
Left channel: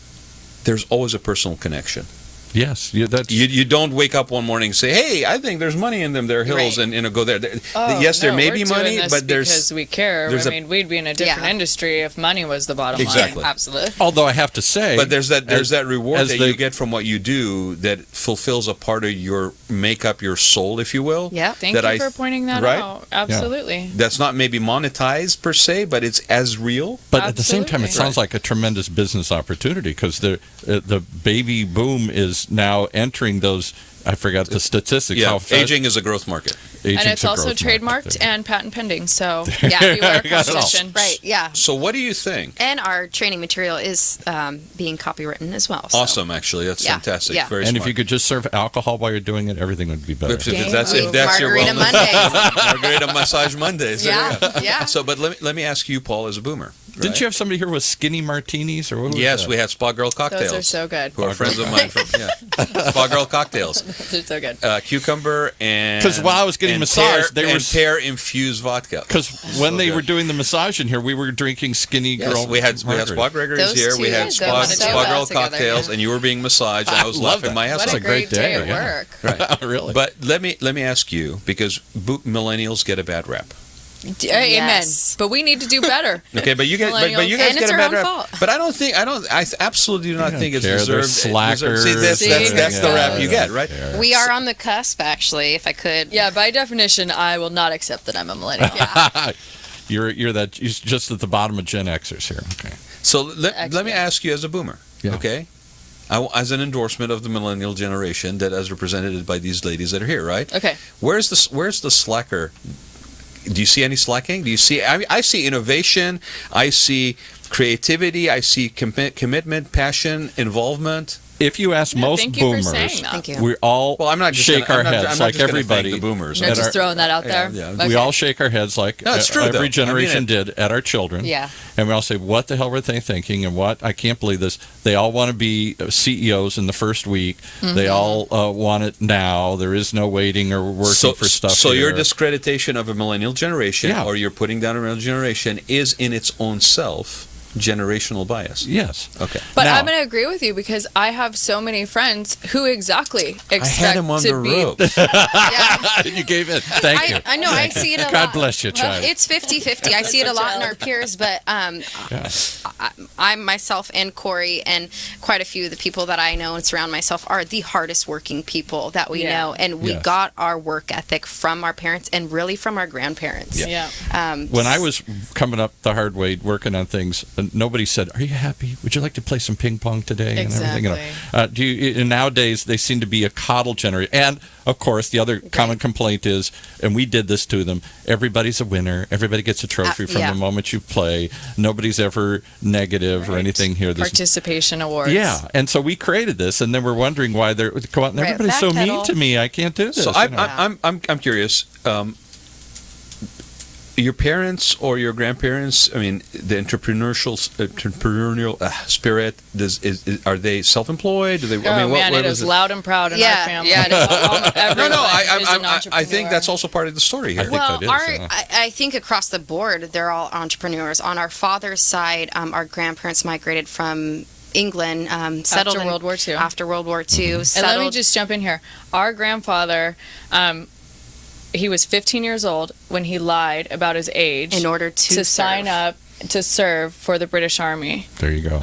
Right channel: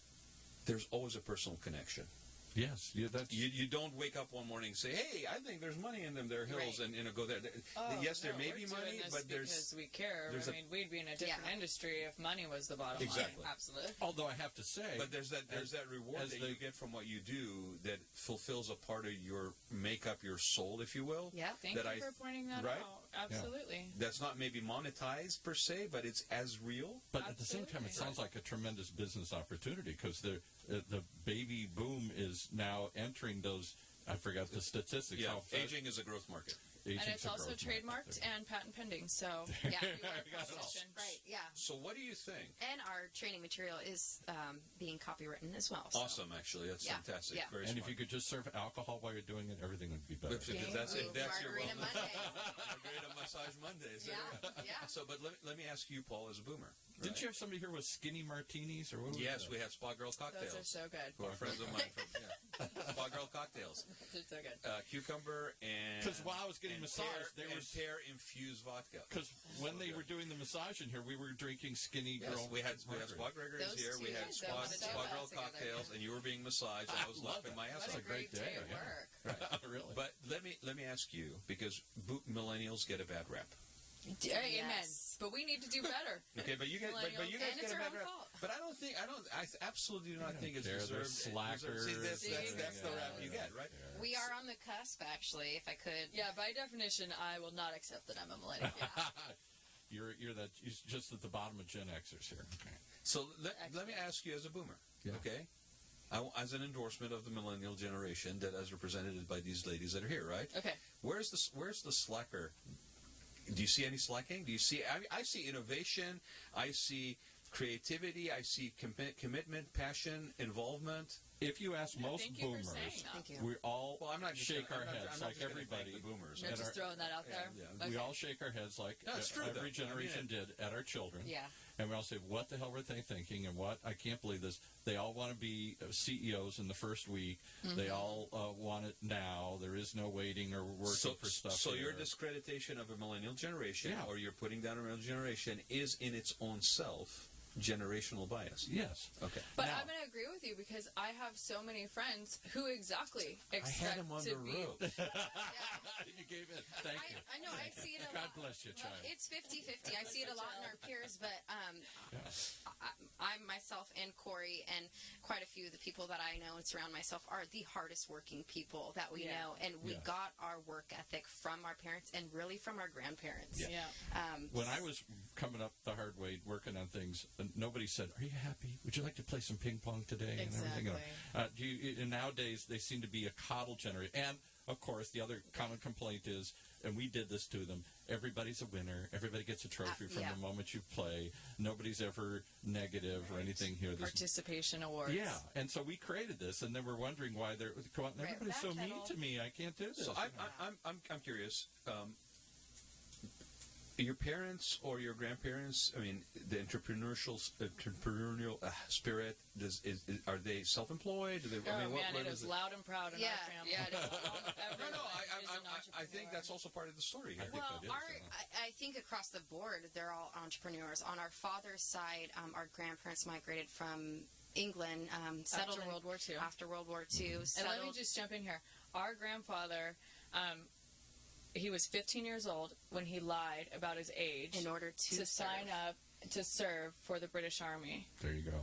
there's always a personal connection. Yes, that's You don't wake up one morning and say, "Hey, I think there's money in them. There are hills," Right. and go there. Oh, Yes, there no, may we're be doing money, this but because we care. there's I mean, we'd be in a different Yeah. industry if money was the bottom Exactly. line. Absolutely. Although I have to say, But there's that reward as that the- you get from what you do that fulfills a part of your makeup, your soul, if you will. Yeah. Thank that you I- for pointing that right? out. Absolutely. That's not maybe monetized per se, but it's as real. but at the same time, it Absolutely. sounds like a tremendous business opportunity, because the baby boom is now entering those. I forgot the statistics. Yeah, How fast aging is a growth market. aging's And it's a also growth market trademarked there. and patent pending. So Yeah. beware You got it all. competition. Right, yeah. So what do you think? And our training material is being copywritten as well. So. Awesome, actually, that's Yeah, fantastic. yeah. Very And smart. if you could just serve alcohol while you're doing it, everything would be better. If that's your Margarita wellness, Mondays. Margarita Massage Mondays. There you go. Yeah, yeah. So, but let me ask you, Paul, as a boomer. Didn't right? you have somebody here with skinny martinis, or what was Yes, that? we had Spa Girl cocktails. Those are so good. Who are friends of mine from Spa Girl cocktails. They're so good. Cucumber and 'Cause while I was getting and massaged, they were pear infused vodka. Because when So they good. were doing the massage in here, we were drinking skinny Yes, girl. we had Spa margarita. Gregory's Those here. We two had go Spa so Girl well together, cocktails, yeah. and you were being massaged, and I was love laughing that. my ass What off. a great day at yeah. work. Right. Really? But let me ask you, because millennials get a bad rap. Amen. Yes. But we need to do better. Okay, but you guys Millennials. get And it's a our bad own rap. fault. But I absolutely do not don't think it's care. They're deserved. slackers. See, that's the rap you Yeah. get, right? We are on the cusp, actually, if I could. Yeah, by definition, I will not accept that I'm a millennial. You're just at the bottom of Gen Xers here. Okay. So let me ask you as a boomer, Yeah. okay? As an endorsement of the millennial generation that as represented by these ladies that are here, right? Okay. Where's the slacker? Do you see any slacking? Do you see? I see innovation. I see creativity. I see commitment, passion, involvement. if you ask most thank you for boomers, saying that. Thank you. we all Well, I'm not just shake gonna, our I'm not, heads I'm not like just gonna everybody. thank the boomers. No, at just our- throwing that out there. yeah. Okay. We all shake our heads like No, it's true, every though. I mean generation it. did at our children. Yeah. And we all say, what the hell were they thinking? And what? I can't believe this. They all want to be CEOs in the first week. They all want it now. There is no waiting or working for stuff. So your here. discreditation of a millennial generation, Yeah. or you're putting down a millennial generation, is in its own self generational bias. Yes. Okay. But Now- I'm going to agree with you because I have so many friends who exactly expect I had him on to the be. ropes. You gave it. Thank you. I know. I see it a lot. God bless you, child. It's 50-50. I see it a lot in our peers, but Yeah. I myself and Cory and quite a few of the people that I know and surround myself are the hardest working people that we Yeah. know, and we Yes. got our work ethic from our parents and really from our grandparents. Yeah. When I was coming up the hard way, working on things, nobody said, "Are you happy? Would you like to play some ping pong today?" And everything. You know, do you? And nowadays, they seem to be a coddle generation. And of course, the other common complaint is, and we did this to them: everybody's a winner. Everybody gets a trophy from yeah. the moment you play. Nobody's ever negative or anything here. This, Participation awards. yeah, and so we created this, and then we're wondering why they're come on. Right, Everybody's so mean backpedal. to me. I can't do this. So you know. I'm curious. Your parents or your grandparents, I mean, the entrepreneurial spirit, are they self-employed? Do they? Oh I mean, man, what it was is loud and proud in Yeah, our family. yeah, it is. Everyone No, is an I think entrepreneur. that's also part of the story here. think Well, that is, yeah. I think across the board, they're all entrepreneurs. On our father's side, our grandparents migrated from England, settled in- World War II. After World War II, And settled. let me just jump in here. Our grandfather, he was 15 years old when he lied about his age in order to sign up to serve for the British Army. There you go.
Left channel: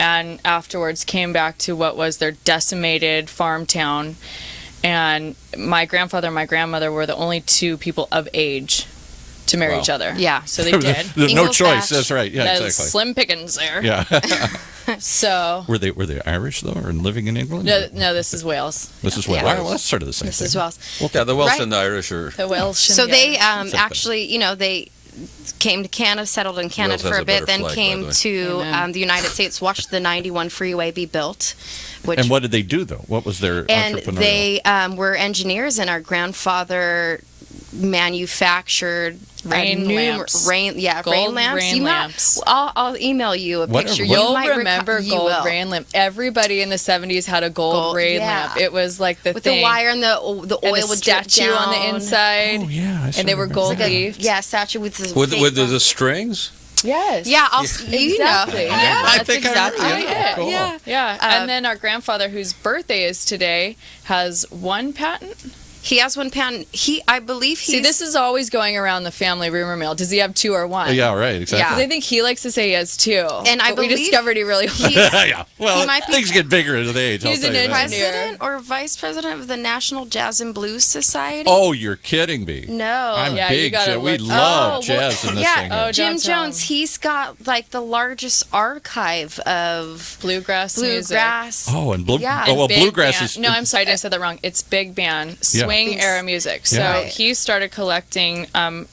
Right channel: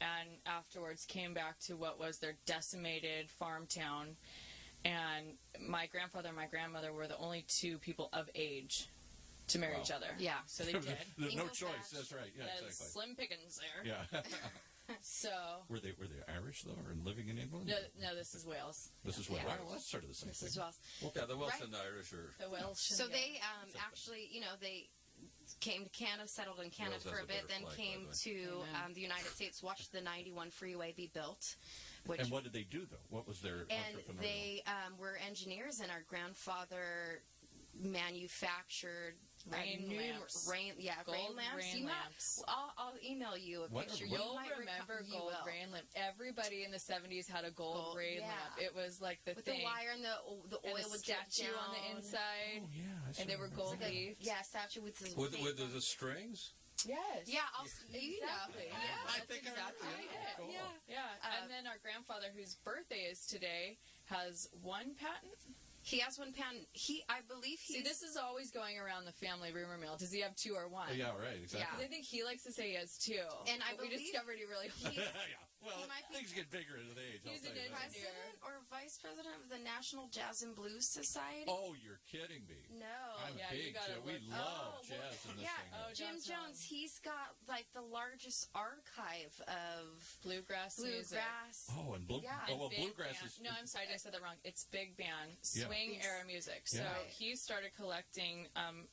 And afterwards came back to what was their decimated farm town. And my grandfather and my grandmother were the only two people of age to marry Wow. each other. Yeah. So they did. There's no Ingalls choice. Batch. That's right. Yeah, That was exactly. slim pickings there. Yeah. So Were they Irish though, or living in England? no, this is Wales. This is Wales. Yeah. Well, that's sort of the same This thing. is Welsh. Yeah, the Welsh Right. and the Irish are. The Welsh. So they Same thing. actually, they came to Canada, settled in Canada Wales for has a a bit, better then flag, by came the way. to Amen. the United States, watched the 91 freeway be built. Which, And what did they do though? What was their and entrepreneurial? they were engineers, and our grandfather manufactured Rain lamps. rain Gold lamps. rain You might- lamps. I'll email you a Whatever. picture. What- You You'll might remember you gold will. rain lamp. Everybody in the 70s had a gold rain yeah. lamp. It was like the with thing. the wire and the oil and the would drip statue on the down. inside. Oh yeah, I And sort they of were remember gold that. leafed. Yeah, statue with the With fake- the strings? Yes. Yeah, Exactly. Yeah, I that's think I exactly remember. Yeah, it. cool. Yeah. Yeah. And then our grandfather, whose birthday is today, has one patent. He has one patent. I believe he's. See, this is always going around the family rumor mill. Does he have two or one? Yeah, right. Exactly. Because I think he likes to say he has two. And I but we believe discovered he really he's yeah. Well, He might be- things get bigger as they age. He's I'll an tell you that. engineer. president or vice president of the National Jazz and Blues Society. Oh, you're kidding me. No. I'm Yeah, you big. gotta We look- love Oh, jazz in this yeah. thing. Oh, here. Jim don't tell Jones, him. he's got like the largest archive of Bluegrass music. bluegrass. Oh, and Yeah. oh, well, Big bluegrass band. is. No, I'm sorry, I said that wrong. It's big band, Yeah. swing era music. So Yeah. he started collecting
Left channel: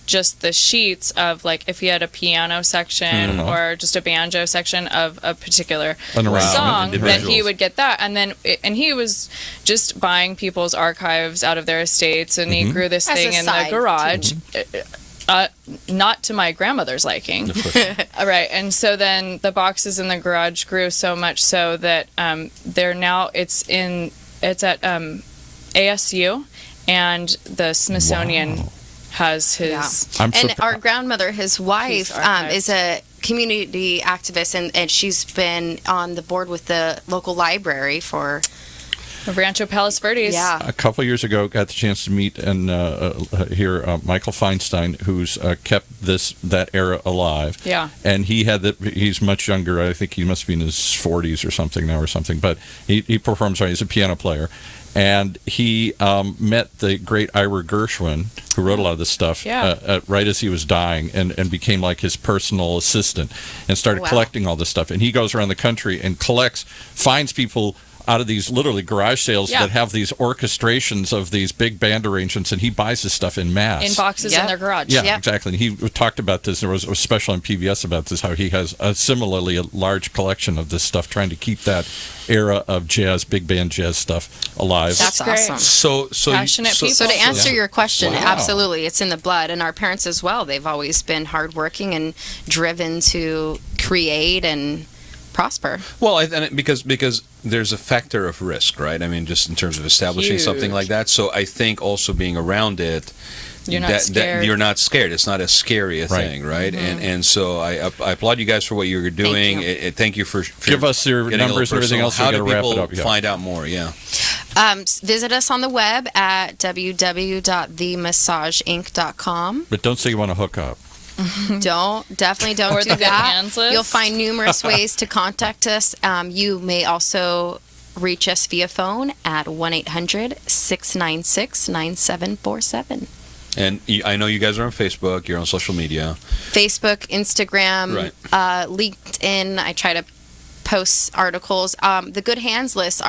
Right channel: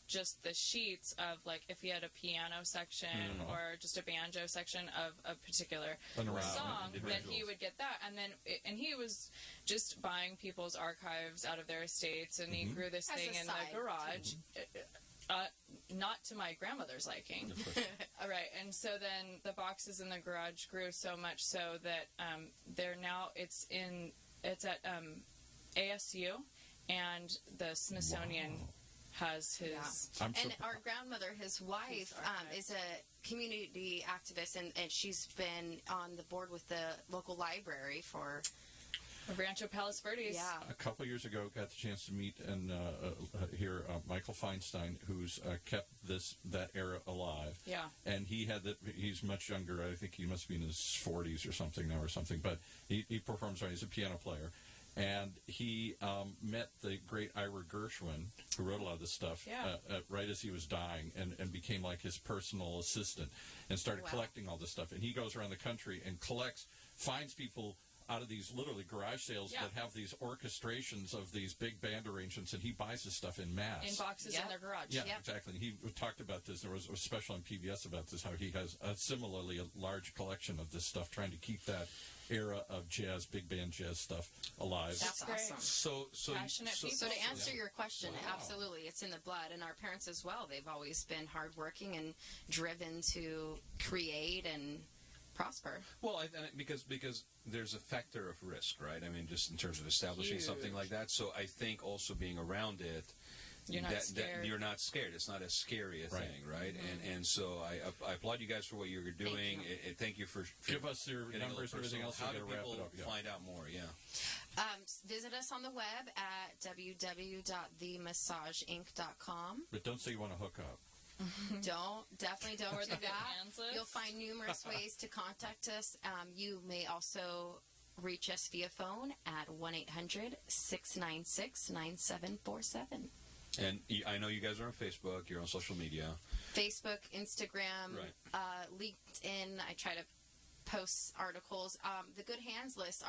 just the sheets of like if he had a piano section or just a banjo section of a particular An arrangement, song, then individuals. he would get that, and he was just buying people's archives out of their estates, and he grew this As thing a in the side, garage. Not to my grandmother's liking. Right, and so then the boxes in the garage grew so much so that they're now it's at ASU, and the Smithsonian Wow. has his. Yeah. I'm And surpri- our grandmother, his wife, archived. is a community activist, and she's been on the board with the local library for. Rancho Palos Verdes. Yeah. a couple years ago, got the chance to meet and hear Michael Feinstein, who's kept that era alive. Yeah. And he's much younger. I think he must be in his 40s or something now, but he performs. He's a piano player, and he met the great Ira Gershwin, who wrote a lot of this stuff, Yeah. right as he was dying, and became like his personal assistant, and started Wow. collecting all this stuff. And he goes around the country and finds people out of these literally garage sales Yeah. that have these orchestrations of these big band arrangements, and he buys this stuff in mass. In boxes in their garage. Yeah, Yep. exactly. And he talked about this. There was a special on PBS about this, how he has similarly a large collection of this stuff, trying to keep that era of jazz, big band jazz stuff alive. That's great. awesome. So Passionate people. So to answer your question, Wow. absolutely, it's in the blood, and our parents as well. They've always been hardworking and driven to create and prosper. Well, because there's a factor of risk, right? I mean, just in terms of establishing something Huge. like that. So I think also being around it, You're not scared. you're not scared. It's not as scary a Right. thing, right? And so I applaud you guys for what you're doing. Thank you for Give us your getting a numbers and little everything personal. else. How We do gotta wrap it people up. Yeah. find out more? Yeah. Visit us on the web at www.themassageinc.com. But don't say you want to hook up. Definitely don't Or do the Good that. Hands list. You'll find numerous ways to contact us. You may also reach us via phone at 1-800-696-9747. And I know you guys are on Facebook. You're on social media. Facebook, Instagram, Right. LinkedIn. I try to post articles. The Good Hands list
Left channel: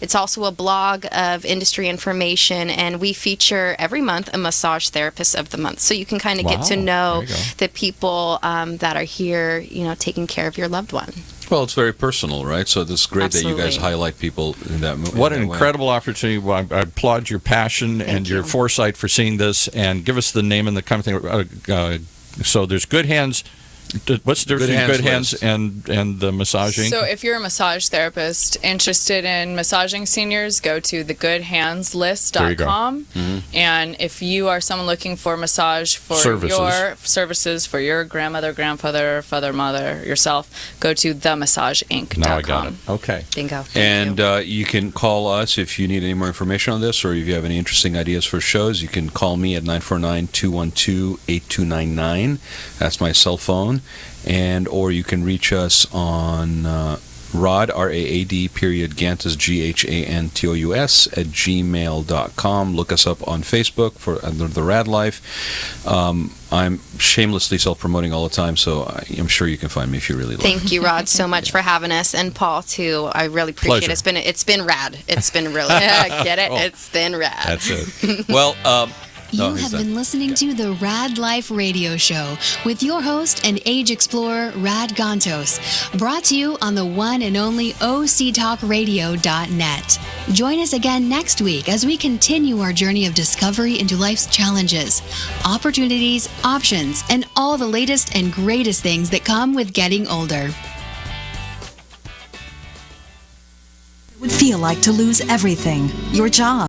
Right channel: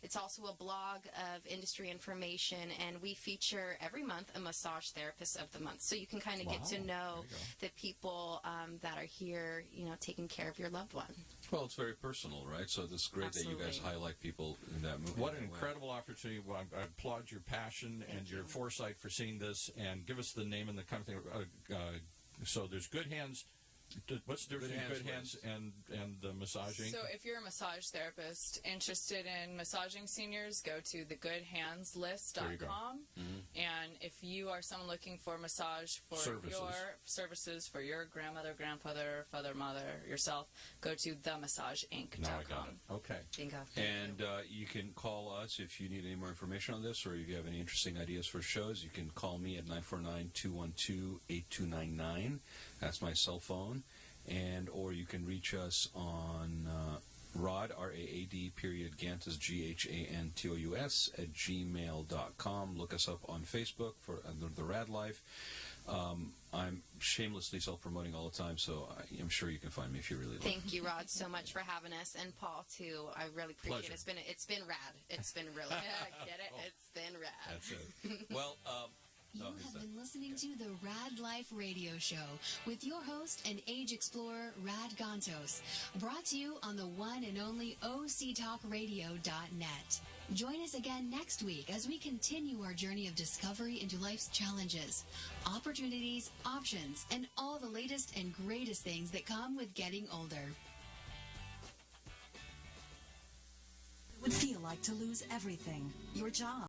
it's also a blog of industry information, and we feature every month a massage therapist of the month. So you can kind of get to Wow. know There you go. the people that are here, taking care of your loved one. Well, it's very personal, right? So it's great that you guys Absolutely. highlight people in that. What in an that way. incredible opportunity. Well, I applaud your passion and your you. foresight for seeing this. And give us the name and the company. So there's Good Hands. What's the difference Good between Good Hands Hands and the massaging? So if you're a massage therapist interested in massaging seniors, go to thegoodhandslist.com. And if you are someone looking for massage for Services. your services for your grandmother, grandfather, father, mother, yourself, go to themassageinc.com. Now I got it. Okay. Bingo. And you can call us if you need any more information on this, or if you have any interesting ideas for shows. You can call me at 949-212-8299. That's my cell phone. Or you can reach us on Raad, R-A-A-D, Gantos, G-H-A-N-T-O-U-S, at gmail.com. Look us up on Facebook under the Raad Life. I'm shamelessly self-promoting all the time, so I'm sure you can find me if you really like. Thank you, Rod, so much for having us, and Paul too. I really appreciate Pleasure. it. It's been rad. It's been really get it. It's been rad. That's it. Well, You he's have done. been listening to the Raad Life radio show with your host and age explorer, Raad Gantos, brought to you on the one and only octalkradio.net. Join us again next week as we continue our journey of discovery into life's challenges, opportunities, options, and all the latest and greatest things that come with getting older. Would feel like to lose everything, your job,